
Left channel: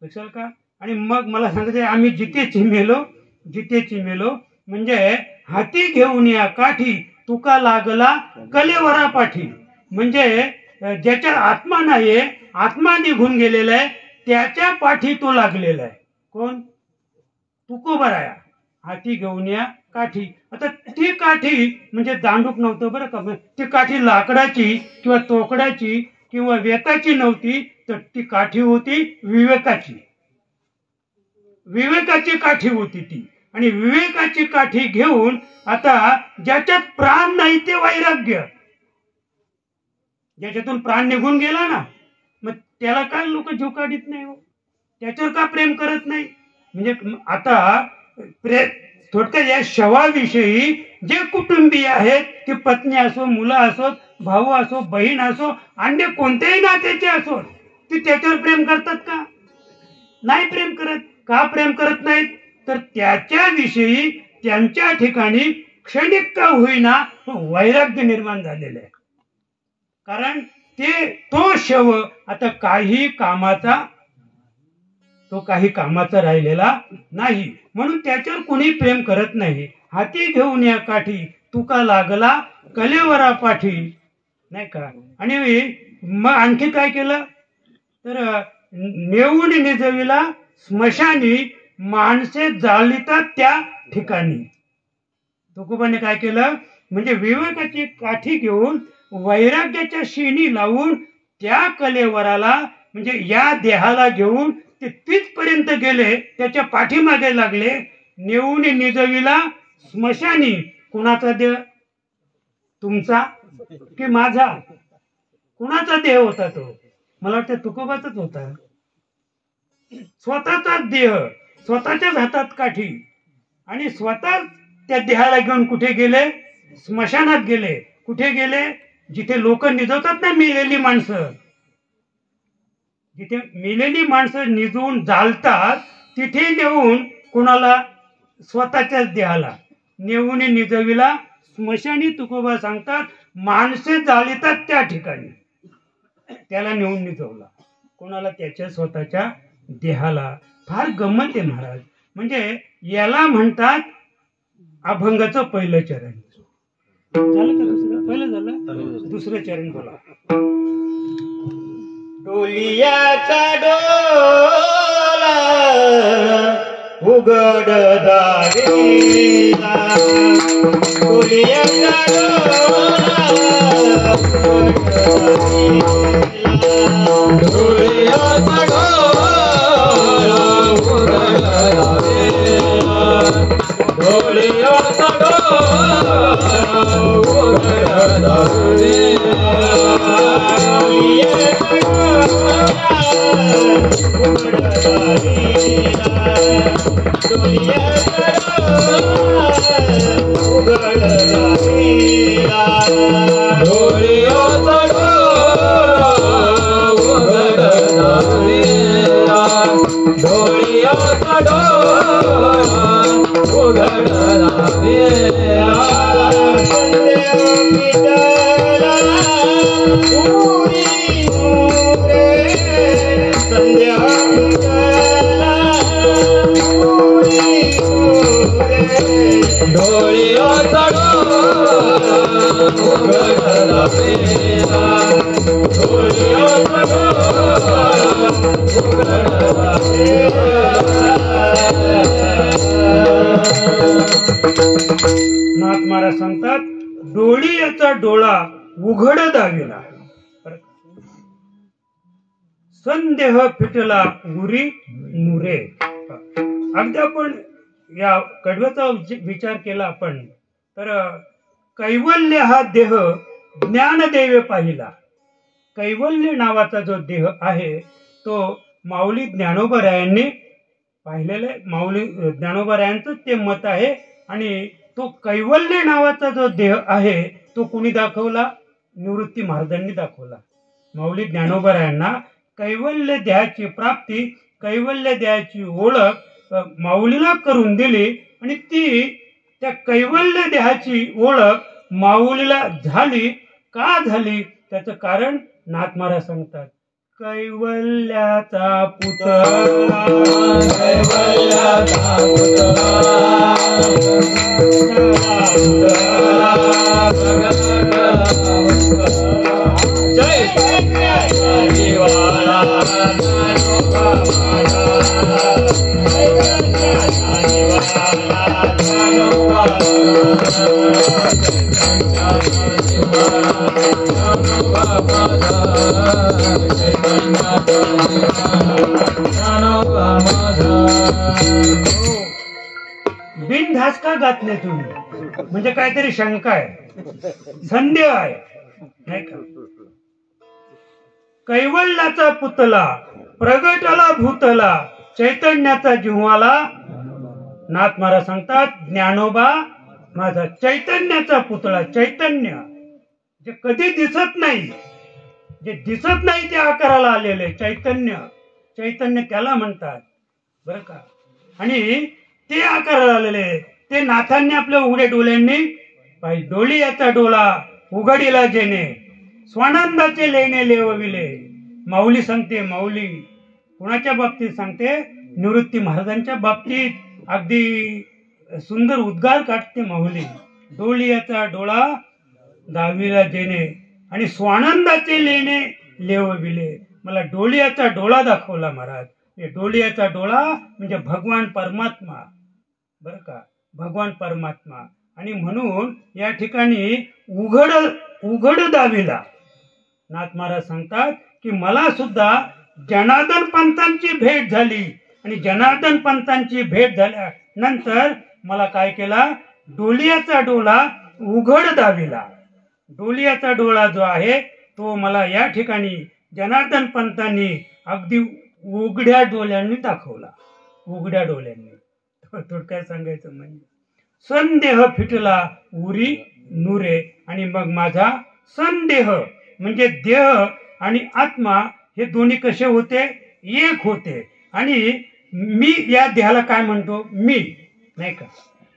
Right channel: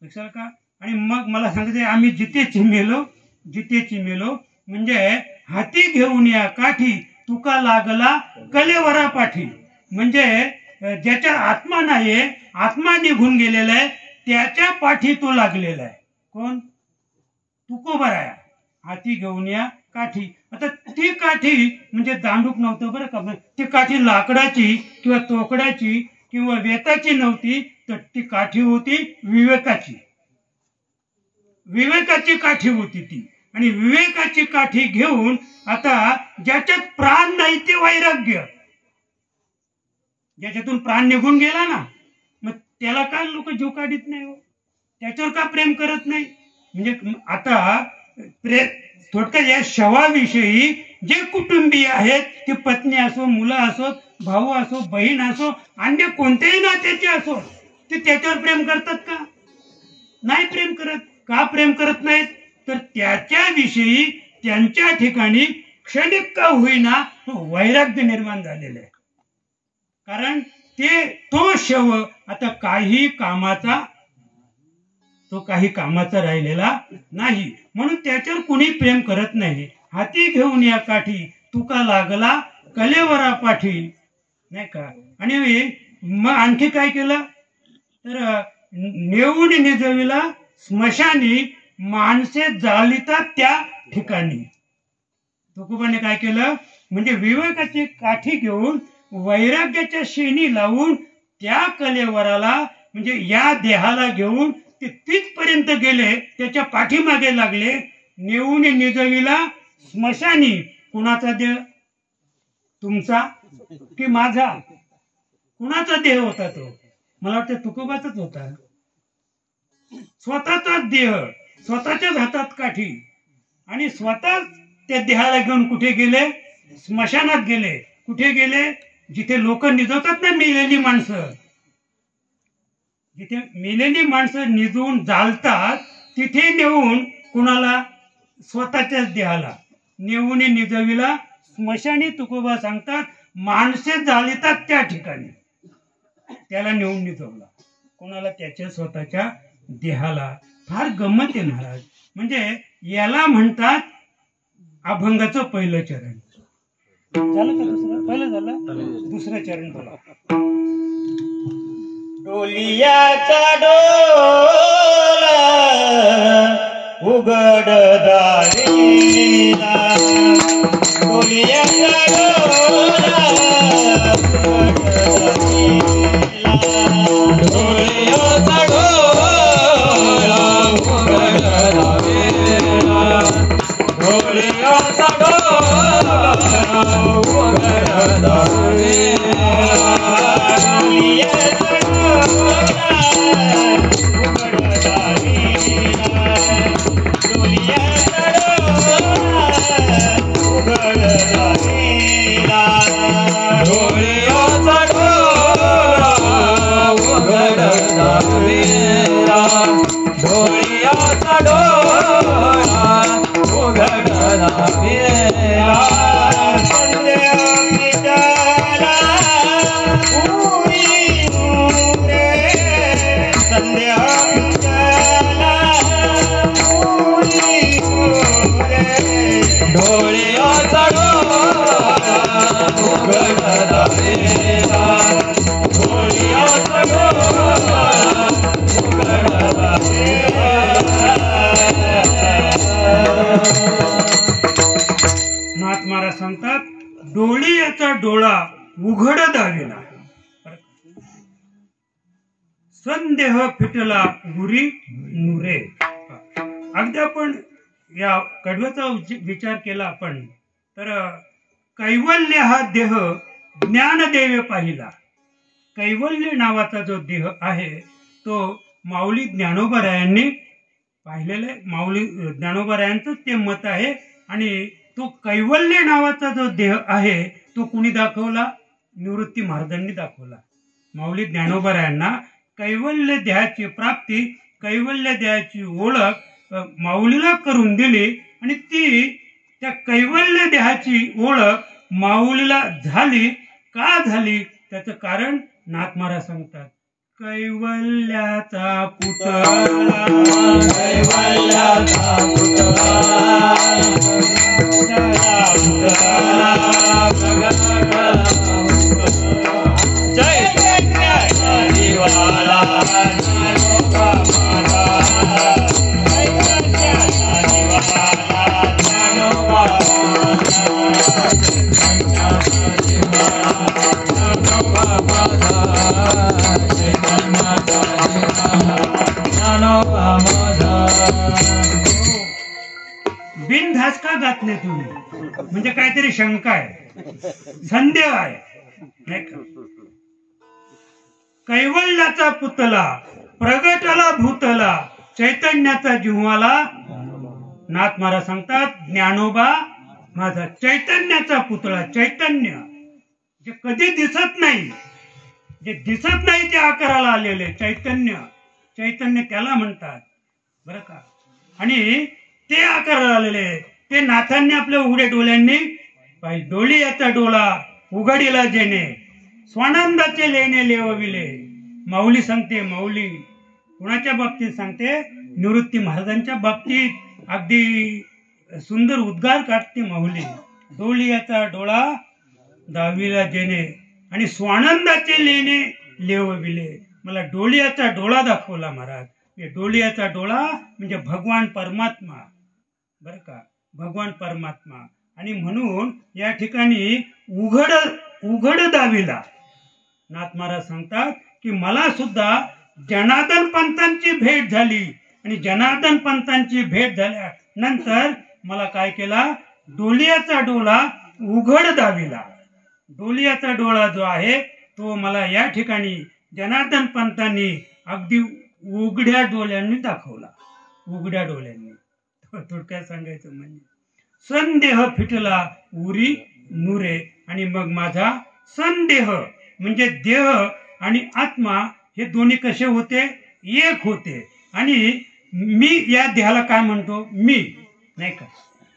लक्षात का? आणि मग मला सांगायचं, आम्ही जितेची मेलो म्हणजे हाती घेऊन या काठी तुका लागला कलेवरा पाठी. म्हणजे ज्याच्या आत्मा नाहीये, आत्मा निघून गेलेला आहे, त्याच्या पाठी तो लागलेला आहे. कोण? तुकोबराया. हाती घेऊन या काठी. आता ती काठी म्हणजे दांडूक नव्हतं बरं का. ती काठी लाकडाची किंवा तोकड्याची किंवा वेताची नव्हती, तर ती काठी होती विवेकाची. विवेकाची काठी होती ती. आणि विवेकाची काठी घेऊन आता ज्याच्यात प्राण नाही ते वैराग्य. ज्याच्यातून प्राण निघून गेला ना, मग त्याला काय लोक जीव काढीत नाही हो, त्याच्यावर का प्रेम करत नाही. म्हणजे आता थोडक्यात या शवाविषयी जे कुटुंबीय आहेत, ती पत्नी असो, मुलं असो, भाऊ असो, बहीण असो, अन्य कोणत्याही नात्याचे असो, ते त्याच्यावर प्रेम करतात का? नाही प्रेम करत. का प्रेम करत नाहीत? तर त्याच्याविषयी त्यांच्या ठिकाणी क्षणिक का होईना वैराग्य निर्माण झालेलं आहे. कारण तो शव आता काही कामाचा राहिलेला नाही, म्हणून त्याच्यावर कुणी प्रेम करत नाही. हाती घेऊन या काठी तुका लागला कलेवरा पाठी, नाही का. आणि मग आणखी काय केलं तर नेऊन निजविला स्मशानी माणसे जाळीतात त्या ठिकाणी. तुकोबाने काय केलं म्हणजे विवेकाची काठी घेऊन वैराग्याच्या शेणी लावून त्या कलेवराला म्हणजे या देहाला घेऊन ते तिथपर्यंत गेले, त्याच्या पाठीमागे लागले. नेऊन निजविला स्मशानी. कुणाचा देह? तुमचा की माझा? कुणाचा देह होता तो? मला वाटतं तुकोबाचाच होता. स्वतःचाच देह, स्वतःच्याच हातात काठी, आणि स्वतः त्या देहाला घेऊन कुठे गेले? स्मशानात गेले. कुठे गेले? जिथे लोक निजवतात ना मेलेली माणसं, जिथे मेलेली माणसं निजवून जाळतात, तिथे नेऊन कुणाला? स्वतःच्याच देहाला नेऊन निजविला स्मशानी. तुकोबा सांगतात माणसे जाळीतात त्या ठिकाणी. त्याला नेऊन निजवला. कोणाला? त्याच्या स्वतःच्या देहाला. फार गंमत आहे महाराज. म्हणजे याला म्हणतात अभंगाचं पहिलं चरण. झालं का दुसरं? पहिलं झालं, दुसरं चरण बोला. डोलियाचा डोला उघड दारेला, डोलियाचा डोला उघड दारेला, डोळ्याचा डोळा उघड दारेला, डोळ्याचा डोळा उघड नाथ महाराज सांगतात डोळीयाचा डोळा उघड दाविला, संदेह फिटला गुरी नुरे. अगदी आपण या कडव्याचा विचार केला आपण तर कैवल्य हा देह ज्ञानदेवे पाहिला. कैवल्य नावाचा जो देह आहे तो माऊली ज्ञानोबारायांनी पाहिलेलं आहे. माऊली ज्ञानोबारायांचं ते मत आहे. आणि तो कैवल्य नावाचा जो देह आहे तो कुणी दाखवला? निवृत्ती महाराजांनी दाखवला. माऊली ज्ञानोबारायांना कैवल्य देहाची प्राप्ती, कैवल्य देहाची ओळख माऊलीला करून दिली. आणि ती त्या कैवल्य देहाची ओळख माऊलीला झाली. का झाली? त्याचं कारण नाथ महाराज सांगतात. कैवल्याचा पुतळा कैवल्याचा पुतळा जय कन्याचा दिवाळा ज्ञानोबा माझा जय कन्याचा दिवाळा ज्ञानोबा बिनधास्त का जात नाही तुम्ही? म्हणजे काहीतरी शंका आहे, संदेह आहे, नाही का? कैवल्याचा पुतला प्रगटला भूतला चैतन्याचा जिव्हाळा. नाथ महाराज सांगतात ज्ञानोबा माझा चैतन्याचा पुतळा. चैतन्य जे कधी दिसत नाही, जे दिसत नाही ते आकाराला आलेले चैतन्य. चैतन्य त्याला म्हणतात बरं का. आणि ते आकाराला आलेले ते नाथांनी आपल्या उघड्या डोळ्यांनी पाहिजे. डोली याचा डोळा उघडीला जेणे स्वानंदाचे लेणे लेवविले. माऊली सांगते, माऊली कुणाच्या बाबतीत सांगते? निवृत्ती महाराजांच्या बाबतीत अगदी सुंदर उद्गार काढते माऊली. डोली याचा डोळा दावीला जेणे आणि स्वानंदाचे लेणे लेवविले. मला डोलियाचा डोळा दाखवला महाराज. डोलियाचा डोळा म्हणजे भगवान परमात्मा बरं का, भगवान परमात्मा. आणि म्हणून या ठिकाणी उघड दावीला नाथ महाराज सांगतात की मला सुद्धा जनार्दन पंतांची भेट झाली. आणि जनार्दन पंतांची भेट झाल्यानंतर मला काय केला? डोलियाचा डोळा उघड दावीला. डोलियाचा डोळा जो आहे तो मला या ठिकाणी जनार्दन पंतांनी अगदी उघड्या डोळ्यांनी दाखवला. उघड्या डोळ्यांनी. थोडक्यात सांगायचं म्हणजे संदेह फिटला उरी नुरे. आणि मग माझा संदेह म्हणजे देह आणि आत्मा हे दोन्ही कसे होते? एक होते. आणि मी या देहाला काय म्हणतो? मी, नाही का?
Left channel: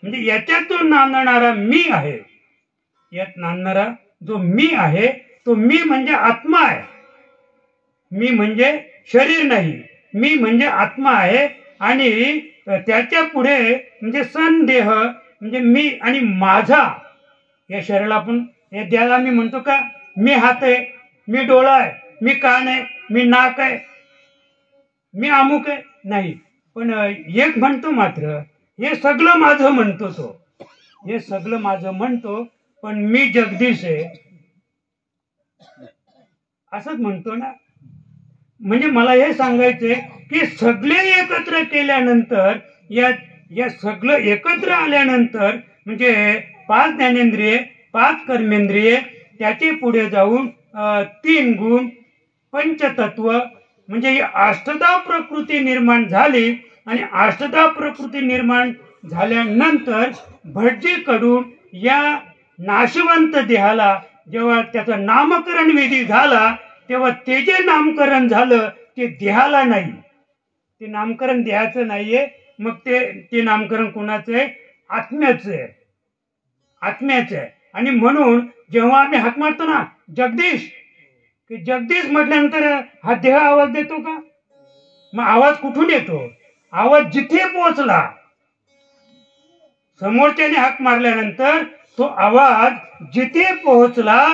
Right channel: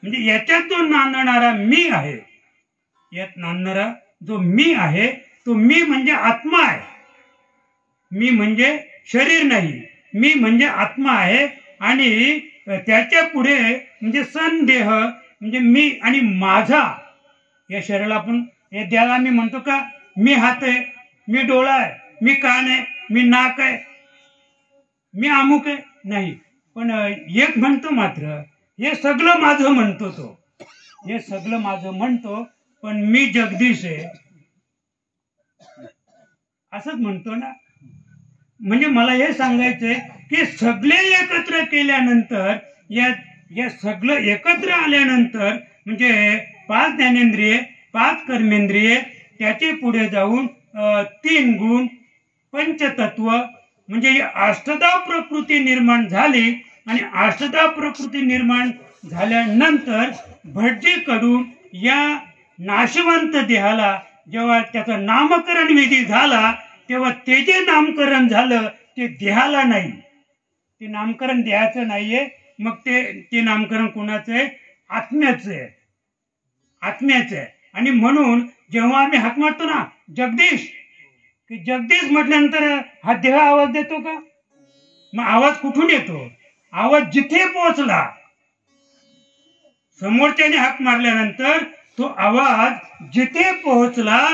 म्हणजे याच्यात जो नांदणारा मी आहे, यात नांदणारा जो मी आहे तो मी म्हणजे आत्मा आहे. मी म्हणजे शरीर नाही, मी म्हणजे आत्मा आहे. आणि त्याच्या पुढे म्हणजे संदेह म्हणजे मी आणि माझा. या शरीराला आपण या देहाला मी म्हणतो का मी हात आहे, मी डोळा आहे, मी कान आहे, मी नाक आहे, मी अमुक आहे? नाही. पण एक म्हणतो मात्र हे सगळं माझं म्हणतो तो. हे सगळं माझं म्हणतो पण मी जगदीश आहे असंच म्हणतो ना. म्हणजे मला हे सांगायचंय की सगळे एकत्र केल्यानंतर या सगळं एकत्र आल्यानंतर म्हणजे 5 ज्ञानेंद्रिये 5 कर्मेंद्रिये त्याचे पुढे जाऊन 3 गुण पंचतत्व म्हणजे ही अष्टधा प्रकृती निर्माण झाली. आणि अष्टधा प्रकृती निर्माण झाल्यानंतर भटजीकडून या नाशवंत देहाला जेव्हा त्याचं नामकरण विधी झाला तेव्हा ते जे नामकरण झालं ते देहाला नाही. ते नामकरण देहाचं नाहीये. मग ते नामकरण कोणाचं आहे? आत्म्याचं आहे. आत्म्याचं आहे. आणि म्हणून जेव्हा आम्ही हाक मारतो ना जगदीश, की जगदीश म्हटल्यानंतर हा देह आवाज देतो का? मग आवाज कुठून येतो? आवाज जिथे पोहोचला, समोरच्याने हाक मारल्यानंतर तो आवाज जिथे पोहोचला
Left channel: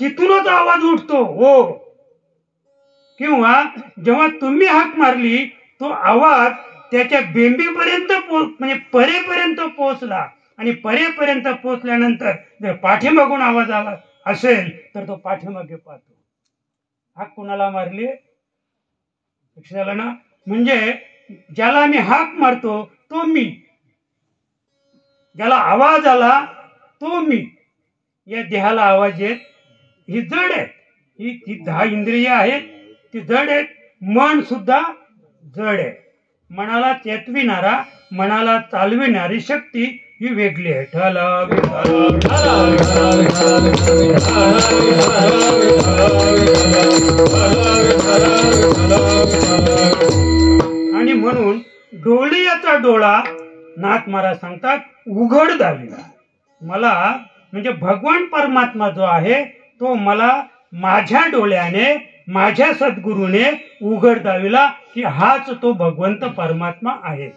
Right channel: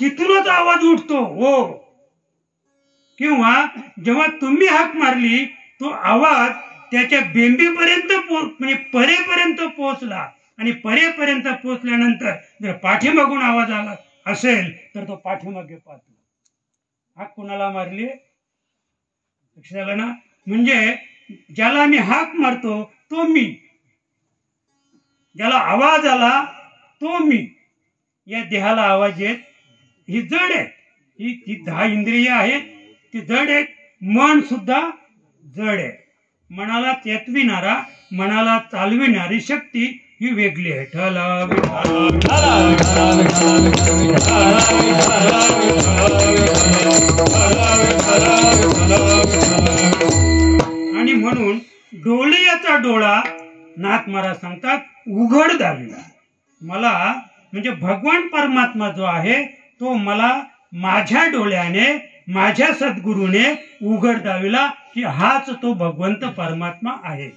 तिथूनच आवाज उठतो. हो. किंवा जेव्हा तुम्ही हाक मारली तो आवाज त्याच्या बेंबीपर्यंत म्हणजे परेपर्यंत पोहोचला. आणि परेपर्यंत पोहोचल्यानंतर जर पाठीमागून आवाज आला असेल तर तो पाठीमागे पाहतो. हाक कोणाला मारली? लक्षात आलं ना? म्हणजे ज्याला आम्ही हाक मारतो तो मी, ज्याला आवाज आला तो मी. या देहाला आवाज येत. ही जड आहे. ही 10 इंद्रिय आहेत, ती जड आहेत. मन सुद्धा जड आहे. मनाला चेतविणारा, मनाला चालविणारी शक्ती ही वेगळी आहे. आणि म्हणून डोलियाचा डोळा नाथ महाराज सांगतात उघड दाविला. मला म्हणजे भगवान परमात्मा जो आहे तो मला माझ्या डोळ्याने माझ्या सद्गुरूने उघड दाविला की हाच तो भगवंत परमात्मा आहे.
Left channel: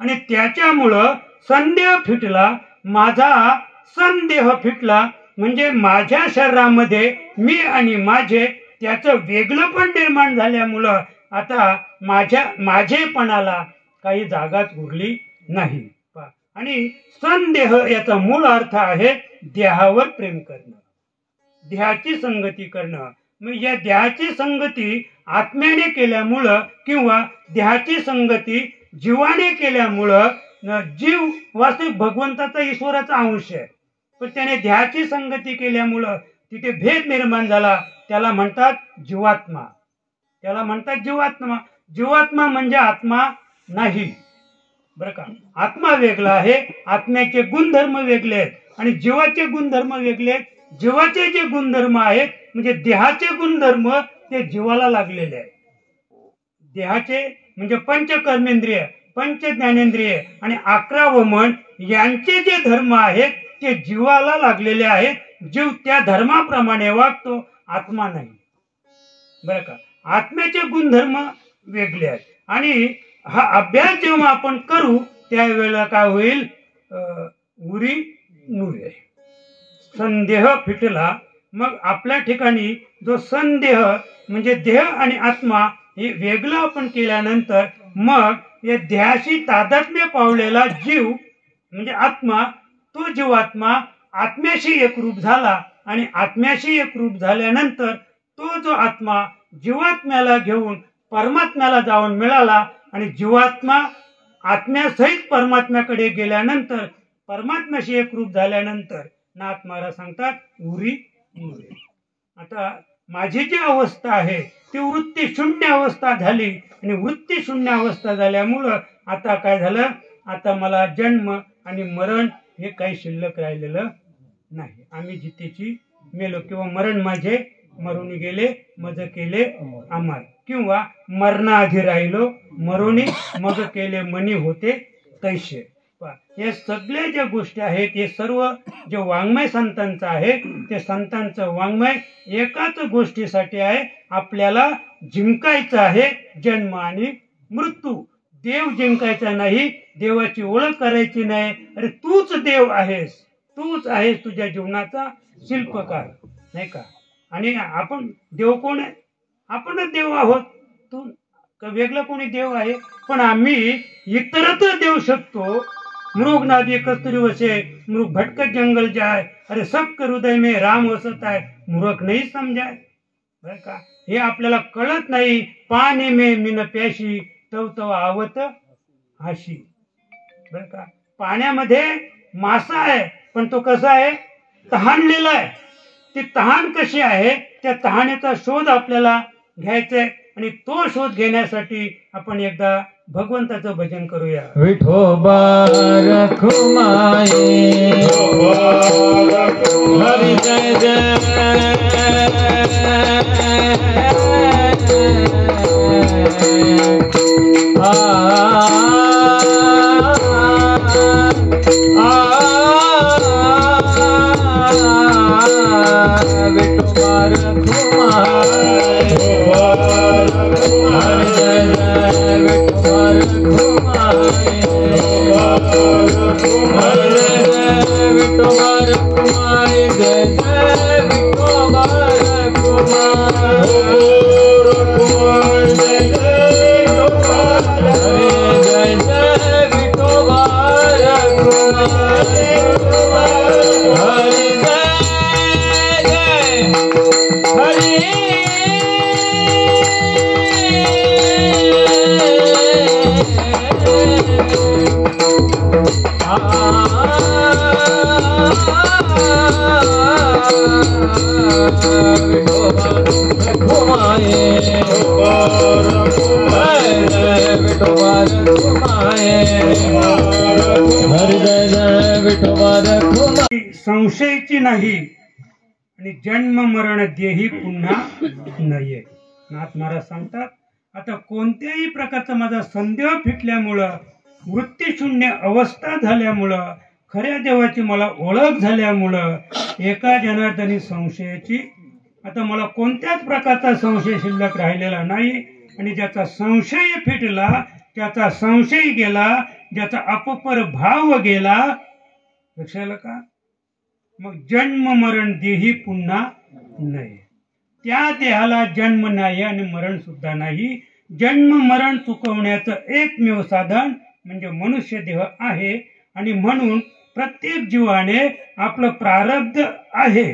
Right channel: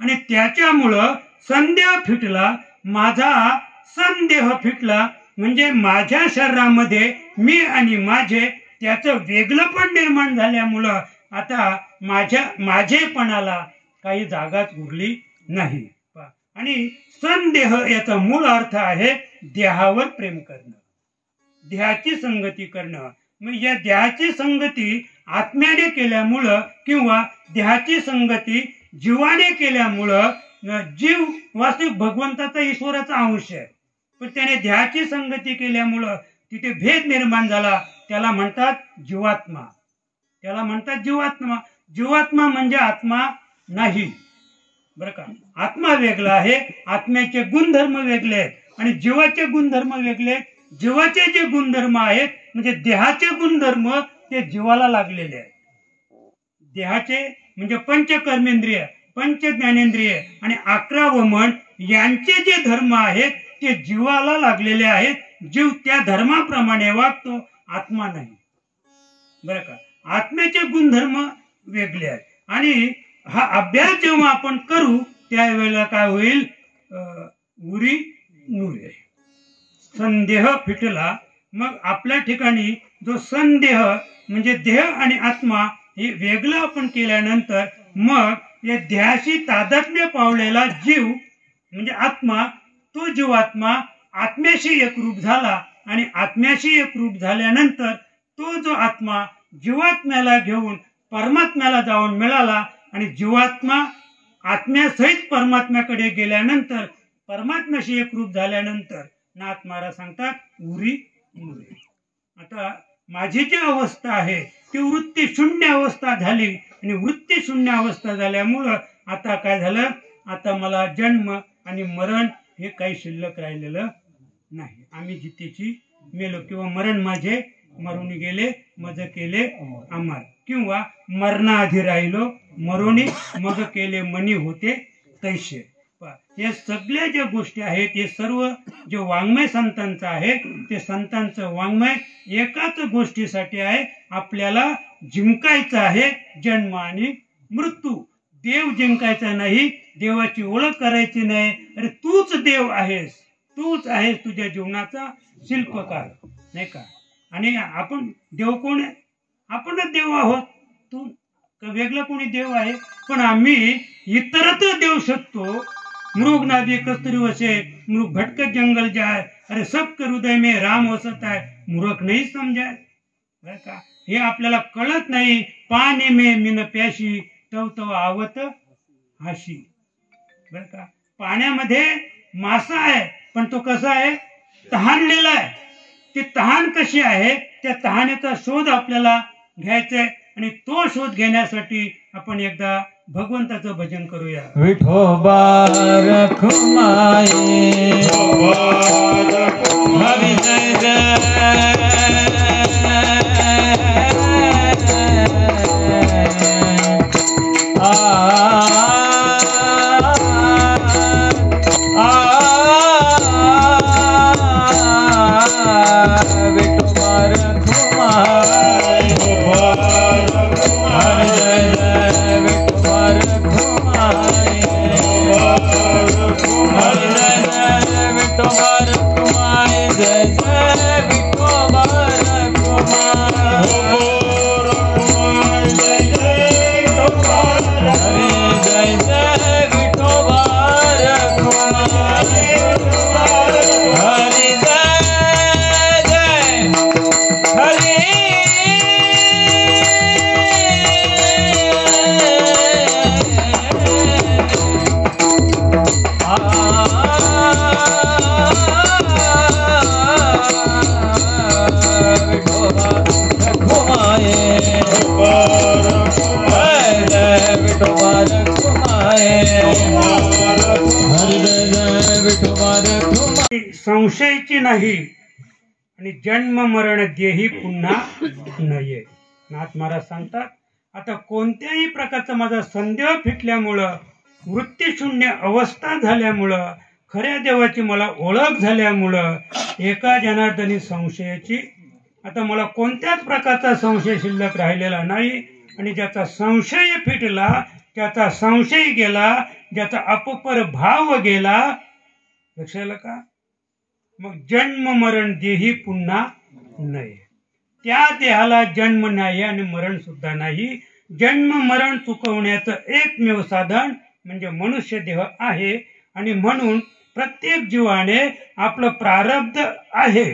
आणि त्याच्यामुळं संदेह फिटला, माझा संदेह फिटला, म्हणजे माझ्या शरीरामध्ये मी आणि माझे त्याचं वेगळं पण निर्माण झाल्यामुळं आता माझेपणाला काही जागाच उरली नाही. आणि संदेह याचा मूळ अर्थ आहे देहावर प्रेम करणं, देहाची संगती करणं. मग या देहाची संगती आत्म्याने केल्यामुळं किंवा देहाची संगती जीवाने केल्यामुळं, जीव वास्तविक भगवंताचा ईश्वराचा अंश आहे, पण त्याने देहाची संगती केल्यामुळं तिथे भेद निर्माण झाला. त्याला म्हणतात जीवात्मा, त्याला म्हणतात जीवात्मा. जीवात्मा म्हणजे आत्मा नाही बरं का. आत्मा वेगळा आहे, आत्म्याचे गुणधर्म वेगळे आहेत आणि जीवाचे गुणधर्म वेगळे आहेत. जीवाचे जे गुणधर्म आहेत म्हणजे देहाचे गुणधर्म ते जीवाला लागलेले आहेत. देहाचे म्हणजे पंचकर्मेंद्रिय, पंच ज्ञानेंद्रिय आणि 11 मन यांचे जे धर्म आहेत ते जीवाला लागलेले आहेत. जीव त्या धर्माप्रमाणे वागतो, आत्मा नाही बरं का. आत्म्याचे गुणधर्म वेगळे आहेत. आणि हा अभ्यास जेव्हा आपण करू त्यावेळेला काय होईल, उरी नुरे, संदेह फिटला. मग आपल्या ठिकाणी जो संदेह म्हणजे देह आणि आत्मा हे वेगळं आपण केल्यानंतर मग या देहाशी तादात्म्य पावलेला जीव म्हणजे आत्मा, तो जीवात्मा आत्म्याशी एकरूप झाला आणि आत्म्याशी एकरूप झाल्यानंतर तो जो आत्मा जीवात्म्याला घेऊन परमात्म्याला जाऊन मिळाला. आणि जीवात्मा आत्म्यासहित परमात्म्याकडे गेल्यानंतर परमात्म्याशी एकरूप झाल्यानंतर नाथ महाराज सांगतात उरी नुरे. आता माझी जी अवस्था आहे ती वृत्ती शून्य अवस्था झाली आणि वृत्ती शून्य अवस्था झाल्यामुळं आता काय झालं, आता मला जन्म आणि मरण हे काही शिल्लक राहिलेलं नाही. आम्ही जितेची मेलो किंवा मरण माझे मरुनी गेले मज केले अमर, किंवा मरणाआधी राहिलो मरुनी मग केले मनी होते तैसे. हे सगळ्या ज्या गोष्टी आहेत हे सर्व जे वाङ्मय संतांचं आहे ते संतांचं वाङ्मय एकाच गोष्टीसाठी आहे, आपल्याला जिंकायचं आहे जन्म आणि मृत्यू. देव जिंकायचा नाही, देवाची ओळख करायची नाही. अरे तूच देव आहेस, तूच आहेस तुझ्या जीवनाचा शिल्पकार नाही का. आणि आपण देव कोण आहे, आपणच देव आहोत. तू वेगळं कोणी देव आहे, पण आम्ही इतरत्र देऊ शकतो. मृग नादी कस्तुरी वसे मृग भटकत जंगल जाय, अरे सबके हृदय में राम वसत आहे, मूर्ख नहीं समजाय बरं का. हे आपल्याला कळत नाही. पाणी में मिन प्याशी तव तव आवत हाशी बरं का. पाण्यामध्ये मासा आहे पण तो कसा आहे, तहानलेला आहे. ती तहान कशी आहे, त्या तहानेचा शोध आपल्याला घ्यायचा आहे आणि तो शोध घेण्यासाठी आपण एकदा भगवंताचं भजन करूया. विठोबा रखुमाई हरि जय जय संशयाची नाही आणि जन्म मरण देही पुन्हा नये. नाथ महाराज सांगतात आता कोणत्याही प्रकारचा माझा संदेह फिटल्यामुळं, वृत्तीशून्य अवस्था झाल्यामुळं, खऱ्या देवाची मला ओळख झाल्यामुळं एका जनार्दनी संशयाची आता मला कोणत्याच प्रकारचा संशय शिल्लक राहिलेला नाही. आणि ज्याचा संशय फिटला, त्याचा संशय गेला, ज्याचा अपपर भाव गेला, लक्षात का? मग जन्म मरण देही पुन्हा नाही. त्या देहाला जन्म नाही आणि मरण सुद्धा नाही. जन्म मरण चुकवण्याचं एकमेव साधन म्हणजे मनुष्य देह आहे. आणि म्हणून प्रत्येक जीवाने आपलं प्रारब्ध आहे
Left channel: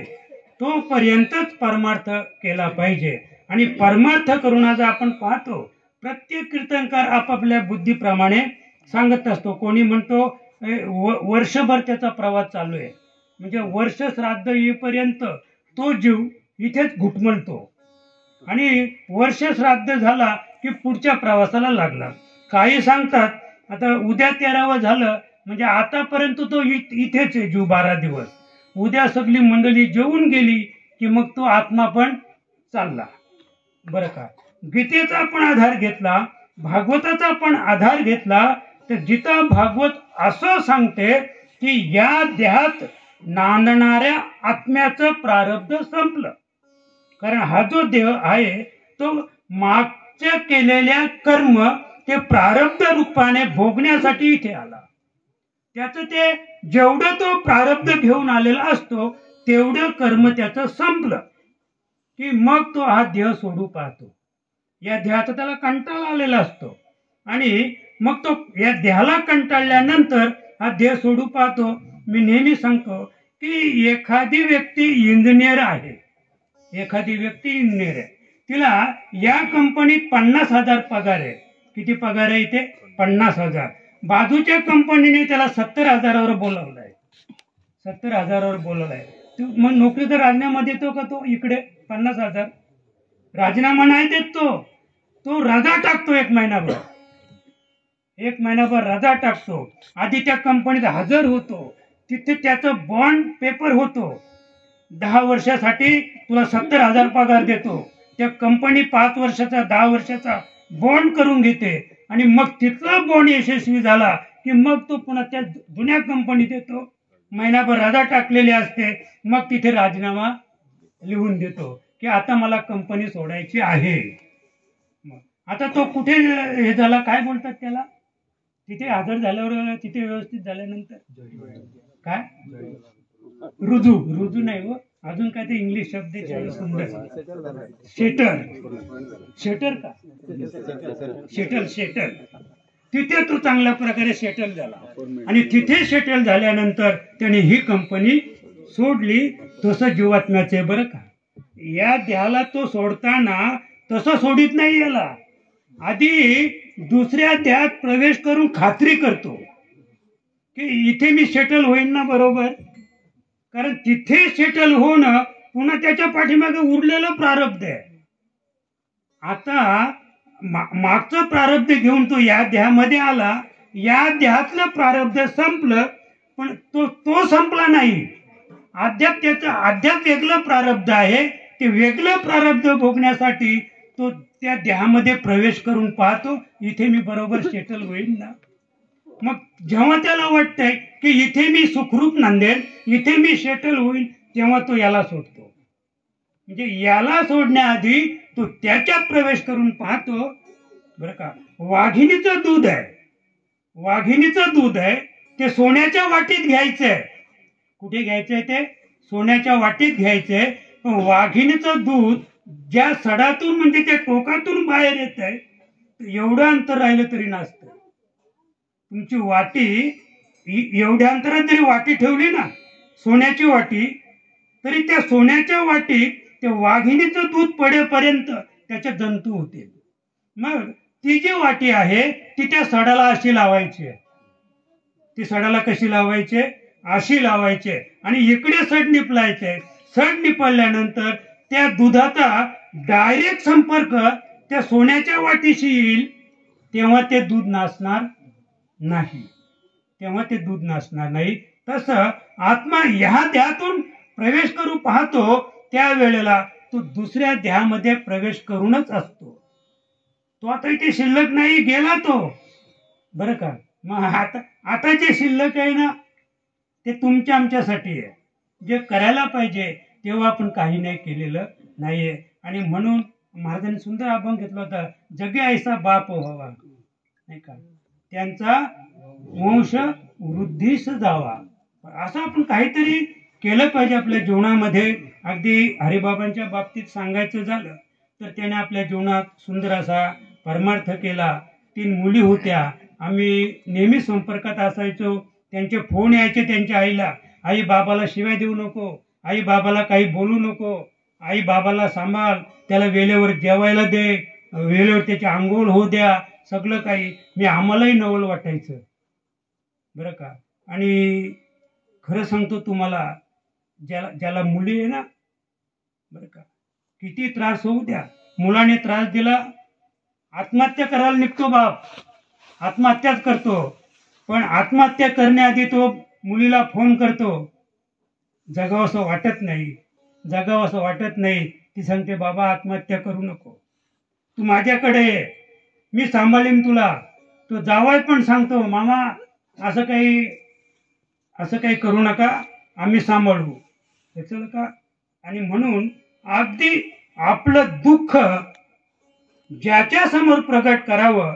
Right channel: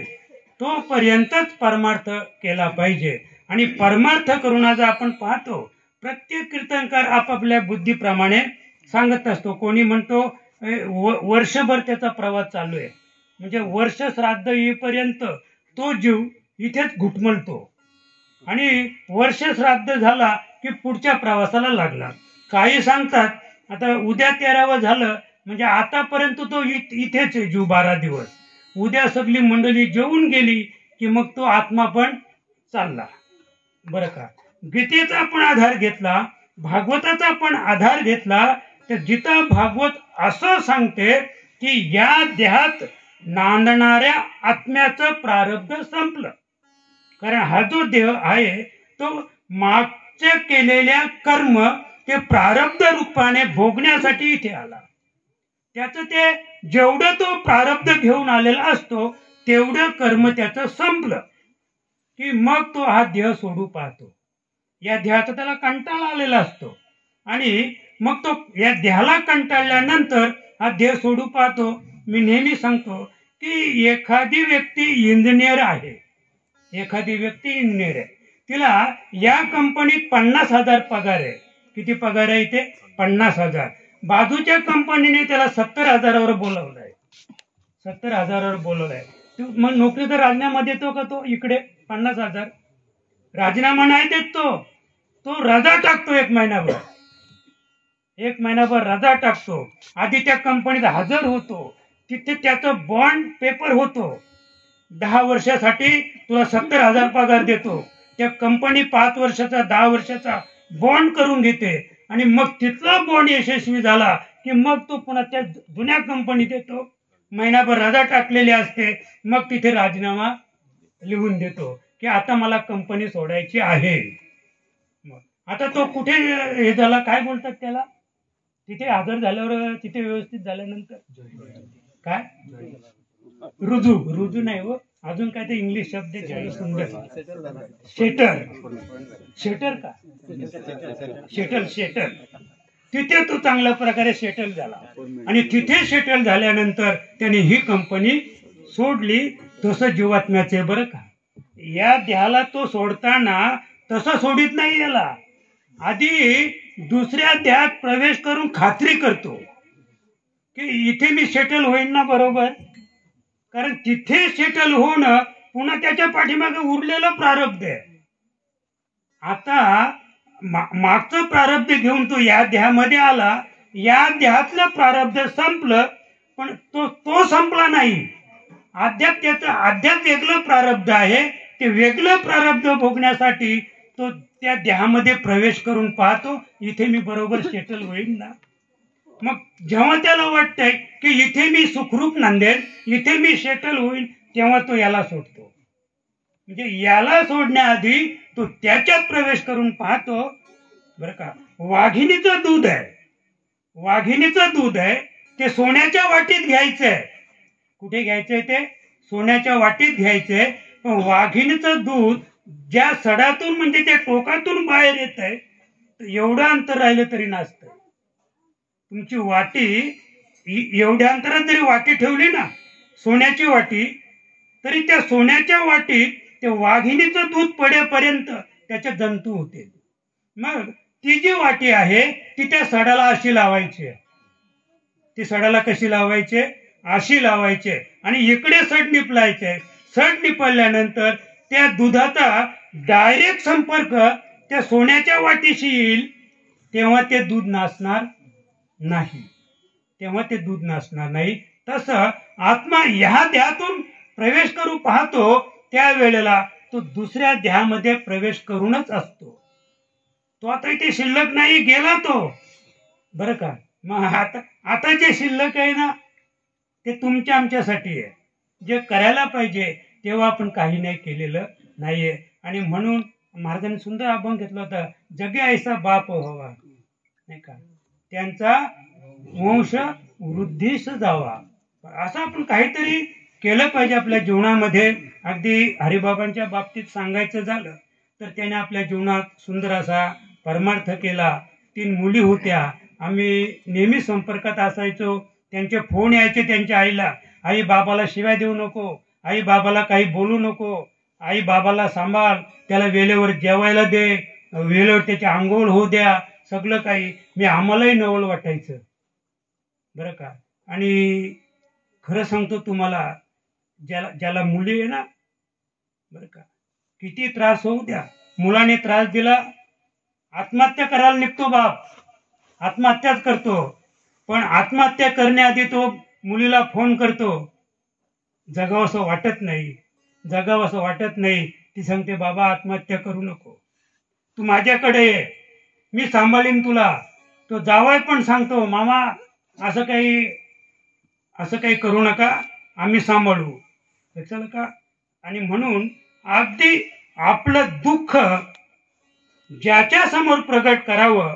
तोपर्यंतच परमार्थ केला पाहिजे. आणि परमार्थ करून आज आपण पाहतो प्रत्येक कीर्तनकार आपापल्या बुद्धीप्रमाणे सांगत असतो. कोणी म्हणतो वर्षभर त्याचा प्रवास चालू आहे, म्हणजे वर्ष श्राद्ध येईपर्यंत तो जीव इथेच घुटमळतो आणि वर्ष श्राद्ध झाला की पुढच्या प्रवासाला लागला. काही सांगतात आता उद्या 13वं झालं म्हणजे आतापर्यंत तो इथेच आहे जीव 12 दिवस. उद्या सगळी मंडळी जेवून गेली की मग तो आत्मा पण चालला. बरं का? गीतेचा पण आधार घेतला, भागवताचा पण आधार घेतला तर गीता भागवत असं सांगते की या देहात नांदणाऱ्या आत्म्याचं प्रारब्ध संपलं. कारण हा जो देह आहे तो मागच्या केलेल्या कर्म ते प्रारब्ध रूपाने भोगण्यासाठी इथे आला. त्याचं ते जेवढं तो प्रारब्ध घेऊन आलेला असतो तेवढं कर्म त्याचं संपलं की मग तो हा देह सोडू पाहतो. या देहाचा त्याला कंटाळा आलेला असतो आणि मग तो या देहाला कंटाळल्यानंतर हा देह सोडू पाहतो. मी नेहमी सांगतो की एखादी व्यक्ती इंजिनियर आहे, एखादी व्यक्ती इंजिनियर आहे, तिला या कंपनीत 50,000 पगार आहे. किती पगार आहे इथे? 50,000. बाजूच्या कंपनीने त्याला 70,000वर बोलवलंय, 70,000वर बोलवलंय. मग नोकरीचा राजीनामा देतो का तो? इकडे 50,000 राजीनामा नाही देत तो रजा टाकतो. एक महिनाभर रजा टाकतो. आधी त्या कंपनीत हजर होतो, तिथे त्याचं बॉन्ड पेपर होतो. 10 वर्षासाठी तुला 70,000 पगार देतो. त्या कंपनी 5 वर्षाचा 10 वर्षाचा बॉन्ड करून घेते आणि मग तिथला बॉन्ड यशस्वी झाला की मग तो पुन्हा त्या जुन्या कंपनीत येतो. महिनाभर रजा टाकलेली असते, मग तिथे राजीनामा लिहून देतो की आता मला कंपनी सोडायची आहे. आता तो कुठे हे झाला, काय बोलतात त्याला, तिथे हजर झाल्यावर, तिथे व्यवस्थित झाल्यानंतर काय रुजू नाही हो, अजून काय ते इंग्लिश शब्द सुंदर, शेटर का शेटल. तिथे तो चांगल्या प्रकारे सेटल झाला आणि तिथे सेटल झाल्यानंतर त्याने ही कंपनी सोडली. तसं जीवात्म्याचे बरं का, या देहाला तो सोडताना तसं सोडित नाही. याला आधी दुसऱ्या देहात प्रवेश करून खात्री करतो की इथे मी सेटल होईन ना, बरोबर. कारण तिथे सेटल होणं पुन्हा त्याच्या पाठीमागे उरलेलं प्रारब्ध आहे. आता मागचं प्रारब्ध घेऊन तो या देहामध्ये आला, या देहातलं प्रारब्ध संपलं, पण तो संपला नाही. अद्याप वेगळं प्रारब्ध आहे. ते वेगळं प्रारब्ध भोगण्यासाठी तो त्या देहामध्ये प्रवेश करून पाहतो, इथे मी बरोबर सेटल होईल ना. मग जेव्हा त्याला वाटतंय की इथे मी सुखरूप नांदेल, इथे मी सेटल होईल, तेव्हा तो याला सोडतो. म्हणजे याला सोडण्याआधी तो त्याच्यात प्रवेश करून पाहतो. बरं का, वाघिणीचं दूध आहे, ते सोन्याच्या वाटीत घ्यायचंय. कुठे घ्यायचंय? ते सोन्याच्या वाटीत घ्यायचंय. पण वाघिणीचं दूध ज्या सडातून म्हणजे त्या टोकातून बाहेर येत आहे, एवढं अंतर राहिलं तरी नाचतंय. तुमची वाटी एवढ्या अंतरात जरी वाटी ठेवली ना, सोन्याची वाटी, तरी त्या सोन्याच्या वाटीत ते वाघिणीचं दूध पडेपर्यंत त्याचे जंतू होते. मग ती जी वाटी आहे ती त्या सडाला अशी लावायची. ती सडाला कशी लावायची? अशी लावायची आणि इकडे सड निपलायचे. सड निपल्यानंतर त्या दुधाचा डायरेक्ट संपर्क त्या सोन्याच्या वाटीशी येईल, तेव्हा ते दूध नासणार नाही. तसं आत्मा ह्या देहातून प्रवेश करू पाहतो, त्यावेळेला तो दुसऱ्या देहामध्ये प्रवेश करूनच असतो. तो आता इथे शिल्लक नाही, गेला तो. बरं का, मग आता जे शिल्लक आहे ना, ते तुमच्या आमच्यासाठी आहे. जे करायला पाहिजे तेव्हा आपण काही नाही केलेलं नाहीये. आणि म्हणून महाराजांनी सुंदर अभंग घेतला होता, जगे ऐसा बाप व्हावा, नाही का, त्यांचा वंश वृद्धीस जावा. असं आपण काहीतरी केलं पाहिजे आपल्या जीवनामध्ये. अगदी हरिबाबांच्या बाबतीत सांगायचं झालं तर त्याने आपल्या जीवनात सुंदर असा परमार्थ केला. 3 मुली होत्या. आम्ही नेहमी संपर्कात असायचो. त्यांचे फोन यायचे त्यांच्या आईला, आई बाबाला शिव्या देऊ नको, आई बाबाला काही बोलू नको, आई बाबाला सांभाळ, त्याला वेळेवर जेवायला दे, वेळेवर त्याची आंघोळ होऊ द्या, सगळं काही. मी आम्हालाही नवल वाटायचं बरं का. आणि खरं सांगतो तुम्हाला, ज्याला मुली आहे ना बरं का, किती त्रास होऊ द्या, मुलाने त्रास दिला, आत्महत्या करायला निघतो बाप, आत्महत्याच करतो. पण आत्महत्या करण्याआधी तो मुलीला फोन करतो, जगावंसं वाटत नाही, जगावंसं वाटत नाही. ती सांगते, बाबा आत्महत्या करू नको, तू माझ्याकडे ये, मी सांभाळीन तुला. तो जावई पण सांगतो, मामा असं काही करू नका, आम्ही सांभाळू, लक्षात का. आणि म्हणून अगदी आपलं दुःख ज्याच्या समोर प्रगट करावं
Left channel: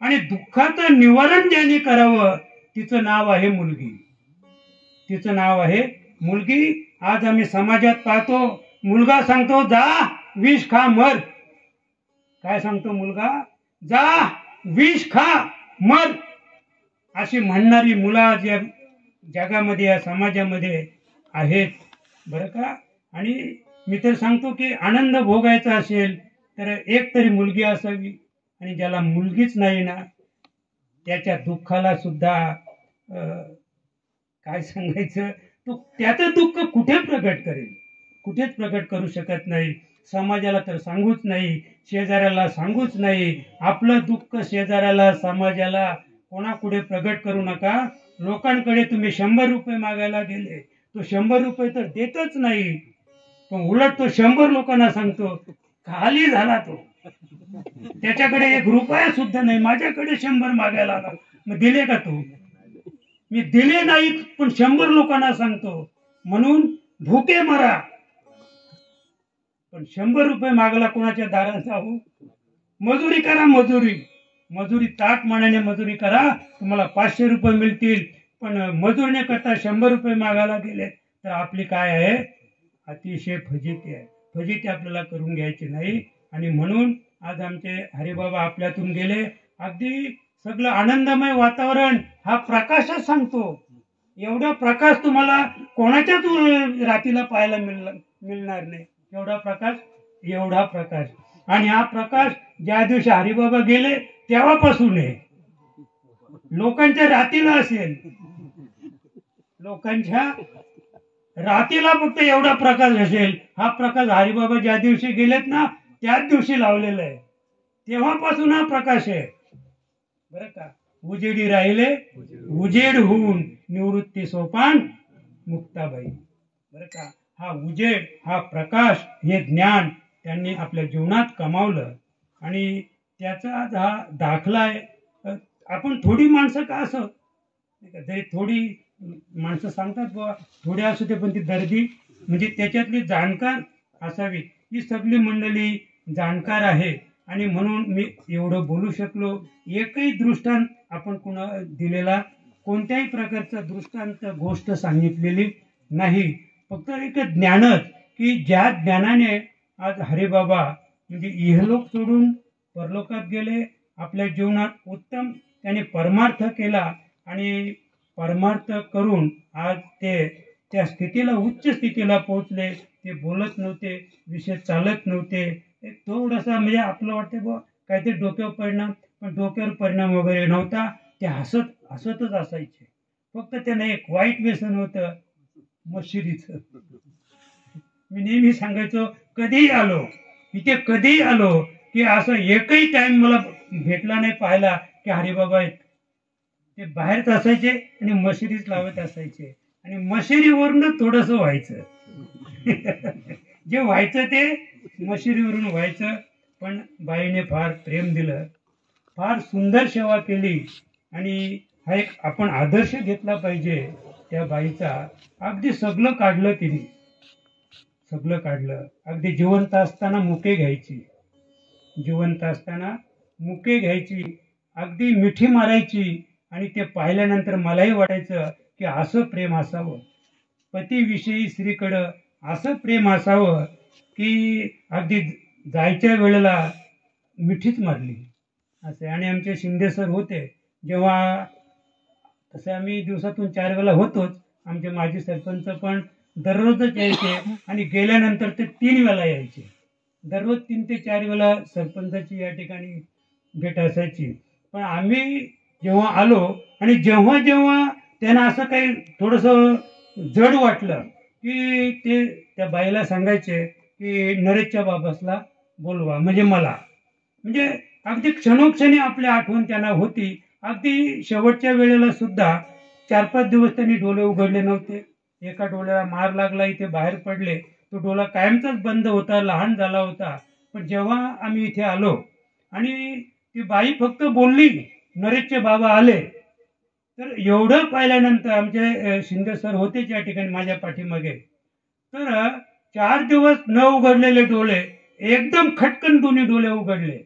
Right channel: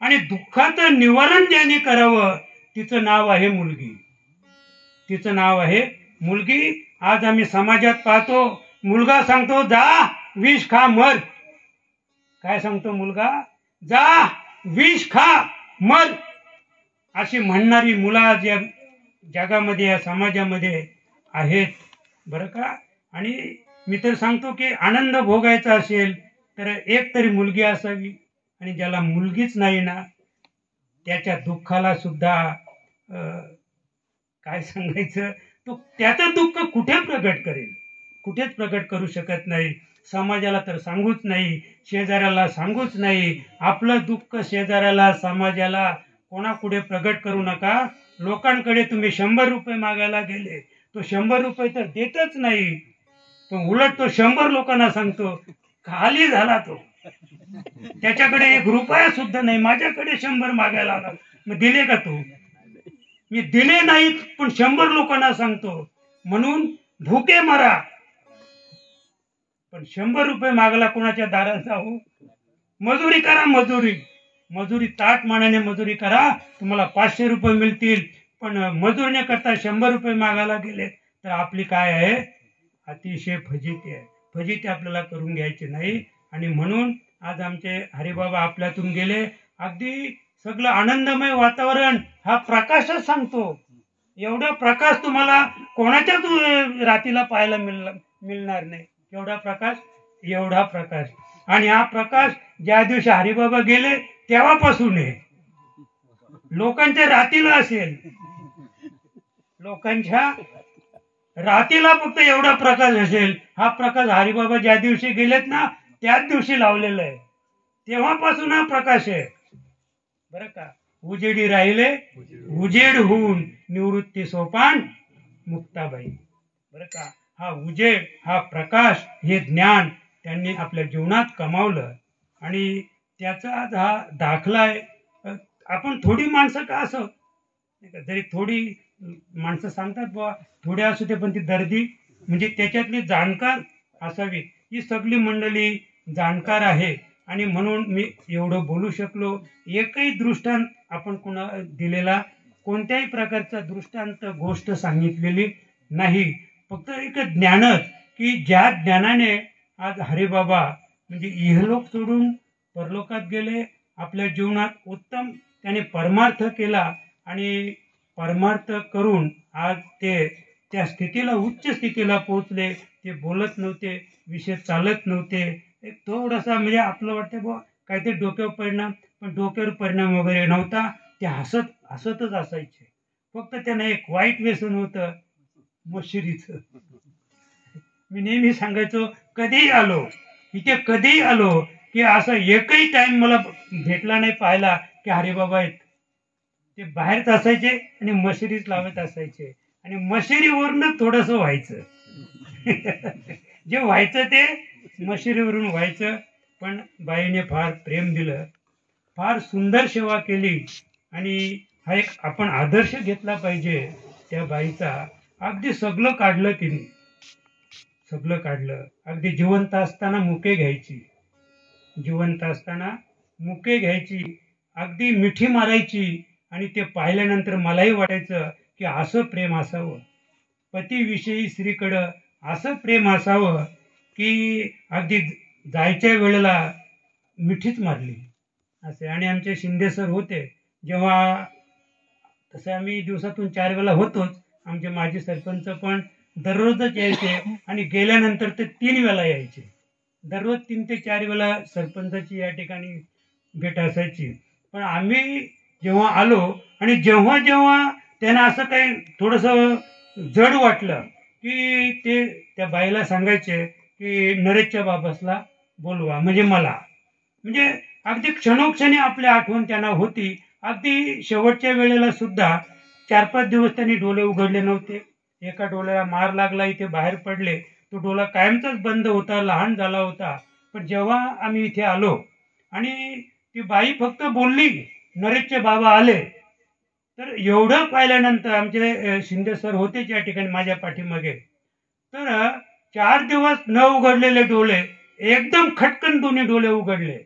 आणि दुःखाचं निवारण ज्याने करावं, तिचं नाव आहे मुलगी, तिचं नाव आहे मुलगी. आज आम्ही समाजात पाहतो, मुलगा सांगतो जा विष खा मर. काय सांगतो मुलगा? जा विष खा मर. अशी म्हणणारी मुलं ज्या जगामध्ये, या समाजामध्ये आहेत बरं का. आणि मी तर सांगतो की आनंद भोगायचा असेल तर एक तरी मुलगी असावी. आणि ज्याला मुलगीच नाही ना, त्याच्या दुःखाला सुद्धा काय सांगायचं, तो त्याचं दुःख कुठे प्रगट करेल? कुठेच प्रगट करू शकत नाही. समाजाला तर सांगूच नाही, शेजाऱ्याला सांगूच नाही. आपलं दुःख शेजाऱ्याला, समाजाला, कोणापुढे प्रगट करू नका. लोकांकडे तुम्ही 100 रुपये मागायला गेले, तो 100 रुपये तर देतच नाही, पण उलट तो 100 लोकांना सांगतो, खाली झाला तो, त्याच्याकडे 1 रुपया सुद्धा नाही, माझ्याकडे 100 मागायला आला. मग दिले का तू? मी दिले नाहीत, पण 100 लोकांना सांगतो. म्हणून भुके मरा, पण 100 रुपये मागला कोणाच्या दारात जाऊ? मजुरी करा, मजुरी ताट मानाने मजुरी करा, तुम्हाला 500 रुपये मिळतील. पण मजुरी न करता 100 रुपये मागायला गेले तर आपली काय आहे? अतिशय फजिती आहे. फजिती आपल्याला करून घ्यायची नाही. आणि म्हणून आज आमचे हरिबाबा आपल्यातून गेले. अगदी सगळं आनंदमय वातावरण, हा प्रकाशच सांगतो. एवढा प्रकाश तुम्हाला कोणाच्याच रातीला पाहायला मिळणार नाही. एवढा प्रकाश. आणि हा प्रकाश ज्या दिवशी हरिबाबा गेले तेव्हापासून आहे. लोकांच्या रातीला असेल, लोकांच्या रातीला फक्त एवढा प्रकाश असेल. हा प्रकाश हरिबाबा ज्या दिवशी गेलेत ना त्याच दिवशी लावलेला आहे. तेव्हापासून हा प्रकाश आहे बरं का. उजेडी राहिले उजेड होऊन, निवृत्ती सोपान मुक्ताबाई बरं का. हा उजेड, हा प्रकाश, हे ज्ञान त्यांनी आपल्या जीवनात कमावलं. आणि त्याचा आज हा दाखला आहे. आपण थोडी माणसं का असं, जरी थोडी माणसं सांगतात बुवा थोडी असू दे, पण ती दर्दी म्हणजे त्याच्यातली जाणकार असावी. ही सगळी मंडळी जाणकार आहे. आणि म्हणून मी एवढं बोलू शकलो. एकही दृष्टांत आपण कोणा दिलेला, कोणत्याही प्रकारचा दृष्टांत गोष्ट सांगितलेली नाही. फक्त एक ज्ञानच, की ज्या ज्ञानाने आज हरिबाबा म्हणजे इहलोक सोडून परलोकात गेले. आपल्या जीवनात उत्तम त्याने परमार्थ केला. आणि परमार्थ करून आज ते त्या स्थितीला, उच्च स्थितीला पोहोचले. ते बोलत नव्हते, विषय चालत नव्हते. एक थोडासा म्हणजे आपलं वाटतं बुवा काहीतरी डोक्यावर परिणाम, पण डोक्यावर परिणाम वगैरे नव्हता. ते हसतच असायचे. फक्त त्यांना एक वाईट व्यसन होतं, मशिरीचं. मी नेहमी सांगायचो, कधीही आलो की असं एकही टाइम मला भेटला नाही पाहायला की हरिबाबा आहेत. ते बाहेरच असायचे आणि मशिरीच लावत असायचे. आणि मशिरीवरून थोडंसं व्हायचं जे व्हायचं ते मशिरीवरून व्हायचं. पण बाईने फार प्रेम दिलं, फार सुंदर सेवा केली. आणि हा एक आपण आदर्श घेतला पाहिजे त्या बाईचा. अगदी सगळं काढलं तिने, सगळं काढलं. अगदी जिवंत असताना मुके घ्यायची, जिवंत असताना मुके घ्यायची, अगदी मिठी मारायची. आणि ते पाहिल्यानंतर मलाही वाटायचं की असं प्रेम असावं, पतीविषयी स्त्रीकडं असं प्रेम असावं की अगदी जायच्या वेळेला मिठीच मारली असे. आणि आमचे शिंदे सर होते जेव्हा, तसं आम्ही दिवसातून 4 वेळा होतोच. आमचे माजी सरपंच पण दररोजच यायचे आणि गेल्यानंतर ते 3 वेळा यायचे. दररोज 3 ते 4 वेळा सरपंचाची या ठिकाणी भेट असायची. पण आम्ही जेव्हा आलो आणि जेव्हा जेव्हा त्यांना असं काही थोडंसं जड वाटलं की ते त्या बाईला सांगायचे की नरेशच्या बाबासला बोलवा, म्हणजे मला, म्हणजे अगदी क्षणोक्षणी आपली आठवण त्यांना होती. अगदी शेवटच्या वेळेला सुद्धा 4-5 दिवस त्यांनी डोळे उघडले नव्हते. एका डोळ्याला मार लागला, इथे बाहेर पडले. तो डोळा कायमचाच बंद होता, लहान झाला होता. पण जेव्हा आम्ही इथे आलो आणि ती बाई फक्त बोलली नरेशचे बाबा आले, तर एवढं पाहिल्यानंतर आमचे शिंदे सर होते त्या ठिकाणी माझ्या पाठीमागे, तर 4 दिवस न उघडलेले डोळे एकदम खटकन दोन्ही डोळे उघडले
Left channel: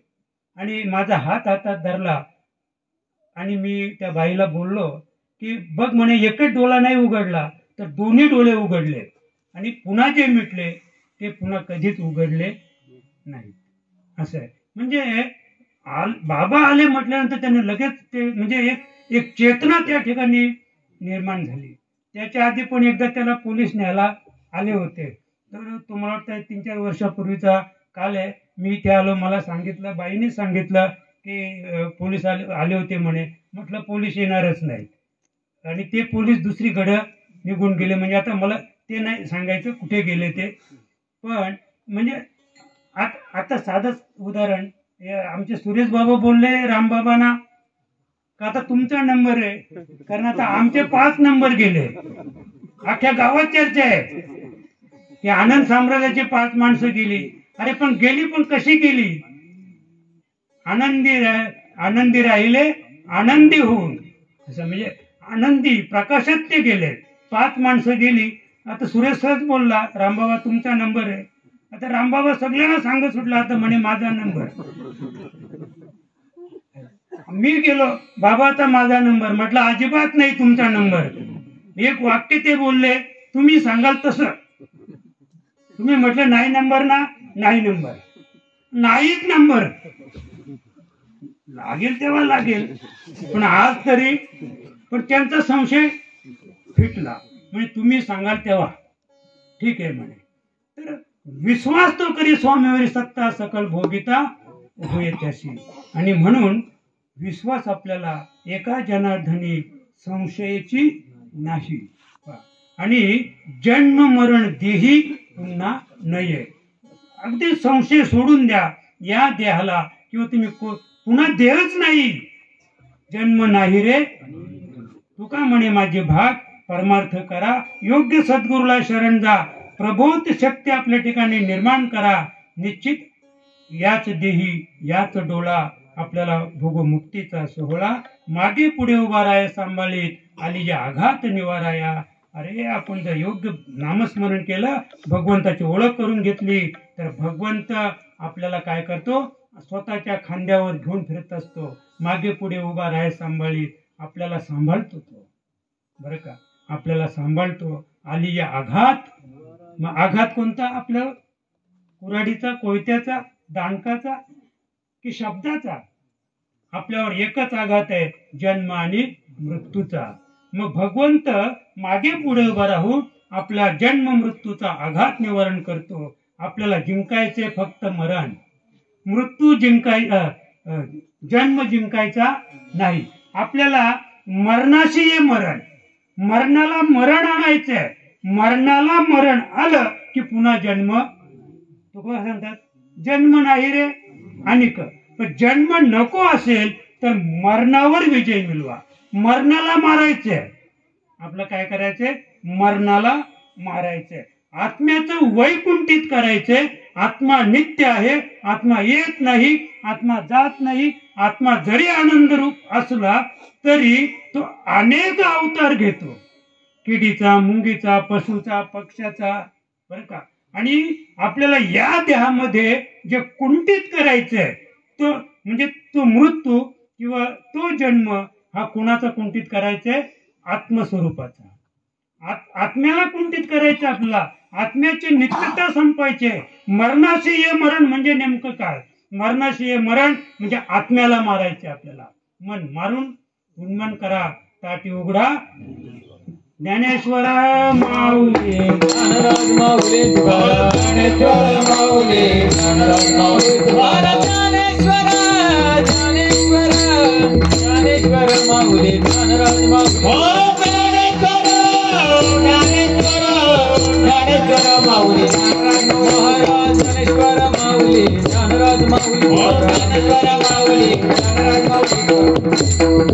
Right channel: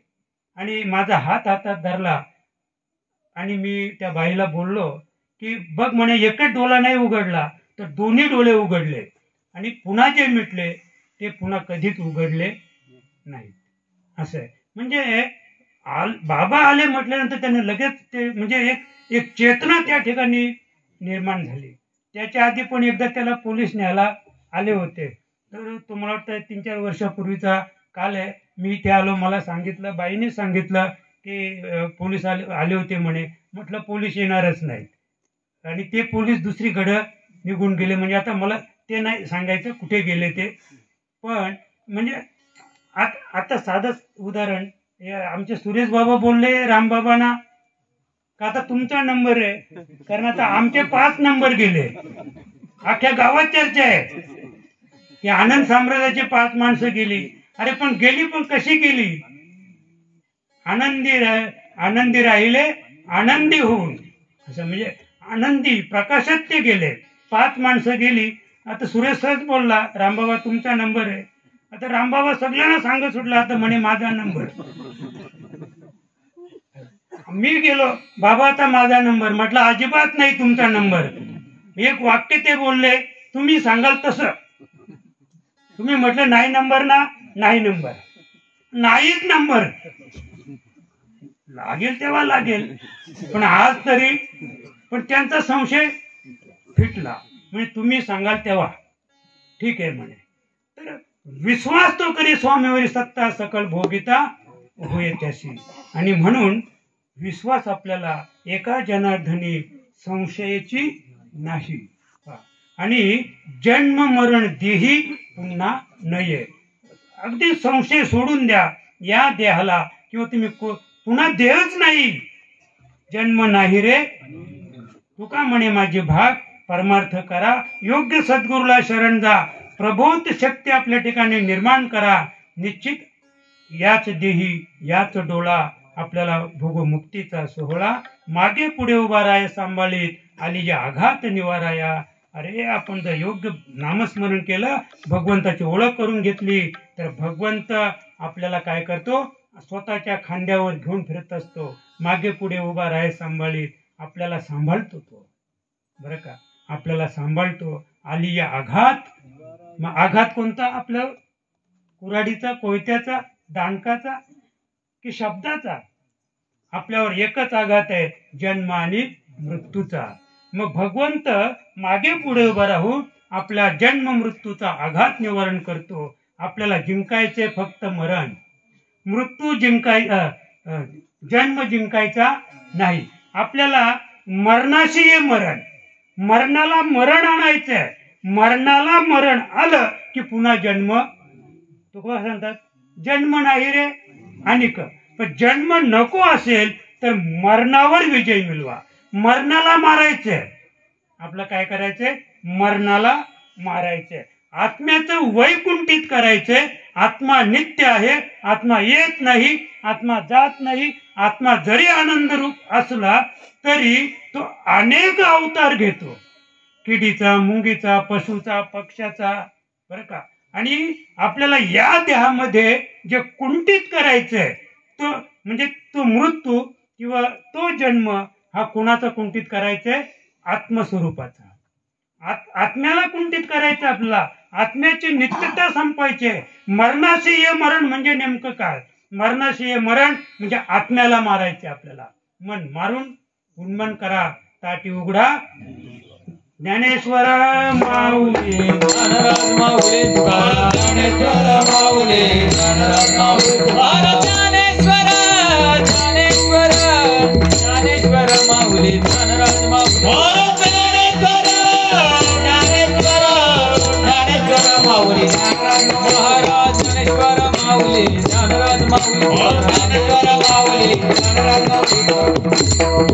आणि माझा हात हातात धरला आणि मी त्या बाईला बोललो की बघ म्हणे, एकच डोळा नाही उघडला तर दोन्ही डोळे उघडले आणि पुन्हा जे मिटले ते पुन्हा कधीच उघडले नाही. असं आहे. म्हणजे बाबा आले म्हटल्यानंतर त्याने लगेच ते म्हणजे एक चेतना त्या ठिकाणी निर्माण झाली. त्याच्या आधी पण एकदा त्याला पोलीस न्यायला आले होते. तर तुम्हाला वाटतं 3-4 वर्षापूर्वीचा काल आहे. मी इथे आलो, मला सांगितलं, बाईने सांगितलं की पोलीस आले होते म्हणे. म्हटलं पोलीस येणारच नाहीत आणि ते पोलीस दुसरीकडं निघून गेले. म्हणजे आता मला ते नाही सांगायचं कुठे गेले ते. पण म्हणजे आता साधं उदाहरण, आमचे सुरेश बाबा बोलले रामबाबांना का आता तुमचा नंबर आहे, कारण आता आमचे 5 नंबर गेले. अख्ख्या गावात चर्चा आहे की आनंद साम्राज्याचे 5 माणसं गेली. अरे पण गेली, पण कशी गेली? आनंदी राहिले आनंदी होऊन, असं म्हणजे आनंदी प्रकाशात ते गेले. 5 माणसं गेली. आता सुरेश सरच बोलला रामबाबा तुमचा नंबर आहे. आता रामबाबा सगळ्यांना सांगत सुटला आता म्हणे माझा नंबर. मी गेलो, बाबा आता माझा नंबर. म्हटलं अजिबात नाही तुमचा नंबर. एक वाक्य ते बोलले, तुम्ही सांगाल तसं. तुम्ही म्हटलं नाही नंबर ना, नाही नंबर, नाहीच नंबर. लागेल तेव्हा लागेल, पण आज तरी. पण त्यांचा संशय फिटला. म्हणजे तुम्ही सांगाल तेव्हा ठीक आहे म्हणे. तर विश्वास तो करी स्वामीवरी सत्ता सकल भोगिता होय त्याशी. आणि म्हणून विश्वास आपल्याला एका जनार्दनी संशयाची नाही. आणि जन्म मरण देही पुन्हा नये. अगदी संशय सोडून द्या या देहाला, किंवा तुम्ही पुन्हा देहच नाही. जन्म नाही रे तुका म्हणे माझे भाग, परमार्थ करा योग्य सद्गुरूला शरण जा. प्रबोध शक्ती आपल्या ठिकाणी निर्माण करा. निश्चित याच देही याच डोळा आपल्याला भोगमुक्तीचा सोहळा. मागे पुढे उभा राया सांभाळीत आली या आघात निवाराया. अरे आपण जर योग्य नामस्मरण केलं, भगवंताची ओळख करून घेतली, तर भगवंत आपल्याला काय करतो, स्वतःच्या खांद्यावर घेऊन फिरत असतो. मागे पुढे उभा राया सांभाळीत आपल्याला सांभाळतो तो, बरं का, आपल्याला सांभाळतो. आली या आघात. मग आघात कोणता? आपलं कुऱ्हाडीचा, कोयत्याचा, दांडकाचा की शब्दाचा? आपल्यावर एकच आघात आहे, जन्म आणि मृत्यूचा. मग भगवंत मागे पुढे उभा राहून आपल्या जन्म मृत्यूचा आघात निवारण करतो. आपल्याला जिंकायचे फक्त मरण, मृत्यू जन्म जिंकायचा नाही. आपल्याला मरणाशी आहे मरण, मरणाला मरण आणायचंय. मरणाला मरण आलं की पुन्हा जन्म. तुका सांगतात जन्म नाही रे अनिक. पण जन्म नको असेल तर मरणावर विजय मिळवा. मरणाला मारायचंय. आपलं काय करायचंय? मरणाला मारायचंय. आत्म्याचं वैकुंठित करायचंय. आत्मा नित्य आहे, आत्मा येत नाही, आत्मा जात नाही. आत्मा जरी आनंद रूप असला तरी तो अनेक अवतार घेतो. किडीचा, मुंगीचा, पशुचा, पक्ष्याचा, बरं का. आणि आपल्याला या देहामध्ये जे कुंठित करायचंय तो म्हणजे तो मृत्यू किंवा तो जन्म हा कोणाचा कुंठित करायचा आहे? आत्मस्वरूपाचा. आत्म्याला कुंठित करायचं आपल्याला. आत्म्याची नित्यता संपायची. मरणाशी ये मरण म्हणजे नेमकं काय? मरणाशी ये मरण म्हणजे आत्म्याला मारायचे आपल्याला. मन मारून उन्मन करा, ताटी उघडा. ज्ञानेश्वर माऊली ज्ञानराज माऊली तुकाराम ज्ञानेश्वर माऊली ज्ञानराज माऊली तुकाराम ज्ञानेश्वर ज्ञानेश्वर ज्ञानेश्वर माऊली ज्ञानराज माऊली ज्ञानेश्वर ज्ञानेश्वर ज्ञानेश्वर माऊली महाराज ज्ञानेश्वर माऊली ज्ञानराज माऊली ज्ञानेश्वर माऊली ज्ञानराज माऊली